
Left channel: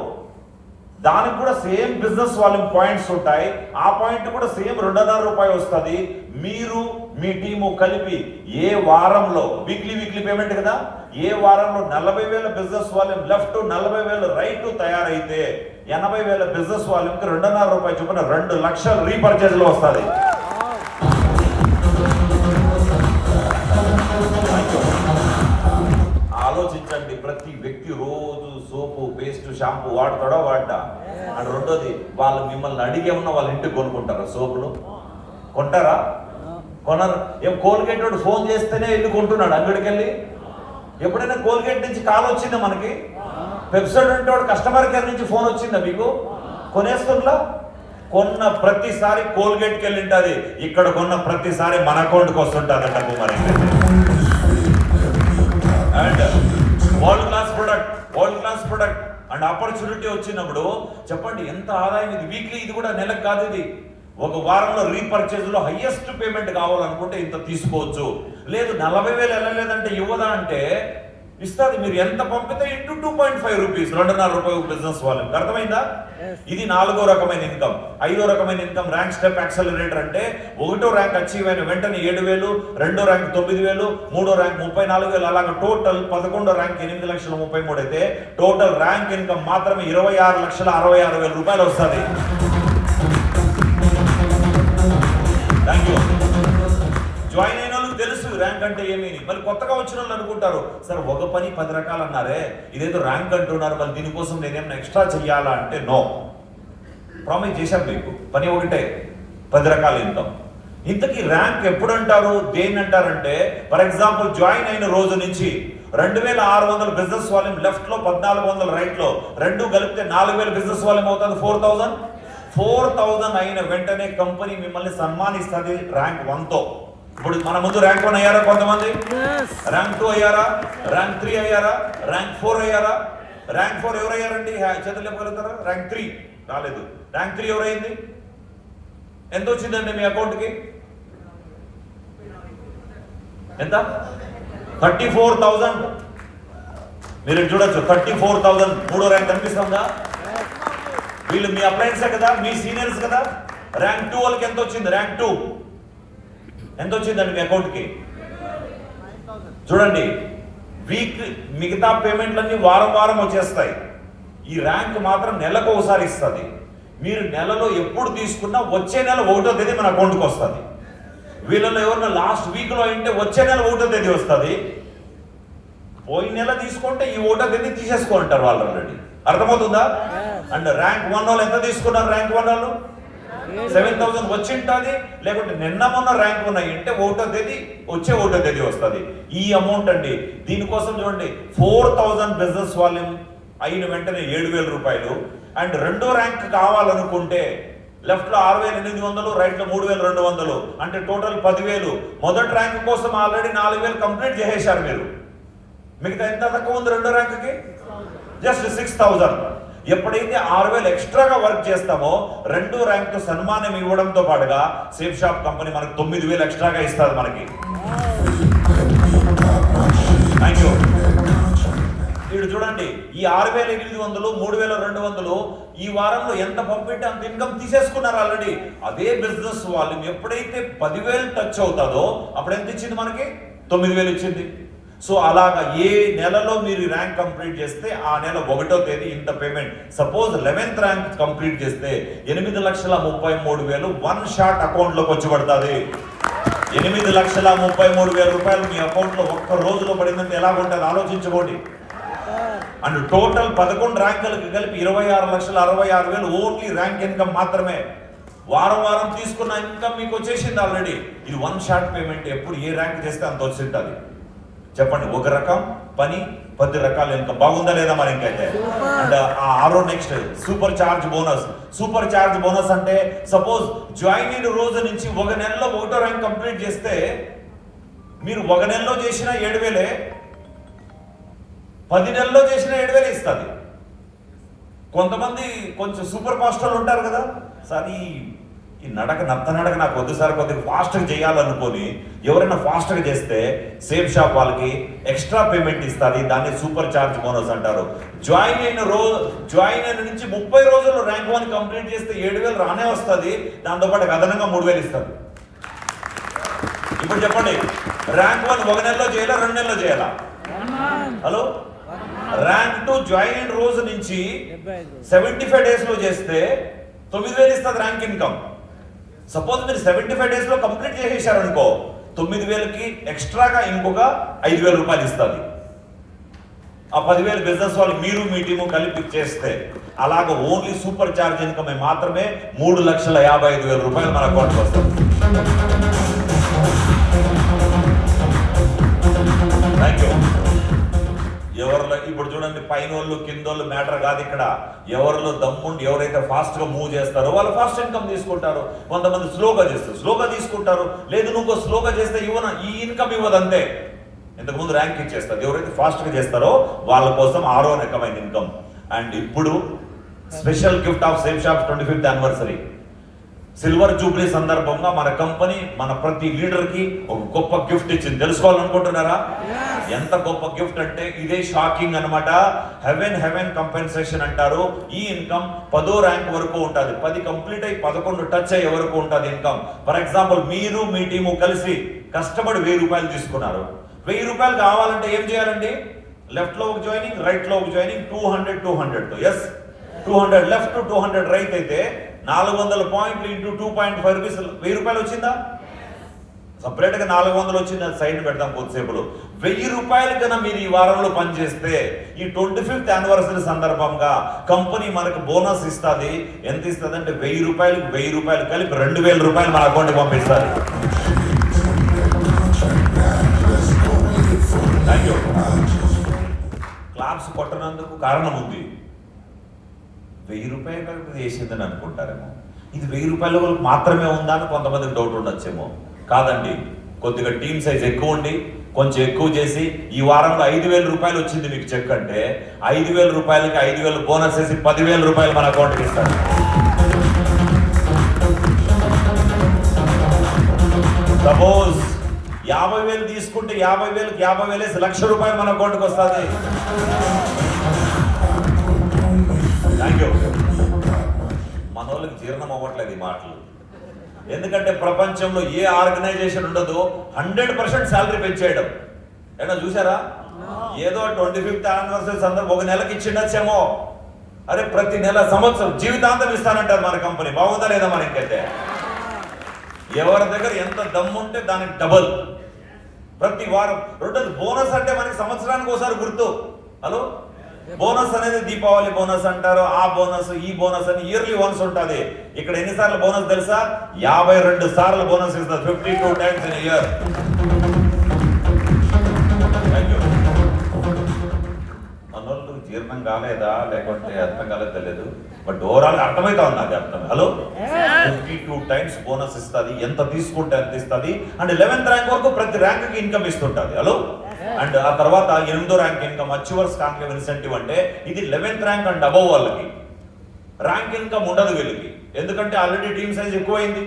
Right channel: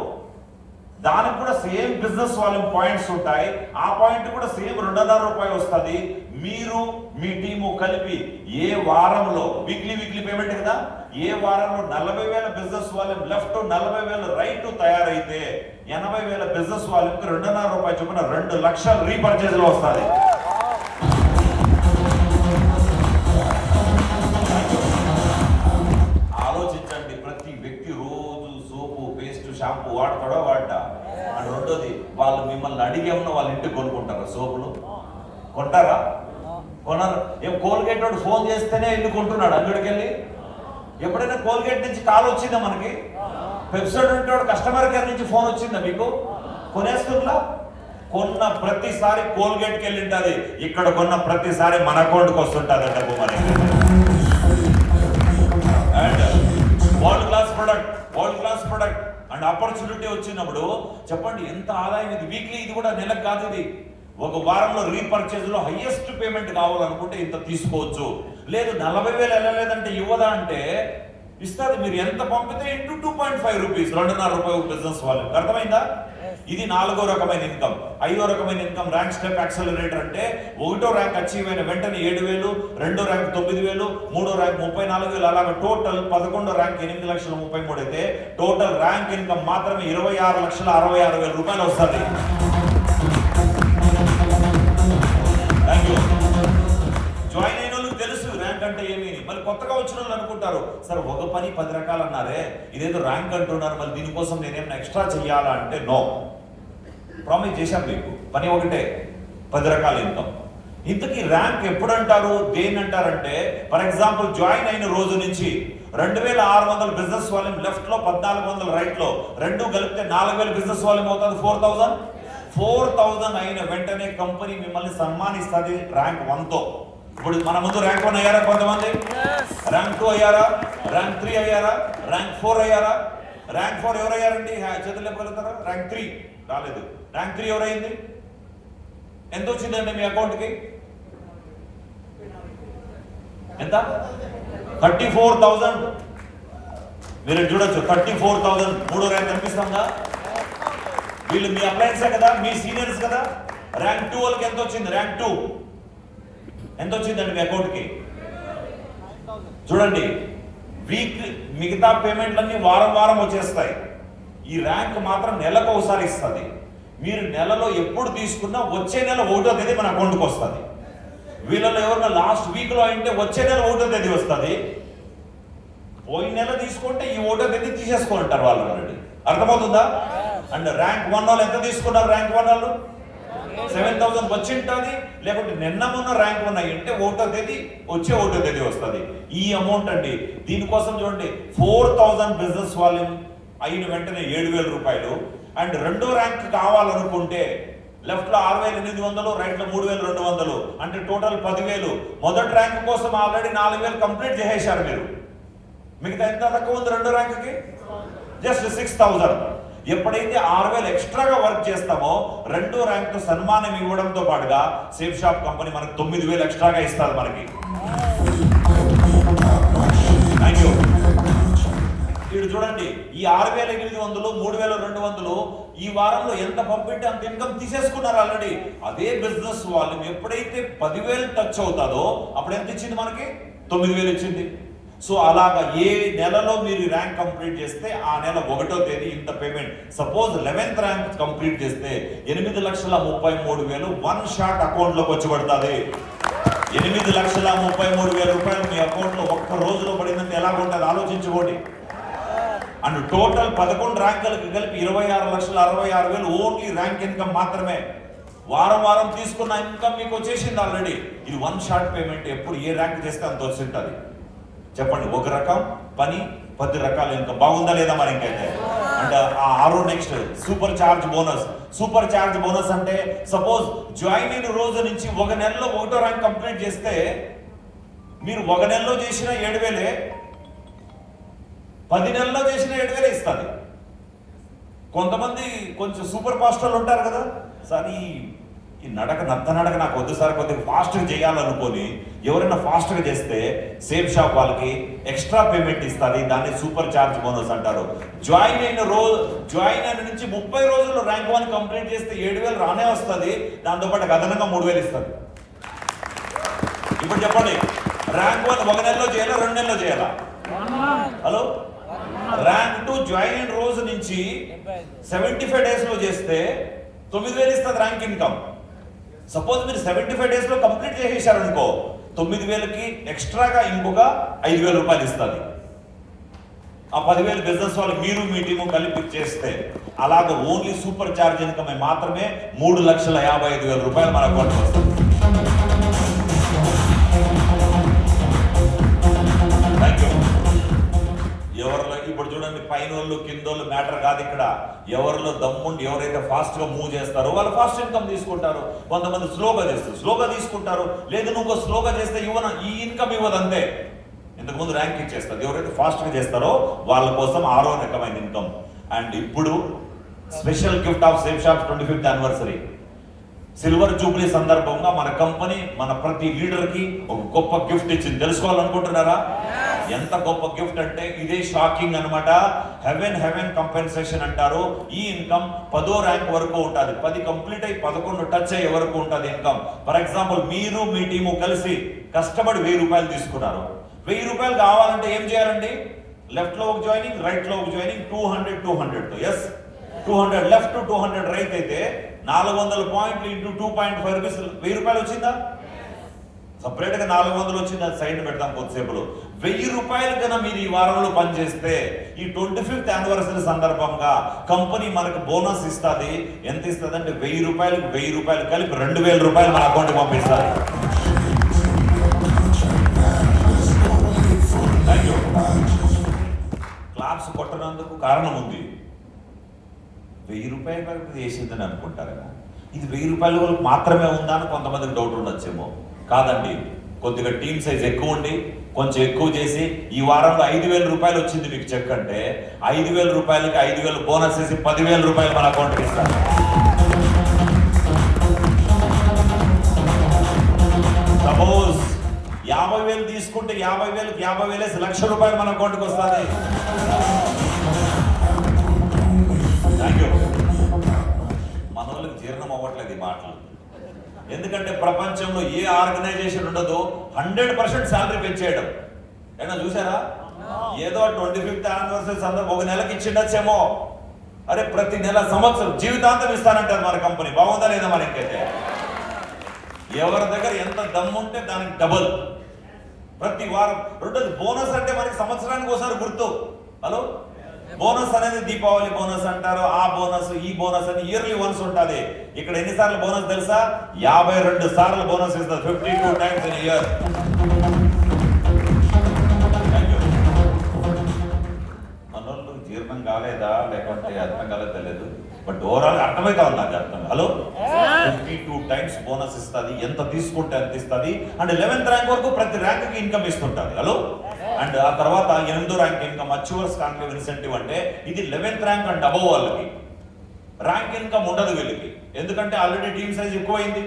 దానికి కూడా సేమ్ బిజినెస్ వాల్యూమ్ పాయింట్స్ ఉంటాయి. ఆ పాయింట్ కూడా సేమ్ 2.5 రూపాయలు వస్తుంది. మీరు మీ టీము కలిపి ఏ వారంలో వీక్లీ పేమెంట్ కదా, ఏ వారంలో 40,000 బిజినెస్ వాల్యూమ్ లెఫ్ట్ 40,000 రైట్ తయారైతే 80,000 బిజినెస్ వాల్యూమ్ 2.5 రూపాయలు చొప్పున 2 లక్షలు రీపర్చేజ్ లో వస్తుంది. ఆలోచించండి, ప్రతి వ్యక్తి రోజు సోపు పేస్ట్ షాంపూ వాడతాడో వాడా? అండ్ రెండోది, వాళ్ళు మిమ్మల్ని అడిగే ఉన్న వాళ్ళ ఇంటికి కొనుక్కుంటారా? సోపులు కొంటారా? కొనరు. ఏం కోల్గేట్ వాడు ఫోన్ చేస్తేనే ఇల్లు కొంటున్నాడు అంగడికి వెళ్ళి? ఎప్పుడైనా కోల్గేట్ నుంచి కాల్ వచ్చిందా మనకి? వెబ్సైట్ ఉంటే కస్టమర్ కేర్ నుంచి ఫోన్ వచ్చిందా మీకు? కొనేస్తుందా? కొన్న ప్రతిసారి కోల్గేట్కి వెళ్ళి ఉంటుంది, ఇక్కడ కొన్న ప్రతిసారి మన అకౌంట్కి వస్తుంటుంది డబ్బు మనకి. And world class product and opportunity వచ్చినప్పుడు చెప్పండి ఎంత ఆదాయం ఇది. వీక్లీ ఇది కూడా నెలకు కాదు, ఇది ఒక వారంలో రీపర్చేజ్ లో హైయెస్ట్ పేమెంట్ కావాలనుకుంటే ఇంత తీసుకోవచ్చు. లేదు 40,000 వెళ్ళలేదంటే ఇవ్వదా అంటే ఇస్తుంది. మీరు ఎంత పంపితే ఇంటూ 2.5 రూపీస్, 2.5 రూపాయలు బిజినెస్ వాళ్ళకి. అర్థమైందా? ఇది 4వ రకమైన ఇన్కమ్. 5వ రకమైన ఇన్కమ్ ర్యాంక్ స్టెప్ యాక్సలరేటర్. అంటే 1వ ర్యాంక్ అచీవ్ అయిన వెంటనే 7,000, 2వ ర్యాంక్ 9,000, 3వ ర్యాంక్ 34,000, అలాగా టోటల్ 11వ ర్యాంక్ 8,33,000 అయితే టోటల్ ర్యాంక్ ఇన్కమ్ మాత్రమే 26,66,000 రూపాయలు వస్తుంది. Thank you. జాయిన్ అయిన వాళ్ళకి తెలుసు ర్యాంక్ అంటే ఏమి. మరి కొత్తగా వచ్చిన వాళ్ళు అనుకుంటారు, సార్ ఒక పని 10 రకాలు అన్నారే, ఇదేదో ర్యాంక్ అంటున్నారు, మరి దీనికోసం నేనేమైనా ఎక్స్ట్రా చెయ్యాలా అంటే నో. ప్రామిస్ చేశాం మీకు, పని ఒకటే, 10 రకాల ఇన్కమ్. ఇంతకీ ర్యాంక్ ఎప్పుడు అంటారు, దేన్ని అంటారంటే ఫర్ ఎగ్జాంపుల్ జాయిన్ అయిన రోజు నుంచి 2,600 బిజినెస్ వాల్యూమ్ లెఫ్ట్ లో, 1,400 రైట్ లో, రెండు కలిపితే 4,000 బిజినెస్ వాల్యూమ్ అవుతుంది. 4,000 అయిన వెంటనే కంపెనీ మిమ్మల్ని సన్మానిస్తుంది ర్యాంక్ 1తో. ఇప్పుడు మన ముందు ర్యాంక్ 1 అయ్యారా కొంతమంది? ర్యాంక్ 2 అయ్యారా? ర్యాంక్ 3 అయ్యారా? ర్యాంక్ 4 అయ్యారా? ర్యాంక్ 4 ఎవరయ్యారండి? చేతులు లేపగలుగుతారా? ర్యాంక్ 3 రాలేదు. ర్యాంక్ 3 ఎవరైంది? ఎంత వచ్చిందండి మీ అకౌంట్కి? ఎంత? 34,000. మీరు చూడొచ్చు 34,000. 3వ ర్యాంక్ కనిపిస్తుందా? వీళ్ళు మీ అప్లయన్సే కదా, మీ సీనియర్స్ కదా. ర్యాంక్ 2 వాళ్ళకి ఎంత వచ్చింది? ర్యాంక్ 2 ఎంత వచ్చిందండి మీ అకౌంట్కి? చూడండి, వీక్ మిగతా పేమెంట్లన్నీ వారం వచ్చేస్తాయి. ఈ ర్యాంక్ మాత్రం నెలకు ఒకసారి ఇస్తుంది. మీరు నెలలో ఎప్పుడు తీసుకున్నా వచ్చే నెల 1వ తేదీ మన అకౌంట్కి వస్తుంది. వీళ్ళలో ఎవరైనా లాస్ట్ వీక్లో అంటే వచ్చే నెల 1వ తేదీ వస్తుంది. పోయిన నెల తీసుకుంటే ఈ 1వ తేదీ తీసేసుకుంటారు వాళ్ళు ఆల్రెడీ. అర్థమవుతుందా? అండ్ ర్యాంక్ 1 వాళ్ళు ఎంత తీసుకున్నారు? ర్యాంక్ 1 వాళ్ళు 7,000 వచ్చింటుంది. లేకుంటే నిన్న మొన్న ర్యాంక్ ఉన్నాయి అంటే 1వ తేదీ వచ్చే 1వ తేదీ వస్తుంది. ఈ అమౌంట్ అండి. దీనికోసం చూడండి, 4,000 బిజినెస్ వాల్యూమ్ అయిన వెంటనే 7,000 రూపాయలు. అండ్ 2వ ర్యాంక్ కావాలనుకుంటే లెఫ్ట్ లో 6,800, రైట్ లో 3,200, అంటే టోటల్ 10,000. మొదటి ర్యాంక్ కోసం ఆల్రెడీ 4,000 కంప్లీట్ చేసేశారు మీరు. మిగతా ఎంత తక్కువ ఉంది 2వ ర్యాంక్కి? జస్ట్ 6,000. ఎప్పుడైతే 6,000 ఎక్స్ట్రాగా వర్క్ చేస్తామో 2వ ర్యాంక్ తో సన్మానం ఇవ్వడంతో పాటుగా సేఫ్ షాప్ కంపెనీ మనకి 9,000 ఎక్స్ట్రాగా ఇస్తారు మనకి. Thank you. ఇప్పుడు చూడండి, ఈ 6,800, 3,200 ఈ వారంలో ఎంత పంపితే అంత ఇన్కమ్ తీసేసుకున్నారు ఆల్రెడీ. అదే బిజినెస్ వాల్యూమ్ ఎప్పుడైతే 10,000 టచ్ అవుతుందో అప్పుడు ఎంత ఇచ్చింది మనకి? 9,000 ఇచ్చింది. సో అలాగా ఏ నెలలో మీరు ర్యాంక్ కంప్లీట్ చేస్తే ఆ నెల 1వ తేదీ ఇంత payment. Suppose 11th rank complete చేస్తే 8,33,000 వన్ షాట్ అకౌంట్ లోకి వచ్చి పడుతుంది. 8,33,000 రూపాయలు మీ అకౌంట్ లో ఒక్క రోజులో పడిందంటే ఎలా ఉంటుంది ఆలోచించుకోండి. అండ్ టోటల్ 11 ర్యాంకులకు కలిపి 26,66,000 ఓన్లీ ర్యాంక్ ఇన్కమ్ మాత్రమే. వారం వారం తీసుకున్న ఇన్కమ్ మీకు వచ్చేసింది ఆల్రెడీ. ఇది వన్ షాట్ పేమెంట్. ఎప్పుడు ఏ ర్యాంక్ చేస్తే అంత వచ్చింటుంది. చెప్పండి, ఒక రకం పని 10 రకాల ఇన్కమ్. బాగుందా లేదా మరి ఇంకైతే? అండ్ ఆ ఆరో next super charge bonus. Super charge bonus అంటే సపోజ్ జాయిన్ అయిన రోజు నుంచి ఒక నెలలో 1వ ర్యాంక్ కంప్లీట్ చేస్తే మీరు ఒక నెలలో చేసిన 7,000, 10 నెలల్లో చేసిన 7,000 ఇస్తుంది. కొంతమంది కొంచెం సూపర్ ఫాస్ట్ వాళ్ళు ఉంటారు కదా, సార్ ఈ నడక నాకు వద్దు సార్, కొద్దిగా ఫాస్ట్గా చేయాలనుకొని ఎవరైనా ఫాస్ట్గా చేస్తే సేమ్ షాప్ వాళ్ళకి ఎక్స్ట్రా పేమెంట్ ఇస్తుంది. దాన్ని సూపర్ చార్జ్ బోనస్ అంటారు. జాయిన్ అయిన నుంచి 30 రోజులు ర్యాంక్ 1 కంప్లీట్ చేస్తే 7,000 రానే వస్తుంది. దాంతోపాటు అదనంగా 3,000 ఇస్తుంది. ఇప్పుడు చెప్పండి, ర్యాంక్ 1 ఒక నెలలో చేయాలా, 2 నెలల్లో చేయాలా? హలో, ర్యాంక్ 2 జాయిన్ అయిన రోజు నుంచి 75 డేస్ లో చేస్తే 9,000 ఇస్తుంది ర్యాంక్ ఇన్కమ్. సపోజ్ మీరు 75 డేస్ లో కంప్లీట్ చేసేసారు అనుకో, 9,000కి ఎక్స్ట్రాగా ఇంకొక 5,000 రూపాయలు ఇస్తుంది. ఆ 10,000 బిజినెస్ వాళ్ళు మీరు మీ టీము కలిపి చేస్తే అలాగ ఓన్లీ సూపర్ చార్జ్ ఇన్కమ్ మాత్రమే 3,55,000 రూపాయలు మన అకౌంట్కి వస్తుంది. ఎవరిలో ఇప్పుడు చూడండి, పైన వాళ్ళు కింద వాళ్ళు మ్యాటర్ కాదు ఇక్కడ. ఎవరిలో దమ్ముండి ఎవరైతే ఫాస్ట్ గా మూవ్ చేస్తారో వాళ్ళు ఫాస్ట్ ఇన్కమ్ తీసుకుంటారు. కొంతమంది స్లోగా చేస్తారు, స్లోగా తీసుకుంటారు. లేదు నువ్వు స్లోగా చేస్తే ఈ ఇన్కమ్ ఇవ్వదు అంతే. ఇంతకుముందు ర్యాంక్ ఇచ్చేస్తారు. ఎవరైతే ఫాస్ట్ గా చేస్తారో వాళ్ళ కోసం 6వ రకమైన ఇన్కమ్. అండ్ ఇప్పుడు special gift of same shop 25th anniversary silver Jubilee సందర్భంగా మన కంపెనీ మన ప్రతి లీడర్ కి ఒక గొప్ప గిఫ్ట్ ఇచ్చింది. తెలుసుకోవాలనుకుంటున్నారా? ఎంత గొప్ప గిఫ్ట్ అంటే ఇదే షాకింగ్ అన్నమాట. హెవెన్ కంపెన్సేషన్ అంటారు. ఈ ఇన్కమ్ 10వ ర్యాంక్ వరకు ఉంటుంది. 10 కంప్లీట్ అయ్యి 11 టచ్ అయ్యే వరకు ఉంటుంది ఇన్కమ్. ఫర్ ఎగ్జాంపుల్ మీరు మీ టీము కలిసి కష్టపడి 1,000 రూపాయలు తీసుకున్నారు. 1,000 రూపాయలు కావాలంటే ఏం చేయాలండి? లెఫ్ట్ లో ఒక జాయినింగ్, రైట్ లో ఒక జాయినింగ్, 200 ఎస్ 200 లెఫ్ట్ 200 రైట్ అయితే 400 పాయింట్లు ఇంటూ 2.5 రూపీస్ 1,000 రూపాయలు వచ్చిందా? సపరేట్ గా 400 వచ్చింది. సైడ్ పెడతాం కొద్దిసేపులో. 1,000 రూపాయలు కన్నా మీరు ఈ వారంలో పనిచేస్తే ఈ 25th యానివర్సరీ సందర్భంగా కంపెనీ మనకు బోనస్ ఇస్తుంది. ఎంత ఇస్తుంది అంటే 1,000 రూపాయలు కలిపి 2,000 రూపాయలు మన అకౌంట్కి పంపిస్తారు. క్లాప్స్ కొట్టనందుకు కారణం ఉంది. 1,000 రూపాయలు చేసిందని అనుకుంటారేమో. ఇది 1,000 రూపాయలు మాత్రమే ఉందా అని కొంతమందికి డౌట్ ఉండొచ్చేమో. కాదండి, కొద్దిగా టీమ్ సైజ్ ఎక్కువ ఉండి కొంచెం ఎక్కువ చేసి ఈ వారంలో 5,000 రూపాయలు వచ్చింది మీకు చెక్ అంటే 5,000 రూపాయలకి 5,000 బోనస్ వేసి 10,000 రూపాయలు మన అకౌంట్కి ఇస్తారు. సపోజ్ 50,000 తీసుకుంటే 50,000కి 50,000 వేసి 1,00,000 రూపాయలు మన అకౌంట్కి వస్తుంది. Thank you. మన వాళ్ళకి జీర్ణం అవ్వట్లేదు ఈ మాటలు. ఎందుకంటే ప్రపంచంలో ఏ ఆర్గనైజేషన్ ఉండదో 100% శాలరీ పెంచేయడం. ఏమన్నా చూసారా? ఏదో 25th యానివర్సరీ సందర్భం ఒక నెలకి ఇచ్చిండొచ్చేమో. అరే ప్రతి నెల సంవత్సరం జీవితాంతం ఇస్తానంటారు మన కంపెనీ. బాగుందా లేదా మనకైతే? ఎవరి దగ్గర ఎంత దమ్ము ఉంటే దానికి డబుల్ ప్రతి వారం. రెండోది బోనస్ అంటే మనకి సంవత్సరానికి ఒకసారి గుర్తు. హలో, బోనస్ అనేది దీపావళి బోనస్ అంటారు. ఆ బోనస్ ఈ బోనస్ అని ఇయర్లీ వన్స్ ఉంటుంది. ఇక్కడ ఎన్నిసార్లు బోనస్ తెలుసా? 52 సార్లు బోనస్ ఇస్తారు. 52 times in a year. మనోళ్ళు జీర్ణం కాలేదా లేకుంటే అర్థం కాలేదు తెలియదు. బట్ ఓవరాల్ అర్థమైతే ఉంది నాకు అర్థం. హలో, 52 times బోనస్ ఇస్తుంది. ఎంత తీసుకుంటే అంత ఇస్తుంది. అండ్ 11th ర్యాంక్ వరకు ప్రతి ర్యాంక్ కి ఇన్కమ్ ఇస్తుంటుంది. హలో, అండ్ ఆ తర్వాత 8వ rank income achievers conclave incentive అంటే ఇది 11th ర్యాంక్ అండ్ అబవ్ వాళ్ళకి. ర్యాంక్ ఇన్కమ్ ఉండదు వీళ్ళకి. ఎందుకంటే ఆల్రెడీ టీమ్ సైజ్ ఎక్కువైంది.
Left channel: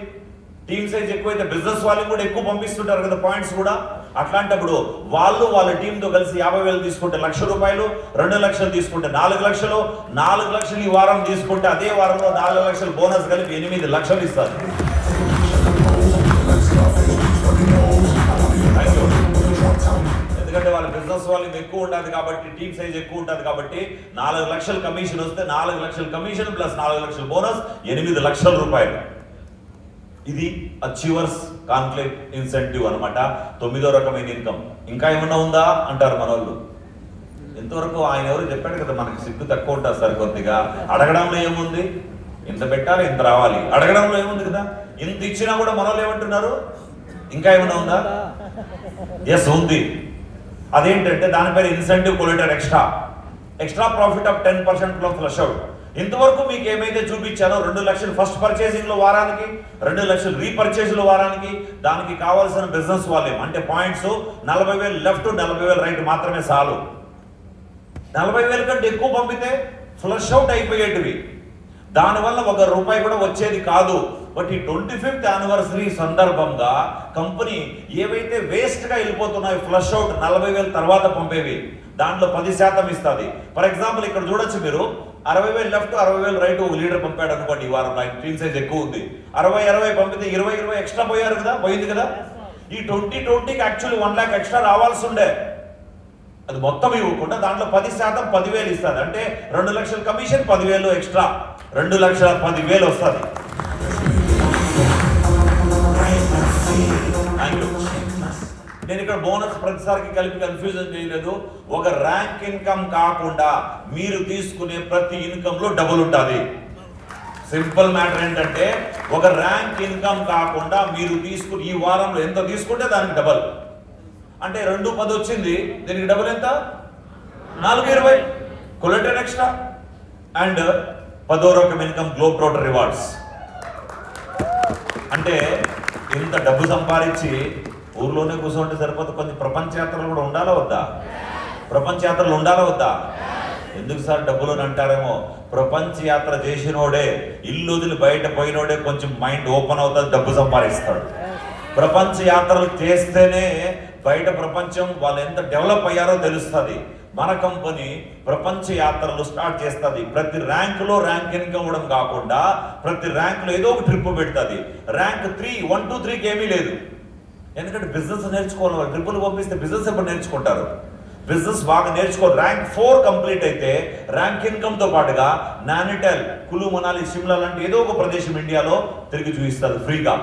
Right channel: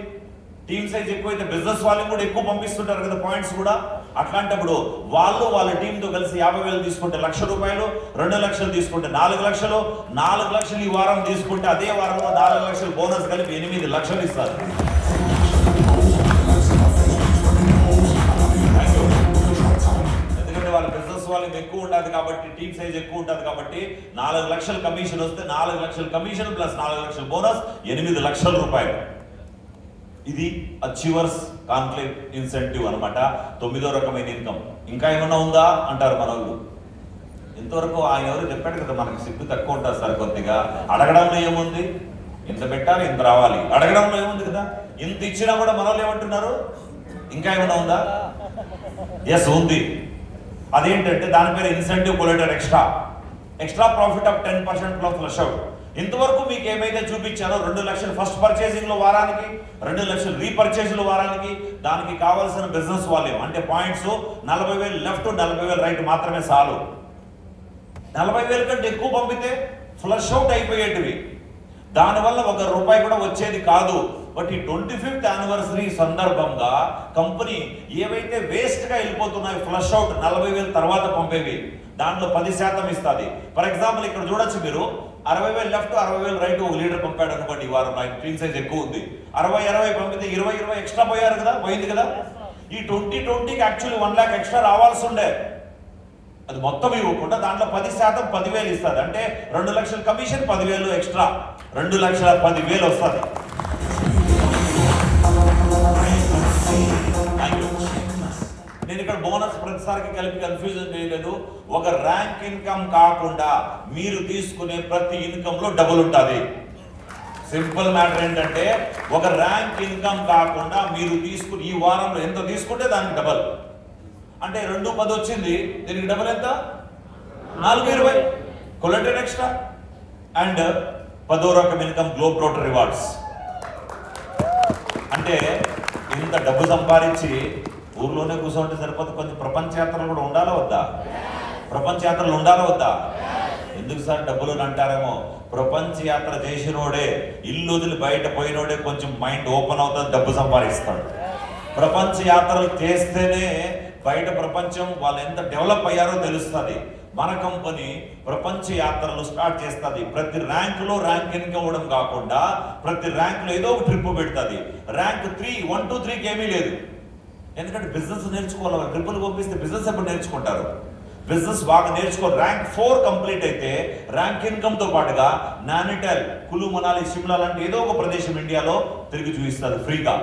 టీమ్ సైజ్ ఎక్కువైతే బిజినెస్ వాళ్ళకి కూడా ఎక్కువ పంపిస్తుంటారు కదా పాయింట్స్ కూడా. అట్లాంటప్పుడు వాళ్ళు వాళ్ళ టీంతో కలిసి 50,000 తీసుకుంటే 1,00,000 రూపాయలు, 2 లక్షలు తీసుకుంటే 4 లక్షలు, 4 లక్షలు ఈ వారం తీసుకుంటే అదే వారంలో 4 లక్షలు బోనస్ కలిపి 8 లక్షలు ఇస్తారు. ఎందుకంటే వాళ్ళ వాల్యూమ్ ఎక్కువ ఉంటుంది కాబట్టి, టీమ్ సైజ్ ఎక్కువ ఉంటుంది కాబట్టి 4 లక్షల కమిషన్ వస్తే 4 లక్షల కమిషన్ ప్లస్ 4 లక్షల బోనస్ 8 లక్షల రూపాయలు. ఇది అచీవర్స్ కాన్క్లేవ్ ఇన్సెంటివ్ అనమాట. 9వ రకమైన ఇన్కమ్. ఇంకా ఏమన్నా ఉందా అంటారు మన వాళ్ళు. ఇంతవరకు ఆయన ఎవరు చెప్పాడు కదా, మనకి సిగ్గు తక్కువ ఉంటుంది సార్ కొద్దిగా. అడగడంలో ఏముంది, ఇంత పెట్టాలి ఇంత రావాలి, అడగడంలో ఏముంది కదా. ఇంత ఇచ్చినా కూడా మన వాళ్ళు ఏమంటున్నారు, ఇంకా ఏమన్నా ఉందా? ఎస్ ఉంది. అదేంటంటే దాని పేరు incentive collator extra profit of 10% flush out. ఇంతవరకు మీకు ఏమైతే చూపించారో 2 లక్షలు ఫస్ట్ పర్చేసింగ్ లో వారానికి, 2 లక్షలు రీపర్చేజ్ లో వారానికి, దానికి కావాల్సిన బిజినెస్ వాల్యూమ్ అంటే పాయింట్స్ 40,000 లెఫ్ట్ 40,000 రైట్ మాత్రమే చాలు. 40,000 కంటే ఎక్కువ పంపితే ఫ్లష్ అవుట్ అయిపోయేటివి. దానివల్ల 1 రూపాయి కూడా వచ్చేది కాదు. బట్ ఈ 25th యానివర్సరీ సందర్భంగా కంపెనీ ఏవైతే వేస్ట్ గా వెళ్ళిపోతున్నాయో ఫ్లష్ అవుట్ 40,000 తర్వాత పంపేవి, దాంట్లో 10% ఇస్తుంది. ఫర్ ఎగ్జాంపుల్ ఇక్కడ చూడొచ్చు మీరు, 60,000 లెఫ్ట్ 60,000 రైట్ లీడర్ పంపాడు అనుకోండి. ఈ వారం టీమ్ సైజ్ ఎక్కువ ఉంది, 60 పంపితే 20 ఎక్స్ట్రా పోయింది కదా. ఈ 2020కి యాక్చువల్లీ 1 లాక్ ఎక్స్ట్రా రావాల్సి ఉండే, అది మొత్తం ఇవ్వకుండా దాంట్లో 10% 10,000 ఇస్తుంది. అంటే 2 లక్షల కమిషన్ 10,000 ఎక్స్ట్రా, 2,10,000 వస్తుంది. నేను ఇక్కడ బోనస్ ప్రతిసారికి కలిపి కన్ఫ్యూజన్ చేయలేదు. ఒక ర్యాంక్ ఇన్కమ్ కాకుండా మీరు తీసుకునే ప్రతి ఇన్కమ్ లో డబుల్ ఉంటుంది. సింపుల్ మ్యాటర్ ఏంటంటే, ఒక ర్యాంక్ ఇన్కమ్ కాకుండా మీరు తీసుకుని ఈ వారంలో ఎంత తీసుకుంటే దానికి డబల్. అంటే 2,10 వచ్చింది, దీనికి డబుల్ ఎంత? 4,20 కొలెక్టెడ్ ఎక్స్ట్రా. అండ్ 10వ రకం ఇన్కమ్ గ్లోబ్ ట్రోటర్ రివార్డ్స్. అంటే ఇంత డబ్బు సంపాదించి ఊర్లోనే కూర్చోంటే సరిపోతే, కొంచెం ప్రపంచ యాత్రలు కూడా ఉండాలా వద్దా? ప్రపంచ యాత్రలు ఉండాలా వద్దా? ఎందుకు సార్ డబ్బులు అని అంటారేమో. ప్రపంచ యాత్ర చేసినోడే, ఇల్లు వదిలి బయట పోయినోడే కొంచెం మైండ్ ఓపెన్ అవుతుంది, డబ్బు సంపాదిస్తాడు. ప్రపంచ యాత్రలు చేస్తేనే బయట ప్రపంచం వాళ్ళు ఎంత డెవలప్ అయ్యారో తెలుస్తుంది. మన కంపెనీ ప్రపంచ యాత్రలు స్టార్ట్ చేస్తుంది. ప్రతి ర్యాంకులో ర్యాంక్ ఇన్కమ్ ఇవ్వడం కాకుండా ప్రతి ర్యాంకులో ఏదో ఒక ట్రిప్ పెడుతుంది. ర్యాంక్ 3 1 2 3కి ఏమీ లేదు. ఎందుకంటే బిజినెస్ నేర్చుకోవాలి. ట్రిప్పులు పంపిస్తే బిజినెస్ ఎప్పుడు నేర్చుకుంటారు? బిజినెస్ బాగా నేర్చుకో. ర్యాంక్ 4 కంప్లీట్ అయితే ర్యాంక్ ఇన్కమ్ తో పాటుగా నానిటల్, కులు, మనాలి, షిమ్లా లాంటి ఏదో ఒక ప్రదేశం ఇండియాలో తిరిగి చూపిస్తారు ఫ్రీగా.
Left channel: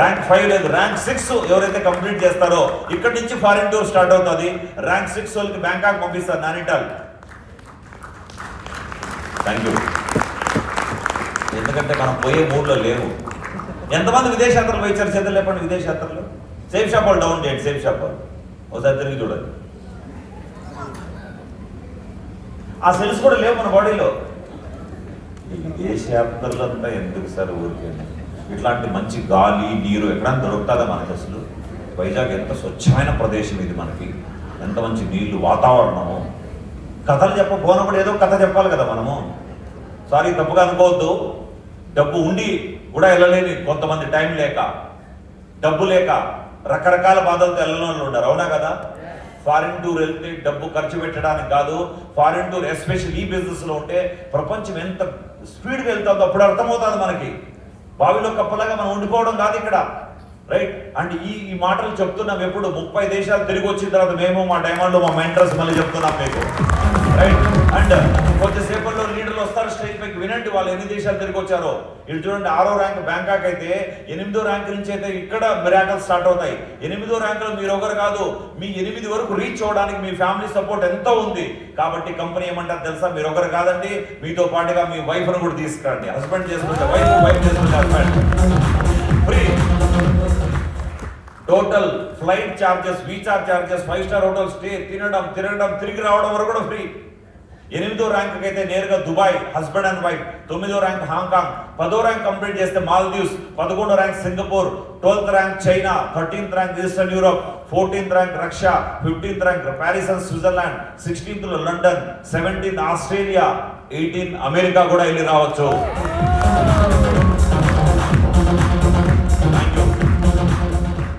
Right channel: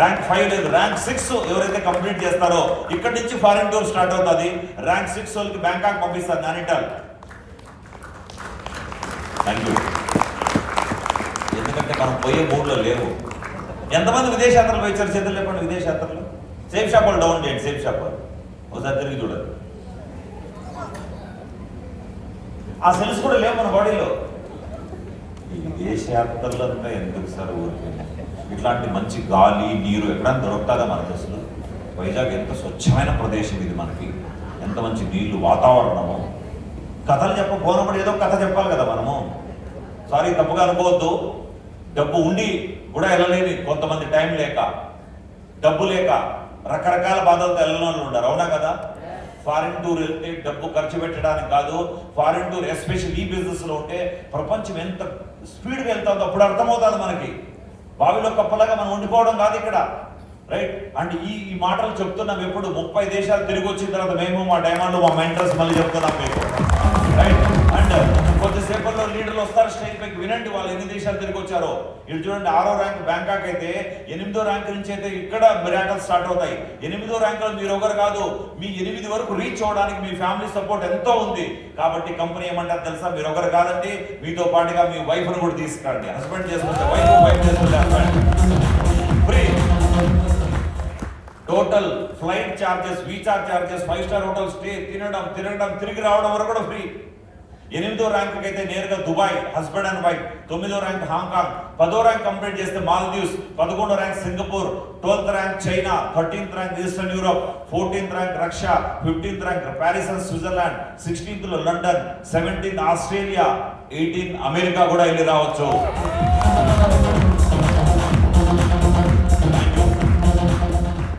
ర్యాంక్ 5 లేదు, ర్యాంక్ 6 ఎవరైతే కంప్లీట్ చేస్తారో ఇక్కడ నుంచి ఫారిన్ టూర్ స్టార్ట్ అవుతుంది. ర్యాంక్ 6 వాళ్ళకి బ్యాంకాక్ పంపిస్తారు నానిటల్. Thank you. ఎందుకంటే మనం పోయే మూడ్లో లేవు. ఎంతమంది విదేశాత్రలు పోయి చేతులు లేపండి. విదేశాత్రలు సేఫ్ షాప్ వాళ్ళు డౌన్ చేయండి. సేఫ్ షాప్ వాళ్ళు ఒకసారి తిరిగి చూడండి. ఆ సెల్స్ కూడా లేవు మన బాడీలో. ఈ విదేశాత్రలు అంతా ఎందుకు సార్ ఊరికి? ఇట్లాంటి మంచి గాలి నీరు ఎక్కడైనా దొరుకుతుందా మనకు? అసలు వైజాగ్ ఎంత స్వచ్ఛమైన ప్రదేశం ఇది, మనకి ఎంత మంచి నీళ్లు, వాతావరణము. కథలు చెప్పబోనప్పుడు ఏదో కథ చెప్పాలి కదా మనము. సారీ తప్పుగా అనుకోవద్దు. డబ్బు ఉండి కూడా వెళ్ళలేని కొంతమంది, టైం లేక, డబ్బు లేక, రకరకాల బాధలతో వెళ్ళని వాళ్ళు ఉండరు. అవునా కదా? ఫారిన్ టూర్ వెళ్తే డబ్బు ఖర్చు పెట్టడానికి కాదు. ఫారిన్ టూర్ ఎస్పెషల్ ఈ బిజినెస్ లో ఉంటే ప్రపంచం ఎంత స్పీడ్గా వెళ్తుందో అప్పుడు అర్థమవుతుంది మనకి. బావిలో కప్పలాగా మనం ఉండిపోవడం కాదు ఇక్కడ, రైట్? అండ్ ఈ మాటలు చెప్తున్నాం ఎప్పుడు 30 దేశాలు తిరిగి వచ్చిన తర్వాత మేము, మా డైమండ్, మా మెంటర్స్ మళ్ళీ చెప్తున్నాం మీకు, రైట్? అండ్ కొద్దిసేపట్లో లీడర్లు వస్తారు స్టేజ్ పైకి, వినండి వాళ్ళు ఎన్ని దేశాలు తిరిగి వచ్చారో. ఇటు చూడండి, 6వ ర్యాంక్ బ్యాంకాక్ అయితే 8వ ర్యాంక్ నుంచి అయితే ఇక్కడ మిరాకల్స్ స్టార్ట్ అవుతాయి. 8వ ర్యాంకులో మీరు ఒకరు కాదు, మీ 8 వరకు రీచ్ అవడానికి మీ ఫ్యామిలీ సపోర్ట్ ఎంతో ఉంది. కాబట్టి కంపెనీ ఏమంటారు తెలుసా? మీరు ఒకరు కాదండి, మీతో పాటుగా మీ వైఫ్ ని కూడా తీసుకురండి. హస్బెండ్ చేసుకుంటే వైఫ్, వైఫ్ చేసుకుంటే husband. Free total flight charges, visa charges, 5 star hotel stay, తినడం తిరిగి రావడం వరకు కూడా ఫ్రీ. 8వ ర్యాంక్ అయితే నేరుగా దుబాయ్, హస్బెండ్ అండ్ వైఫ్. 9వ ర్యాంక్ హాంకాంగ్. 10వ ర్యాంక్ కంప్లీట్ చేస్తే మాల్దీవ్స్. 11వ rank Singapore. 12th rank China. 13th rank eastern Europe. 14th rank Russia. 15th rank Paris and Switzerland. 16th London. 17th Australia. 18th America కూడా వెళ్ళి రావచ్చు.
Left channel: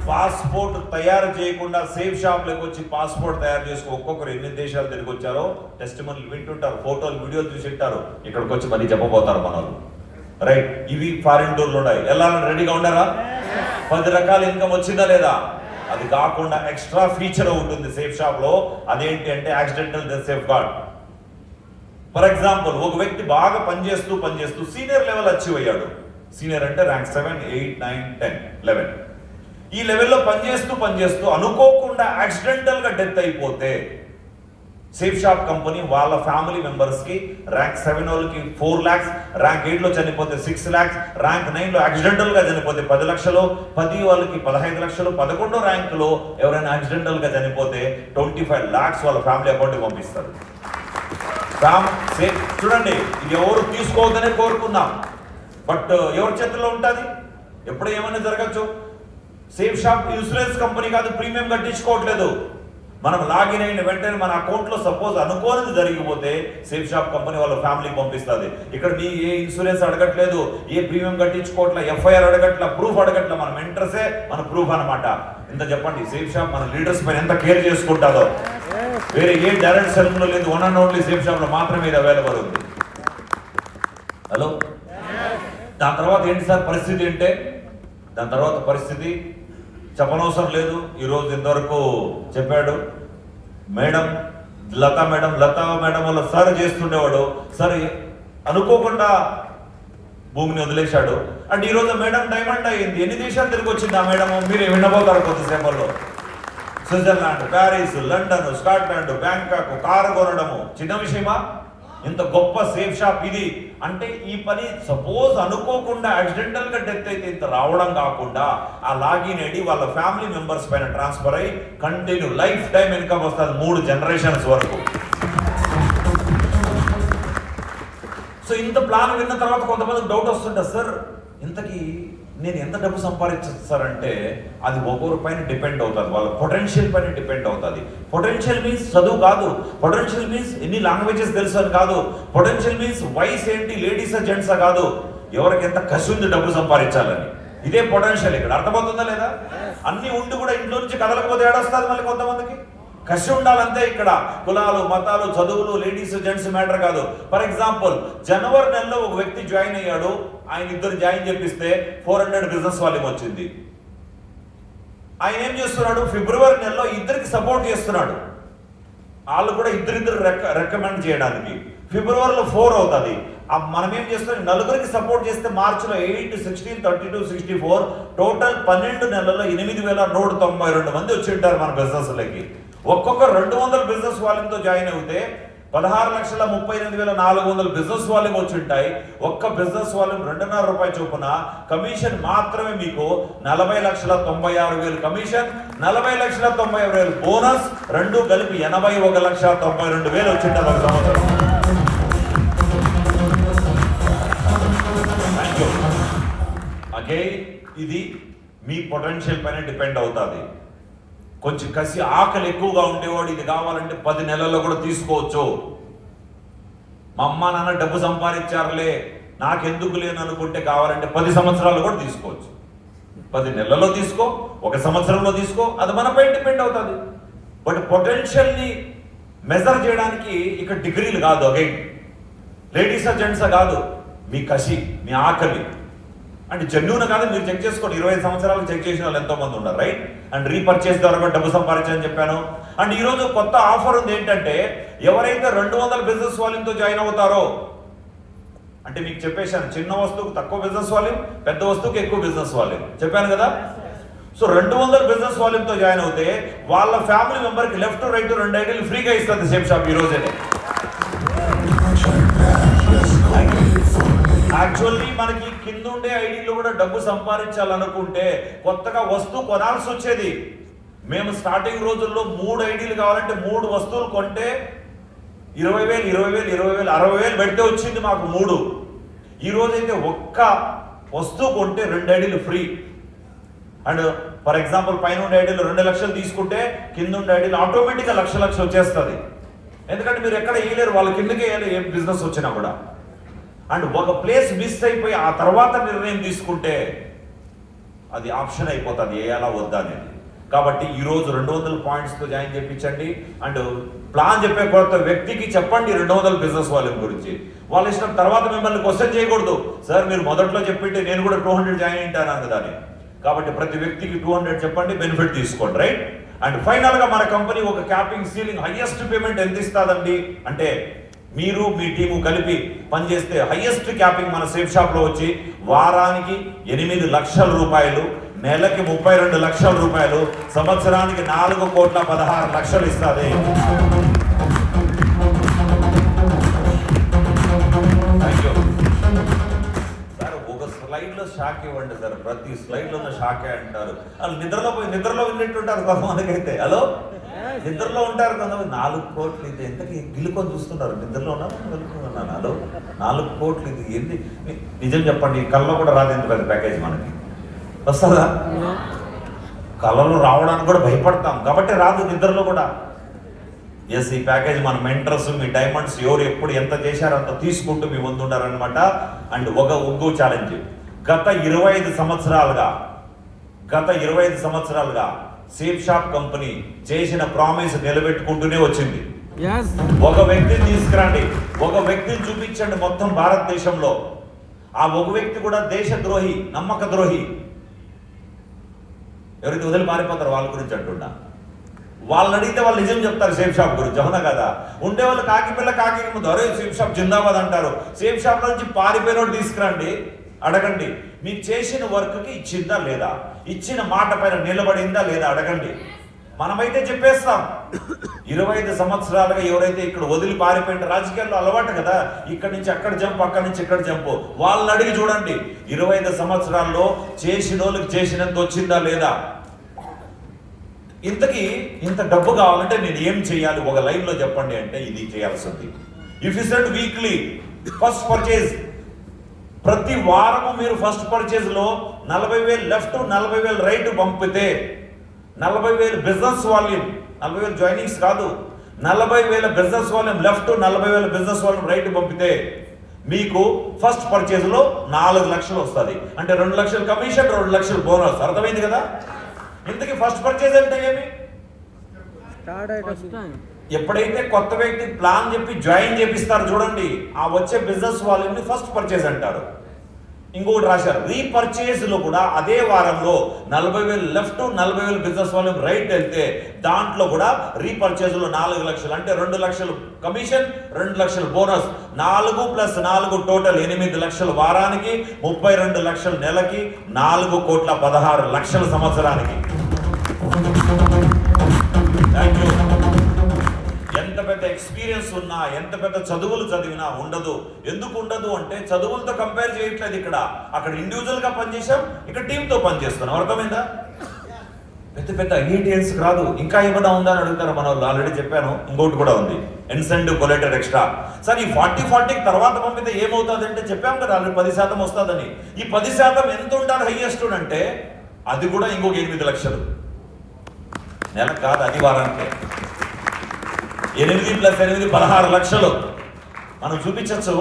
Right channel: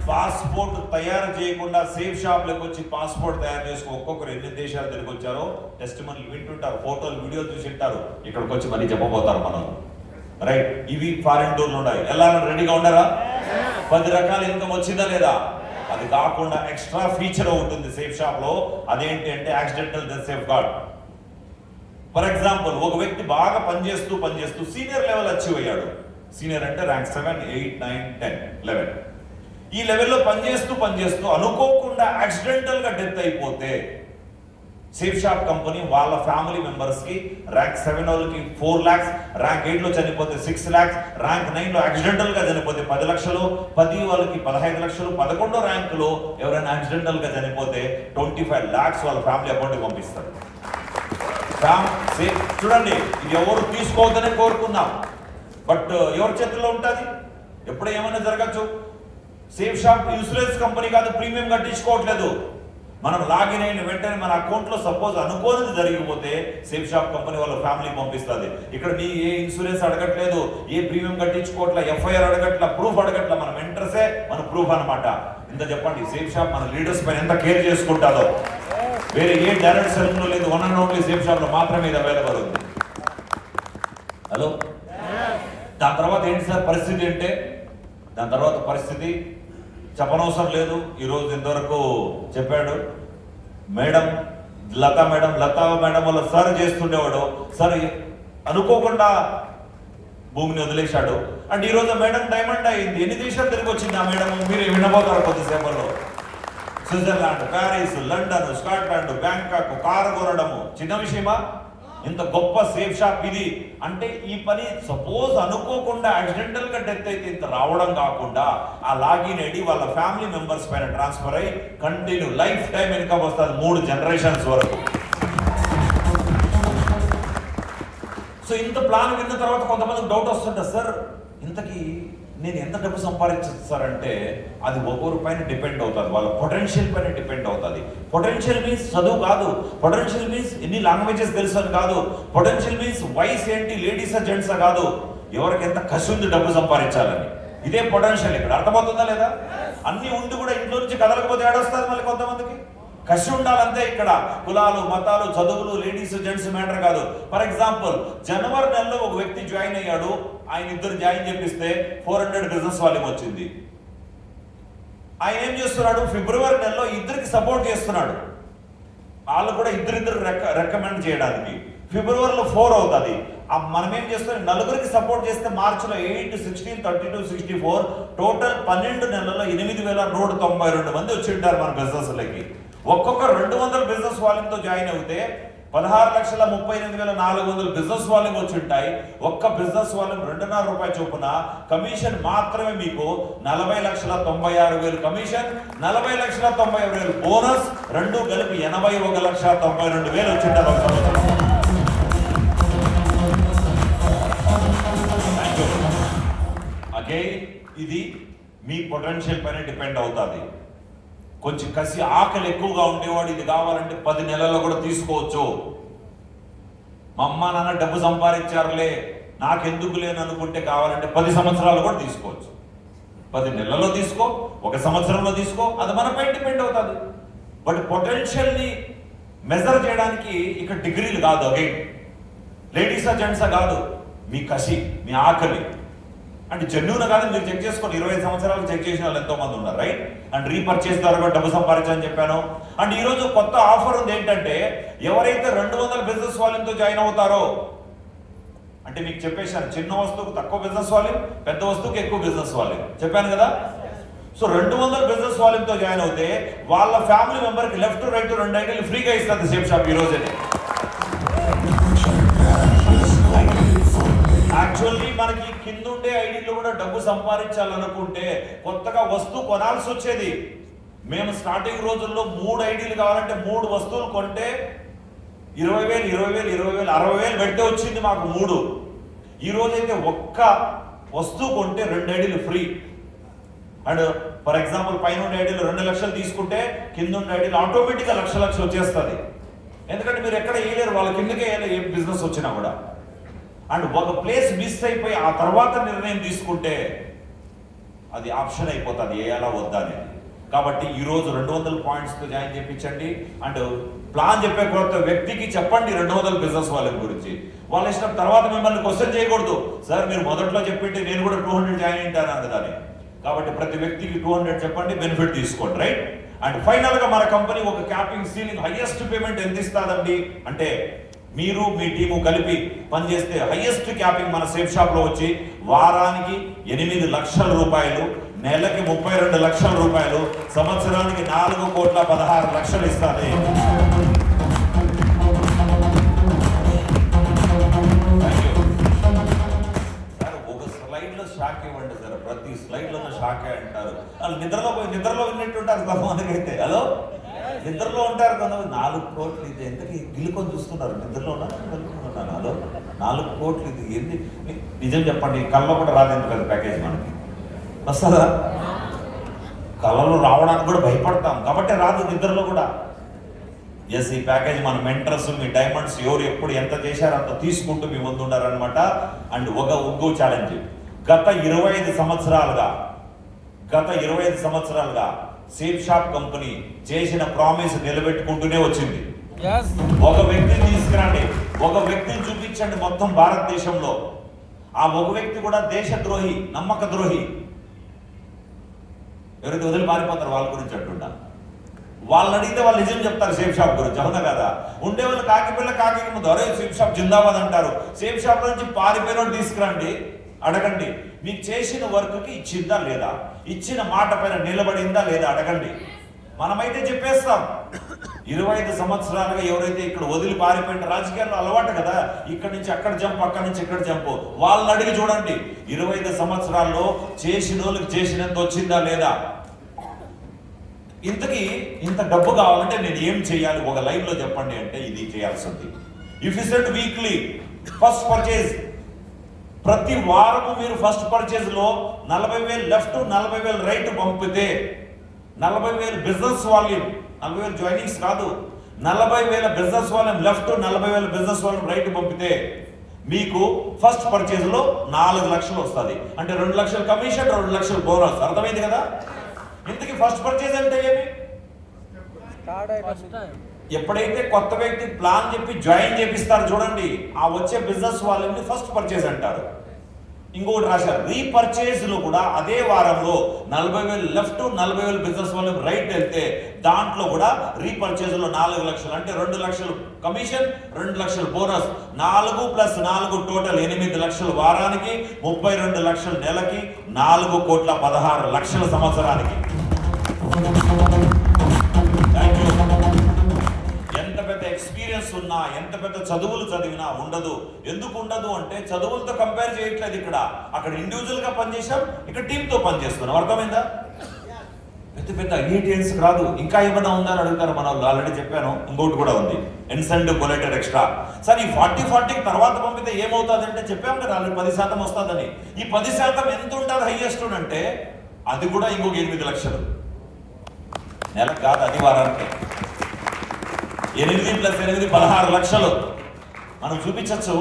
Passport తయారు చేయకుండా safe Shop లోకి వచ్చి పాస్పోర్ట్ తయారు చేసుకుని ఒక్కొక్కరు ఎన్ని దేశాలు తిరిగి వచ్చారో టెస్టిమోనియల్ వింటుంటారు, ఫోటోలు వీడియోలు చూసింటారు. ఇక్కడికి వచ్చి మళ్ళీ చెప్పబోతారు మనం, రైట్? ఇవి ఫారిన్ టూర్లు ఉన్నాయి. ఎలా రెడీగా ఉన్నారా? 10 రకాల ఇన్కమ్ వచ్చిందా లేదా? అది కాకుండా ఎక్స్ట్రా ఫీచర్ ఉంటుంది సేఫ్ షాప్ లో, అదేంటి అంటే accidental death safe guard. For example, ఒక వ్యక్తి బాగా పనిచేస్తూ సీనియర్ లెవెల్ అచీవ్ అయ్యాడు. సీనియర్ అంటే ర్యాంక్ 7, 8, 9, 10, 11. ఈ లెవెల్లో పనిచేస్తూ అనుకోకుండా యాక్సిడెంటల్ గా డెత్ అయిపోతే సేఫ్ షాప్ కంపెనీ వాళ్ళ ఫ్యామిలీ మెంబర్స్ కి ర్యాంక్ 7 వాళ్ళకి 4 lakhs, ర్యాంక్ 8 లో చనిపోతే 6 lakhs, ర్యాంక్ 9 లో యాక్సిడెంటల్ గా చనిపోతే 10 లక్షలు, 10 వాళ్ళకి 15 లక్షలు, 11 ర్యాంకులో ఎవరైనా యాక్సిడెంటల్ గా చనిపోతే 25 lakhs వాళ్ళ ఫ్యామిలీ అకౌంట్ కి పంపిస్తారు. చూడండి, ఇది ఎవరు తీసుకోవద్దని కోరుకున్నాం, బట్ ఎవరి చేతుల్లో ఉంటుంది, ఎప్పుడు ఏమైనా జరగచ్చు. సేఫ్ షాప్ ఇన్సూరెన్స్ కంపెనీ కాదు, ప్రీమియం కట్టించుకోవట్లేదు. మనం లాగిన్ అయిన వెంటనే మన అకౌంట్ లో సపోజ్ అనుకోనిది జరిగిపోతే సేఫ్ షాప్ కంపెనీ వాళ్ళ ఫ్యామిలీ పంపిస్తుంది. ఇక్కడ మీ ఏ ఇన్సూరెన్స్ అడగట్లేదు, ఏ ప్రీమియం కట్టించుకోవట్లే, ఎఫ్ఐఆర్ అడగట్ల, ప్రూఫ్ అడగట్ల, మనం ఎంట్రసే మన ప్రూఫ్ అనమాట. ఇంత చెప్పండి, సేఫ్ షాప్ మన లీడర్స్ పైన ఎంత కేర్ చేసుకుంటుందో. వేరే ఏ డైరెక్ట్ సెలూన్ లో లేదు, one and only safe shop లో మాత్రమే ఇది అవైలబుల్ ఉంది. హలో, దాని తర్వాత ఏంటి సార్ పరిస్థితి అంటే, దాని తర్వాత పరిస్థితి చెప్పనవసరం లేదు. ఈరోజు ఇంతవరకు చెప్పాడు మేడం, లతా మేడం వల్ల సార్ చేస్తుండేవాడు, సార్ అనుకోకుండా భూమిని వదిలేశాడు. అంటే ఈరోజు మేడం డైమండ్ అయింది. ఎన్ని దేశాలు తిరిగి వచ్చింది ఆ మేడం, మీరు వినబోతారు కొద్దిసేపట్లో. Switzerland, Paris, London, Scotland, Bangkok, car కొనడము చిన్న విషయమా? ఇంత గొప్ప సేఫ్ షాప్ ఇది. అంటే ఈ పని సపోజ్ అనుకోకుండా యాక్సిడెంటల్ గా డెత్ అయితే ఇంత రావడం కాకుండా ఆ లాగిన్ ఐడి వాళ్ళ ఫ్యామిలీ మెంబర్స్ పైన ట్రాన్స్ఫర్ అయ్యి కంటిన్యూ లైఫ్ టైం ఇన్కమ్ వస్తుంది, 3 generations వరకు. సో ఇంత ప్లాన్ విన్న తర్వాత కొంతమందికి డౌట్ వస్తుంటుంది, సార్ ఇంతకీ నేను ఎంత డబ్బు సంపాదించారంటే అది ఒక్కొక్కరి పైన డిపెండ్ అవుతుంది, వాళ్ళ పొటెన్షియల్ పైన డిపెండ్ అవుతుంది. పొటెన్షియల్ మీన్స్ చదువు కాదు, పొటెన్షియల్ మీన్స్ ఎన్ని లాంగ్వేజెస్ తెలుసు అని కాదు, పొటెన్షియల్ మీన్స్ వయసు ఏంటి, లేడీసా జెంట్సా కాదు, ఎవరికి ఎంత కసి ఉంది డబ్బు సంపాదించాలని. ఇదే పొటెన్షియల్. ఇక్కడ అర్థమవుతుందా లేదా? అన్ని ఉండి కూడా ఇంట్లో నుంచి కదలకపోతే ఏడొస్తుంది మళ్ళీ కొంతమందికి. కసి ఉండాలంతే. ఇక్కడ కులాలు, మతాలు, చదువులు, లేడీస్ జెంట్స్ మ్యాటర్ కాదు. ఫర్ ఎగ్జాంపుల్, జనవరి నెలలో ఒక వ్యక్తి జాయిన్ అయ్యాడు, ఆయన ఇద్దరు జాయిన్ చేపిస్తే 400 బిజినెస్ వాల్యూమ్ వచ్చింది. ఆయన ఏం చేస్తున్నాడు, ఫిబ్రవరి నెలలో ఇద్దరికి సపోర్ట్ చేస్తున్నాడు, వాళ్ళు కూడా ఇద్దరిద్దరు రికమెండ్ చేయడానికి. ఫిబ్రవరిలో 4 అవుతుంది. మనం ఏం చేస్తున్నాం, నలుగురికి సపోర్ట్ చేస్తే మార్చిలో 8, 16, 32, 64 టోటల్ 12 నెలల్లో 8,192 మంది వచ్చి ఉంటారు మన బిజినెస్లకి. ఒక్కొక్క 200 బిజినెస్ వాల్యూమ్తో జాయిన్ అవుతే 16,38,400 బిజినెస్ వాల్యూమ్ వచ్చి ఉంటాయి. ఒక్క బిజినెస్ వాల్యూమ్ ₹2.5 చొప్పున కమిషన్ మాత్రమే మీకు 40,96,000 కమిషన్, 40,96,000 బోనస్, రెండు కలిపి 81,92,000 వచ్చి ఉంటారు ఒక సంవత్సరం. అగైన్ ఇది మీ పొటెన్షియల్ పైన డిపెండ్ అవుతుంది. కొంచెం కసి, ఆకలి ఎక్కువగా ఉండేవాడు ఇది కావాలంటే 10 నెలల్లో కూడా తీసుకోవచ్చు. మా అమ్మ నాన్న డబ్బు సంపాదించారులే నాకెందుకు లేని అనుకుంటే కావాలంటే 10 సంవత్సరాలు కూడా తీసుకోవచ్చు. 10 నెలల్లో తీసుకో, 1 సంవత్సరంలో తీసుకో, అది మనపై డిపెండ్ అవుతుంది. బట్ పొటెన్షియల్ని మెజర్ చేయడానికి ఇక్కడ డిగ్రీలు కాదు, అగైన్ లేడీసా జెంట్సా కాదు, మీ కసి, మీ ఆకలి. అంటే జెన్యూన్ కాదు, మీరు చెక్ చేసుకోండి. 25 సంవత్సరాలు చెక్ చేసిన వాళ్ళు ఎంతో మంది ఉన్నారు, రైట్? అండ్ రీపర్చేస్ ద్వారా డబ్బు సంపాదించని చెప్పాను. అండ్ ఈరోజు కొత్త ఆఫర్ ఉంది ఏంటంటే, ఎవరైతే 200 బిజినెస్ వాల్యూమ్తో జాయిన్ అవుతారో, అంటే మీకు చెప్పేశాను, చిన్న వస్తువుకు తక్కువ బిజినెస్ వాల్యూమ్, పెద్ద వస్తువుకి ఎక్కువ బిజినెస్ వాల్యూమ్ చెప్పాను కదా. సో 200 బిజినెస్ వాల్యూమ్తో జాయిన్ అవుతే వాళ్ళ ఫ్యామిలీ మెంబర్కి లెఫ్ట్ రైట్ 2 ఐడీలు ఫ్రీగా ఇస్తుంది సేఫ్ షాప్ ఈ రోజే. యాక్చువల్లీ మనకి కింద ఉండే ఐడీలో కూడా డబ్బు సంపాదించాలనుకుంటే కొత్తగా వస్తువు కొనాల్సి వచ్చేది. మేము స్టార్టింగ్ రోజుల్లో 3 ఐడీలు కావాలంటే 3 వస్తువులు కొంటే 20,000, 20,000, 20,000, 60,000 పెడితే వచ్చింది మాకు 3. ఈ రోజైతే ఒక్క వస్తువు కొంటే 2 ఐడీలు ఫ్రీ. అండ్ ఫర్ ఎగ్జాంపుల్ పైన ఉండే ఐడీలు 2 లక్షలు తీసుకుంటే కింద ఉండే ఐడీలు ఆటోమేటిక్గా లక్ష వచ్చేస్తుంది. ఎందుకంటే మీరు ఎక్కడ వేయలేరు, వాళ్ళ కిందకే వేయాలి ఏ బిజినెస్ వచ్చినా కూడా. అండ్ ఒక ప్లేస్ మిస్ అయిపోయి ఆ తర్వాత నిర్ణయం తీసుకుంటే అది ఆప్షన్ అయిపోతుంది వేయాలా వద్దా అనేది. కాబట్టి ఈరోజు 200 పాయింట్స్తో జాయిన్ చేయించండి. అండ్ ప్లాన్ చెప్పే కొత్త వ్యక్తికి చెప్పండి 200 బిజినెస్ వాల్యూమ్ గురించి. వాళ్ళ ఇష్టం. తర్వాత మిమ్మల్ని క్వశ్చన్ చేయకూడదు, సార్ మీరు మొదట్లో చెప్పింటే నేను కూడా 200 జాయిన్ అయింటాను కదా అని. కాబట్టి ప్రతి వ్యక్తికి 200 చెప్పండి, బెనిఫిట్ తీసుకోండి, రైట్? అండ్ ఫైనల్ గా మన కంపెనీ ఒక క్యాపింగ్ సీలింగ్ హైయెస్ట్ పేమెంట్ ఎంత ఇస్తాదండి అంటే, మీరు మీ టీము కలిపి పనిచేస్తే హైయెస్ట్ క్యాపింగ్ మన సేఫ్ షాప్ లో వచ్చి వారానికి 8 లక్షల రూపాయలు, నెలకి 32 లక్షల రూపాయలు, సంవత్సరానికి 4,16,00,000 ఇస్తుంది. స్లైడ్ లో షాక్ ఇవ్వండి సార్, ప్రతి స్లైడ్ లో షాకే అంటారు. వాళ్ళు నిద్రలో విన్నట్టుంటారు కొంతమందికి అయితే. హలో, నిద్రలో ఉంటారు కొంతమంది. 4 కోట్లు ఇది ఎంతకి గిలుకొని చూస్తుంటారు. నిద్రలో ఉన్నాను. హలో, 4 కోట్లు ఇది ఏంటి? నిజం చెప్పండి, కళ్ళలో కూడా రాదు ఎంత పెద్ద ప్యాకేజ్ మనకి. వస్తుందా? కళ్ళలో రావడానికి కూడా భయపడతాం కాబట్టి రాదు, నిద్రలో కూడా. ఎస్, ఈ ప్యాకేజ్ మన మెంటర్స్, మీ డైమండ్స్ ఎవరు ఎప్పుడు ఎంత చేశారో అంత తీసుకుంటూ మీ ముందు ఉన్నారనమాట. అండ్ ఇంకో ఛాలెంజ్, గత 25 సంవత్సరాలుగా సేఫ్ షాప్ కంపెనీ చేసిన ప్రామిస్ నిలబెట్టుకుంటూనే వచ్చింది. ఒక వ్యక్తిని తీసుకురండి, ఒక వ్యక్తిని చూపించండి మొత్తం భారతదేశంలో. ఆ ఒక వ్యక్తి కూడా దేశద్రోహి, నమ్మక ద్రోహి, ఎవరైతే వదిలి మారిపోతారో వాళ్ళ గురించి అంటున్నా. వాళ్ళని అడిగితే వాళ్ళు నిజం చెప్తారు సేఫ్ షాప్ గురించి, అవునా కదా? ఉండేవాళ్ళు కాకి పిల్ల కాకి ముందు అరే సేఫ్ షాప్ జిందాబాద్ అంటారు. సేఫ్ షాప్ నుంచి పారిపోయినోడు తీసుకురండి, అడగండి మీకు చేసిన వర్క్కి ఇచ్చిందా లేదా, ఇచ్చిన మాట పైన నిలబడిందా లేదా అడగండి. మనమైతే చెప్పేస్తాం. 25 సంవత్సరాలుగా ఎవరైతే ఇక్కడ వదిలి పారిపోయిన, రాజకీయాల్లో అలవాటు కదా, ఇక్కడి నుంచి అక్కడ జంప్, అక్కడి నుంచి ఇక్కడ జంప్. వాళ్ళని అడిగి చూడండి, 25 సంవత్సరాల్లో చేసిన వాళ్ళకి చేసినంత వచ్చిందా లేదా. ఇంత డబ్బు కావాలంటే నేను ఏం చేయాలి ఒక లైవ్ లో చెప్పండి అంటే ఇది చేయాల్సింది. If you set weekly first purchase, ప్రతి వారము మీరు ఫస్ట్ పర్చేజ్ లో 40,000 లెఫ్ట్ 40,000 రైట్ పంపితే, 40,000 బిజినెస్ వాల్యూమ్, 40,000 జాయినింగ్స్ కాదు, 40,000 business volume left, 40,000 business volume right పంపితే మీకు ఫస్ట్ పర్చేజ్ లో 4 లక్షలు వస్తుంది. అంటే 2 లక్షల కమిషన్, 2 లక్షల బోనస్. అర్థమైంది కదా? ఇంతకీ ఫస్ట్ పర్చేజ్ అంటే ఏమి? ఎప్పుడైతే కొత్త వ్యక్తి ప్లాన్ చెప్పి జాయిన్ చేపిస్తారు చూడండి, ఆ వచ్చే బిజినెస్ వాళ్ళని ఫస్ట్ పర్చేజ్ అంటారు. ఇంకొకటి రాశారు, రీపర్చేజ్ లో కూడా అదే వారంలో 40,000 లెఫ్ట్, 40,000 బిజినెస్ వాళ్ళు రైట్ వెళ్తే దాంట్లో కూడా రీపర్చేజ్ లో 4 లక్షలు, అంటే 2 లక్షలు కమిషన్, 2 లక్షలు బోనస్, 4 + 4 టోటల్ 8 లక్షలు వారానికి, 32 లక్షలు నెలకి, 4,16,00,000 సంవత్సరానికి. ఎంత పెద్ద ఎక్స్పీరియన్స్ ఉన్నా, ఎంత పెద్ద చదువులు చదివినా ఉండదు. ఎందుకు ఉండదు అంటే చదువులతో కంపేర్ చేయట్లేదు. ఇక్కడ అక్కడ ఇండివిజువల్ గా పనిచేసాం, ఇక్కడ టీమ్ తో పనిచేస్తున్నాం. అర్థమైందా? పెద్ద ఐఐటిఎన్స్ కాదు. ఇంకా ఏమైనా ఉందా అని అడుగుతారు మన వాళ్ళు. ఆల్రెడీ చెప్పాను, ఇంకోటి కూడా ఉంది, ఇన్సెంటివ్ కొలేటర్ ఎక్స్ట్రా. సార్ ఈ 40 తర్వాత పంపితే ఏమవుతుంది అంటే చెప్పాం కదా ఆల్రెడీ 10% వస్తుందని. ఈ 10% ఎంత ఉంటుంది హైయెస్ట్ అంటే అది కూడా ఇంకొక 8 లక్షలు నెలకు కాదు, అది వారానికి. 8 + 8 16 లక్షలు మనం చూపించచ్చు.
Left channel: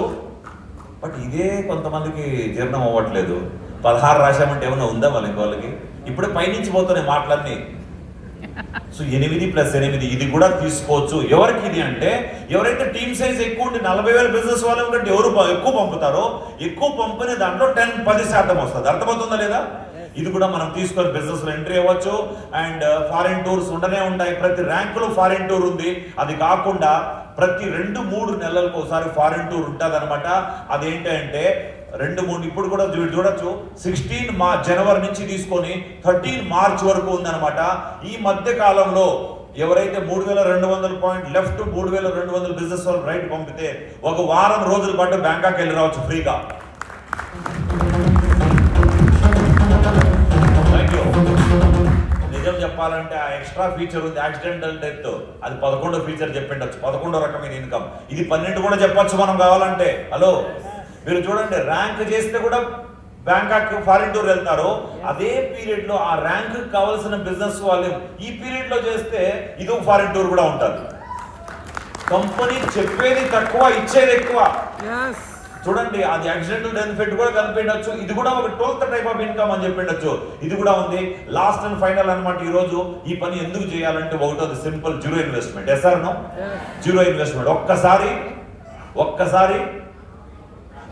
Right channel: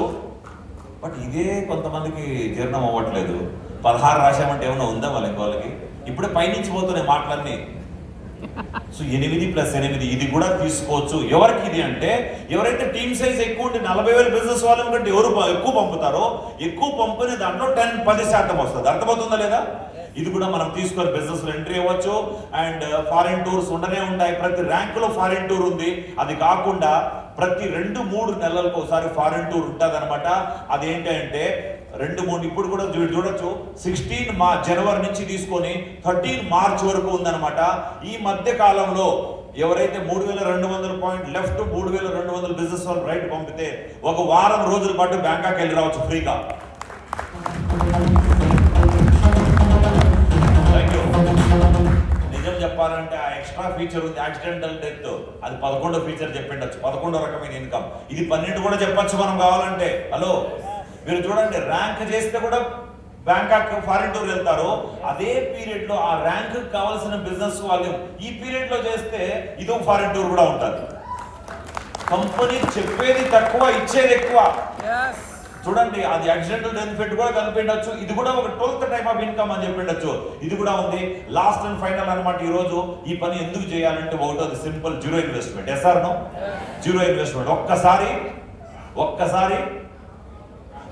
బట్ ఇదే కొంతమందికి జీర్ణం అవ్వట్లేదు. 16 రాశామంటే ఏమన్నా ఉందా వాళ్ళకి? ఇప్పుడే పైనుంచి పోతున్నాయి మాటలన్నీ. సో 8 + 8 ఇది కూడా తీసుకోవచ్చు. ఎవరికి ఇది అంటే, ఎవరైతే టీమ్ సైజ్ ఎక్కువ ఉండి 40,000 బిజినెస్ వాళ్ళ కంటే ఎవరు ఎక్కువ పంపుతారో, ఎక్కువ పంపిణీ దాంట్లో 10% వస్తుంది. అర్థమవుతుందా లేదా? ఇది కూడా మనం తీసుకొని బిజినెస్ లో ఎంట్రీ అవ్వచ్చు. అండ్ ఫారిన్ టూర్స్ ఉండనే ఉంటాయి. ప్రతి ర్యాంక్ లో ఫారిన్ టూర్ ఉంది. అది కాకుండా ప్రతి 2-3 నెలలకు ఒకసారి ఫారిన్ టూర్ ఉంటుంది అనమాట. అదేంటంటే 2-3 ఇప్పుడు కూడా చూడొచ్చు. 16 జనవరి నుంచి తీసుకొని 13 మార్చ్ వరకు ఉందన్నమాట. ఈ మధ్య కాలంలో ఎవరైతే 3,200 పాయింట్ లెఫ్ట్, 3,200 బిజినెస్ వాళ్ళు రైట్ పంపితే ఒక వారం రోజుల పాటు బ్యాంకాక్ వెళ్ళి రావచ్చు ఫ్రీగా. నిజం చెప్పాలంటే ఆ ఎక్స్ట్రా ఫీచర్ ఉంది, యాక్సిడెంటల్ డెత్, అది 11వ ఫీచర్ చెప్పిండొచ్చు, 11వ రకమైన ఇన్కమ్. ఇది 12 కూడా చెప్పొచ్చు మనం కావాలంటే. హలో, మీరు చూడండి, ర్యాంక్ చేస్తే కూడా బ్యాంకాక్ ఫారిన్ టూర్ వెళ్తారు. అదే పీరియడ్ లో ఆ ర్యాంక్ కావాల్సిన బిజినెస్ వాళ్ళు ఈ పీరియడ్ లో చేస్తే ఇది ఫారిన్ టూర్ కూడా ఉంటుంది. కంపెనీ చెప్పేది తక్కువ, ఇచ్చేది ఎక్కువ. చూడండి, అది యాక్సిడెంటల్ బెనిఫిట్ కూడా కనిపించవచ్చు. ఇది కూడా ఒక 12th టైప్ ఆఫ్ ఇన్కమ్ అని చెప్పిండొచ్చు. ఇది కూడా ఉంది. లాస్ట్ అండ్ ఫైనల్ అన్నమాట. ఈ రోజు ఈ పని ఎందుకు చేయాలంటే ఒకటోది simple, zero investment. Yes or no? Zero investment. ఒక్కసారి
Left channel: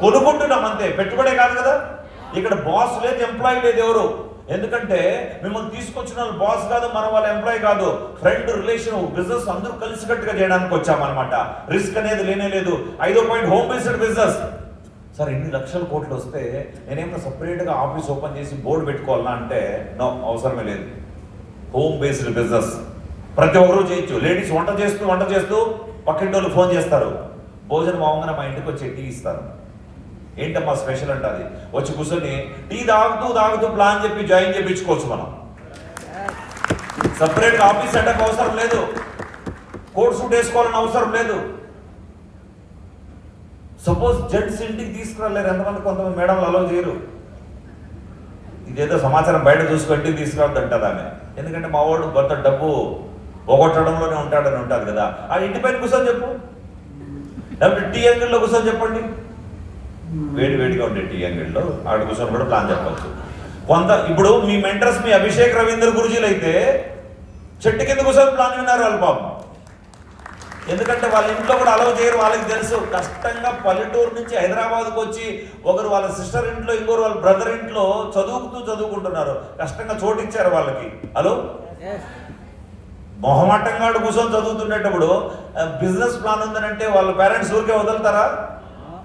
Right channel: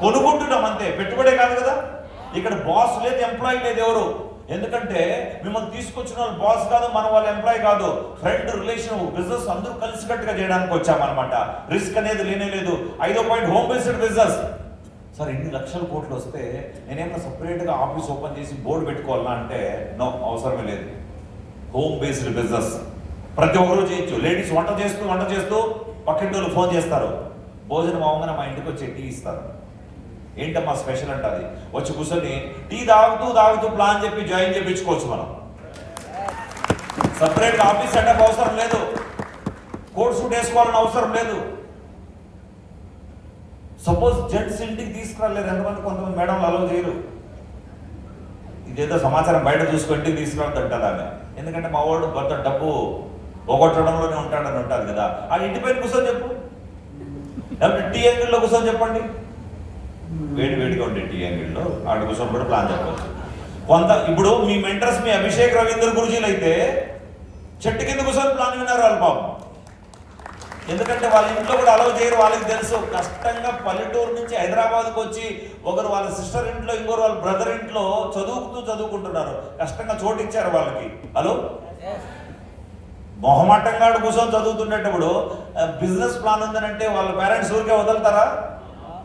కొనుక్కుంటున్నాం అంతే, పెట్టుబడే కాదు కదా. ఇక్కడ బాస్ లేదు, ఎంప్లాయీ లేదు ఎవరు. ఎందుకంటే మిమ్మల్ని తీసుకొచ్చిన వాళ్ళు బాస్ కాదు, మన వాళ్ళ ఎంప్లాయీ కాదు, ఫ్రెండ్, రిలేషన్, బిజినెస్ అందరూ కలిసికట్టుగా చేయడానికి వచ్చామన్నమాట. రిస్క్ అనేది లేనే లేదు. 5వ point, home based business. Sir ఇన్ని లక్షల కోట్లు వస్తే నేనేమో సపరేట్గా ఆఫీస్ ఓపెన్ చేసి బోర్డు పెట్టుకోవాలన్నా అంటే నో, అవసరమే లేదు. హోమ్ బేస్డ్ బిజినెస్ ప్రతి ఒక్కరూ చేయొచ్చు. లేడీస్ వంట చేస్తూ పక్కింటి వాళ్ళు ఫోన్ చేస్తారు, భోజనం అవగానే మా ఇంటికి వచ్చి టీ ఇస్తారు. ఏంటమ్మా స్పెషల్ అంటే అది వచ్చి కూర్చొని టీ తాగుతూ ప్లాన్ చెప్పి జాయిన్ చేయించుకోవచ్చు. మనం సపరేట్గా ఆఫీస్ సెటప్ అవసరం లేదు, కోట్ సూట్ వేసుకోవాలని అవసరం లేదు. సపోజ్ జెంట్స్ ఇంటికి తీసుకురాలేరు, ఎంతమంది కొంతమంది మేడంలు అలౌ చేయరు. ఇదేదో సమాచారం బయట చూసుకు ఇంటికి తీసుకురావద్దంటారు ఆమె. ఎందుకంటే మా వాడు కొంత డబ్బు పోగొట్టడంలోనే ఉంటాడని ఉంటుంది కదా. ఆ ఇంటి పైన కూర్చొని చెప్పు, లేకపోతే టీ అంగిల్లో కూర్చొని చెప్పండి, వేడిగా ఉండే టీ అంగిల్లో ఆడ కూర్చొని కూడా ప్లాన్ చెప్పవచ్చు. ఇప్పుడు మీ మెంటర్స్ మీ అభిషేక్ రవీంద్ర గురుజీలు అయితే చెట్టు కింద కూర్చొని ప్లాన్ విన్నారు వాళ్ళు పాపం. ఎందుకంటే వాళ్ళ ఇంట్లో కూడా అలౌ చేయరు, వాళ్ళకి తెలుసు. కష్టంగా పల్లెటూరు నుంచి హైదరాబాద్కి వచ్చి ఒకరు వాళ్ళ సిస్టర్ ఇంట్లో, ఇంకోరు వాళ్ళ బ్రదర్ ఇంట్లో చదువుకుంటున్నారు. కష్టంగా చోటు ఇచ్చారు వాళ్ళకి. హలో, మొహమాటంగా కూర్చొని చదువుతుండేటప్పుడు బిజినెస్ ప్లాన్ ఉందనంటే వాళ్ళ పేరెంట్స్ ఊరికే వదులుతారా?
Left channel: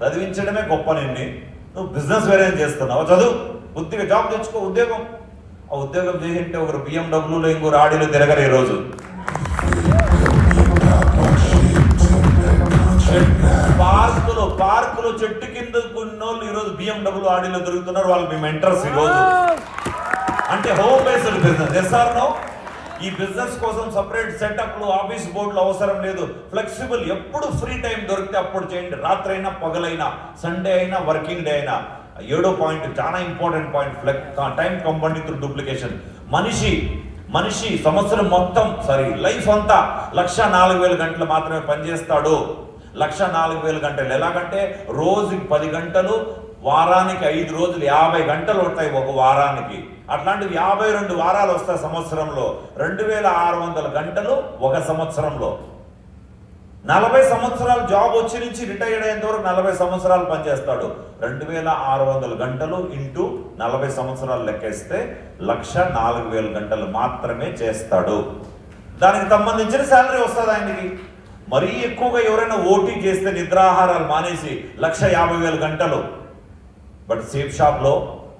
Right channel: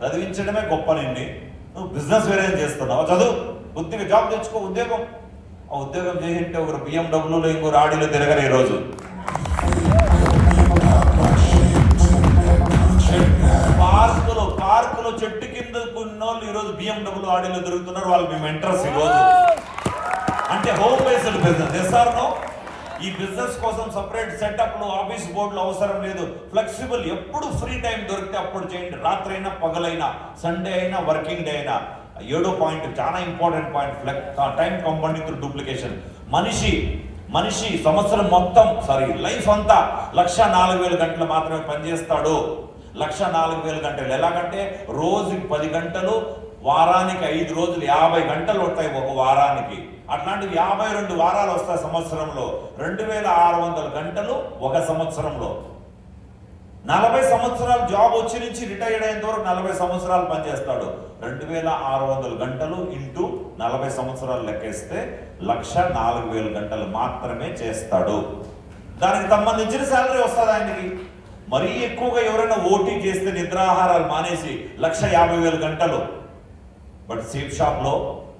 చదివించడమే గొప్ప. నువ్వు బిజినెస్ వేరే చేస్తున్నావు, చదువు, కొద్దిగా జాబ్ తెచ్చుకో, ఉద్యోగం. ఆ ఉద్యోగం చేసింటే ఒకరు BMW ఇంకోరు ఆడిలో తిరగరు. ఈ రోజు పార్కులో చెట్టు కింద కొన్నోళ్ళు ఈరోజు BMW ఆడిలో తిరుగుతున్నారు. వాళ్ళు మీ మెంటర్స్ ఈరోజు. అంటే హోమ్ బేస్డ్ బిజినెస్ చేస్తారు. ఈ బిజినెస్ కోసం సపరేట్ సెటప్లు, ఆఫీస్ బోర్డులు అవసరం లేదు. ఫ్లెక్సిబుల్, ఎప్పుడు ఫ్రీ టైం దొరికితే అప్పుడు చేయండి. రాత్రి అయినా పగలైనా, సండే అయినా, వర్కింగ్ డే అయినా. 7వ పాయింట్ చాలా important point, time combining through duplication. మనిషి సంవత్సరం మొత్తం లైఫ్ అంతా 1,04,000 గంటలు మాత్రమే పనిచేస్తాడు. 1,04,000 గంటలు. ఎలాగంటే రోజుకి 10 గంటలు, వారానికి 5 రోజులు 50 గంటలు ఉంటాయి ఒక వారానికి. అట్లాంటివి 52 వారాలు వస్తాయి సంవత్సరంలో. 2,600 గంటలు ఒక సంవత్సరంలో. 40 సంవత్సరాలు జాబ్ వచ్చి నుంచి రిటైర్డ్ అయ్యేంత వరకు 40 సంవత్సరాలు పనిచేస్తాడు. 2,600 గంటలు ఇంటూ 40 సంవత్సరాలు లెక్కేస్తే 1,04,000 గంటలు మాత్రమే చేస్తాడు. దానికి సంబంధించిన శాలరీ వస్తుంది ఆయనకి. మరీ ఎక్కువగా ఎవరైనా ఓటీ చేస్తే నిద్రాహారాలు మానేసి 1,50,000 గంటలు. బట్ సేఫ్ షాప్లో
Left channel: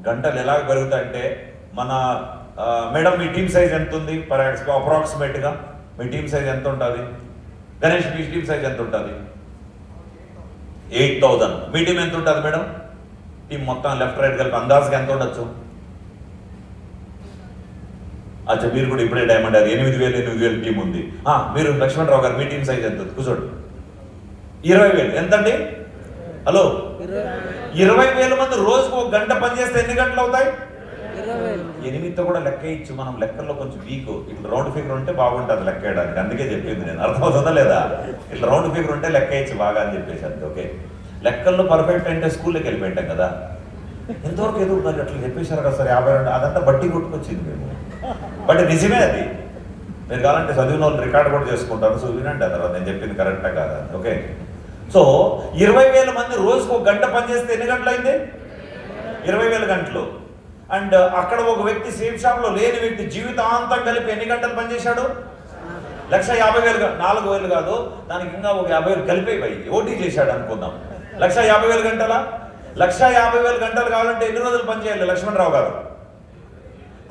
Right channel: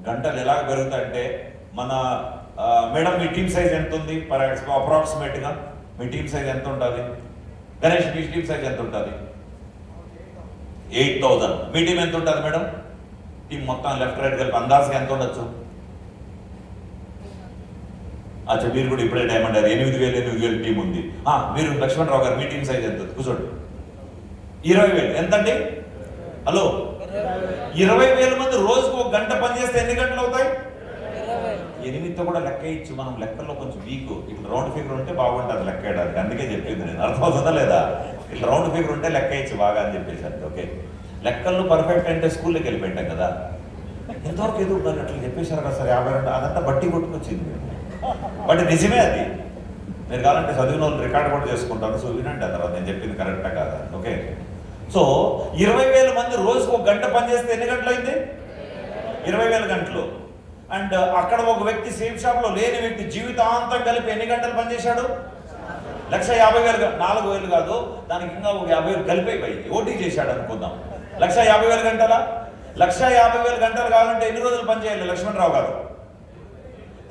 గంటలు ఎలాగ పెరుగుతాయంటే, మన మేడం మీ టీమ్ సైజ్ ఎంత ఉంది? అప్రాక్సిమేట్గా మీ టీమ్ సైజ్ ఎంత ఉంటుంది? గణేష్ మీ టీమ్ సైజ్ ఎంత ఉంటుంది? 8,000. మీ టీం ఎంత ఉంటుంది మేడం? టీం మొత్తం లెఫ్ట్ రైట్ కలిపి అందాజుగా ఎంత ఉండొచ్చు? అచ్చా, మీరు కూడా ఇప్పుడే డైమండ్ అది 8,000 టీం ఉంది. మీరు లక్ష్మణరావు గారు మీ టీం సైజ్ ఎంత? కూర్చోండి. 20,000 ఎంతండి? హలో, 20,000 మంది రోజుకు 1 గంట పనిచేస్తే ఎన్ని గంటలు అవుతాయి? 8తో కూడా లెక్క ఇచ్చు. మనం లెక్కల్లో కొంచెం వీక్. ఇట్లా రౌండ్ ఫిగర్ ఉంటే బాగుంటుంది లెక్క వేయడానికి. అందుకే చెప్పింది నేను. అర్థమవుతుందా లేదా? ఇట్లా రౌండ్ ఫిగర్ ఉంటే లెక్క ఇచ్చు బాగా అని చెప్పేసి అంతే. ఓకే, లెక్కల్లో పర్ఫెక్ట్ అంటే స్కూల్లోకి వెళ్ళిపోయింటాం కదా. ఎంతవరకు ఏదో అట్లా చెప్పేశారు కదా సార్ 52. అదంతా బట్టి కొట్టుకొచ్చింది మేము. బట్ నిజమే అది. మీరు కావాలంటే చదివిన వాళ్ళు రికార్డ్ కూడా చేసుకుంటారు. సో వినండి ఆ తర్వాత నేను చెప్పింది కరెక్టా కాదా. ఓకే, సో 20,000 మంది రోజుకు 1 గంట పనిచేస్తే ఎన్ని గంటలు అయింది? 20,000 గంటలు. అండ్ అక్కడ ఒక వ్యక్తి సేమ్ షాప్లో లేని వ్యక్తి జీవితాంతం కలిపి ఎన్ని గంటలు పనిచేశాడు? 1,50,000. 4,000 కాదు, దానికి ఇంకా ఒక 50,000 కలిపి ఓటీ చేశాడు అనుకుందాం. 1,50,000 గంటల. 1,50,000 గంటలు కావాలంటే ఎన్ని రోజులు పనిచేయాలి లక్ష్మణరావు గారు?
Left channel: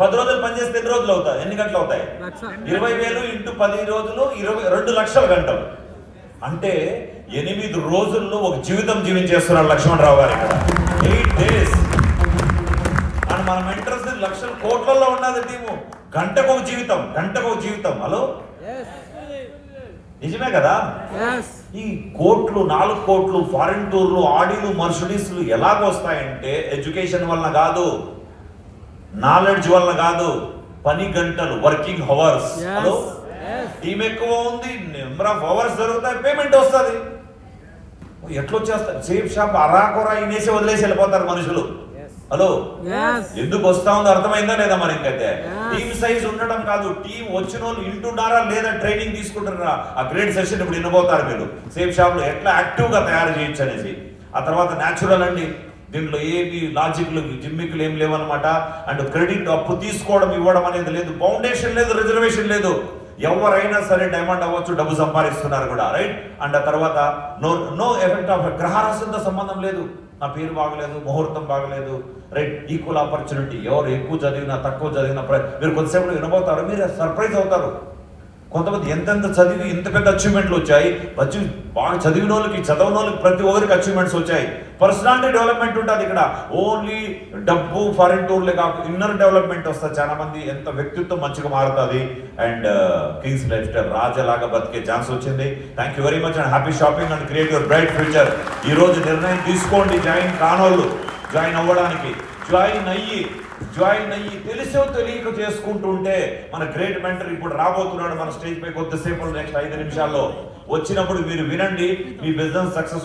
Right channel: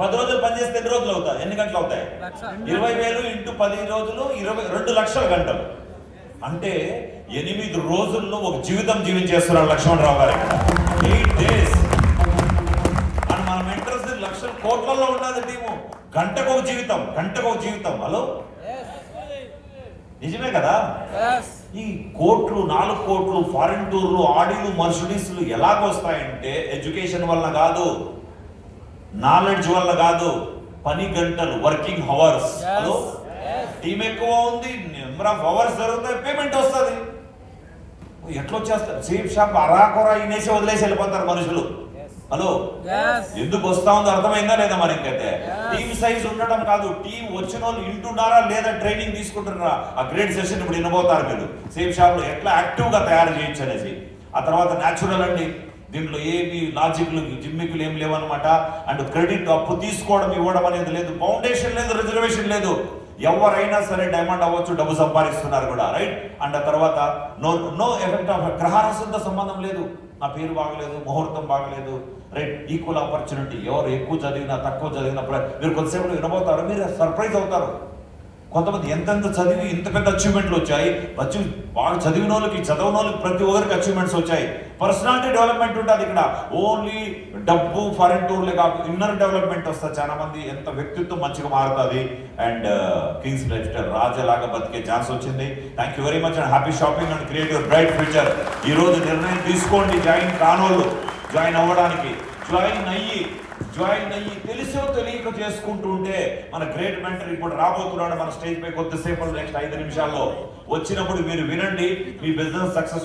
10 రోజులు పనిచేస్తే ఎన్ని రోజులు అవుతాయి? ఎన్ని గంటలు అవుతాయి? 20,000 ఇంటూ 10 రోజులు 2 లక్షల గంటలు. అంటే 8 రోజుల్లో ఒక జీవితం జీవించేస్తున్నాడు లక్ష్మణరావు గారు ఇక్కడ. 8 days. అండ్ మన మెంటర్స్ లక్షల కోట్లలో ఉన్నది టీము. గంటకు ఒక జీవితం. హలో, నిజమే కదా? ఈ కోట్లు, 4 కోట్లు, ఫారిన్ టూర్లు, ఆడీలు, మర్సిడీస్లు ఎలాగొస్తాయంటే ఎడ్యుకేషన్ వల్ల కాదు, నాలెడ్జ్ వల్ల కాదు, పని గంటలు, వర్కింగ్ అవర్స్. హలో, టీం ఎక్కువ ఉంది, నెంబర్ ఆఫ్ అవర్స్ జరుగుతాయి, పేమెంట్ వస్తుంది. ఎట్లా వచ్చేస్తారు? సేఫ్ షాప్ అరాకొరా ఇనేసి వదిలేసి వెళ్ళిపోతారు మనుషులు. హలో, ఎందుకు వస్తా ఉందో అర్థమైందా లేదా? మరి ఇంకైతే టీమ్ సైజ్ ఉండడం కాదు, టీం వచ్చిన వాళ్ళు ఇంటున్నారా లేదా, ట్రైనింగ్ తీసుకుంటున్నారా, ఆ గ్రేట్ సెషన్ ఇప్పుడు వినబోతారు మీరు. సేఫ్ షాప్ లో ఎట్లా యాక్టివ్ గా తయారు చేయొచ్చు అనేసి. ఆ తర్వాత న్యాచురల్ అండి, దీంట్లో ఏమి లాజిక్లు జిమ్మికులు ఏం లేవన్నమాట. అండ్ క్రెడిట్ అప్పు తీసుకోవడం ఇవ్వడం అనేది లేదు, ఫౌండేషన్ లేదు, రిజర్వేషన్ లేదు. ఎవరైనా సరే డైమండ్ అవ్వచ్చు, డబ్బు సంపాదిస్తున్నారు కూడా, రైట్. అండ్ ఆ తర్వాత నో ఎఫెక్ట్ ఆఫ్ గ్రహారసంతో సంబంధం లేదు. నా పేరు బాగలేదు, ముహూర్తం బాగలేదు, రైట్. Equal opportunity. ఎవరు ఎక్కువ చదివినా తక్కువ చదివినా మీరు కొద్దిసేపు వినబోతారు, మీరు సర్ప్రైజ్ అవుతారు. కొంతమంది ఎంతెంత చదివి ఇంత పెద్ద అచీవ్మెంట్లు వచ్చాయి. బాగా చదివిన వాళ్ళకి, చదవని వాళ్ళకి ప్రతి ఒక్కరికి అచీవ్మెంట్స్ వచ్చాయి. పర్సనాలిటీ డెవలప్మెంట్ ఉంటుంది ఇక్కడ. ఓన్లీ డబ్బు ఫారిన్ టూర్లే కాకుండా ఇన్నర్ డెవలప్మెంట్ వస్తుంది. చాలా మంది ఎంత వ్యక్తిత్వం మంచిగా మారుతుంది. అండ్ కింగ్స్ లైఫ్ స్టైల్ రాజాలాగా బతికే ఛాన్స్ వచ్చింది. Thank you very much and happy shopping and create your bright future. ఈ రోజు నిర్ణయం తీసుకోండి, జాయిన్ కానోళ్ళు జాయిన్ అవ్వడానికి. జాయిన్ అయ్యి తెలిసో తెలియక చేసుకుంటూ ఉంటే మన గ్రేట్ మెంటర్ ఇప్పుడు రాబోతున్నాడు మన స్టేజ్ పై కొద్దిసేపు, నెక్స్ట్ 5 నిమిషాల్లో వచ్చినప్పుడు మీరు వినండి. మీ బిజినెస్ సక్సెస్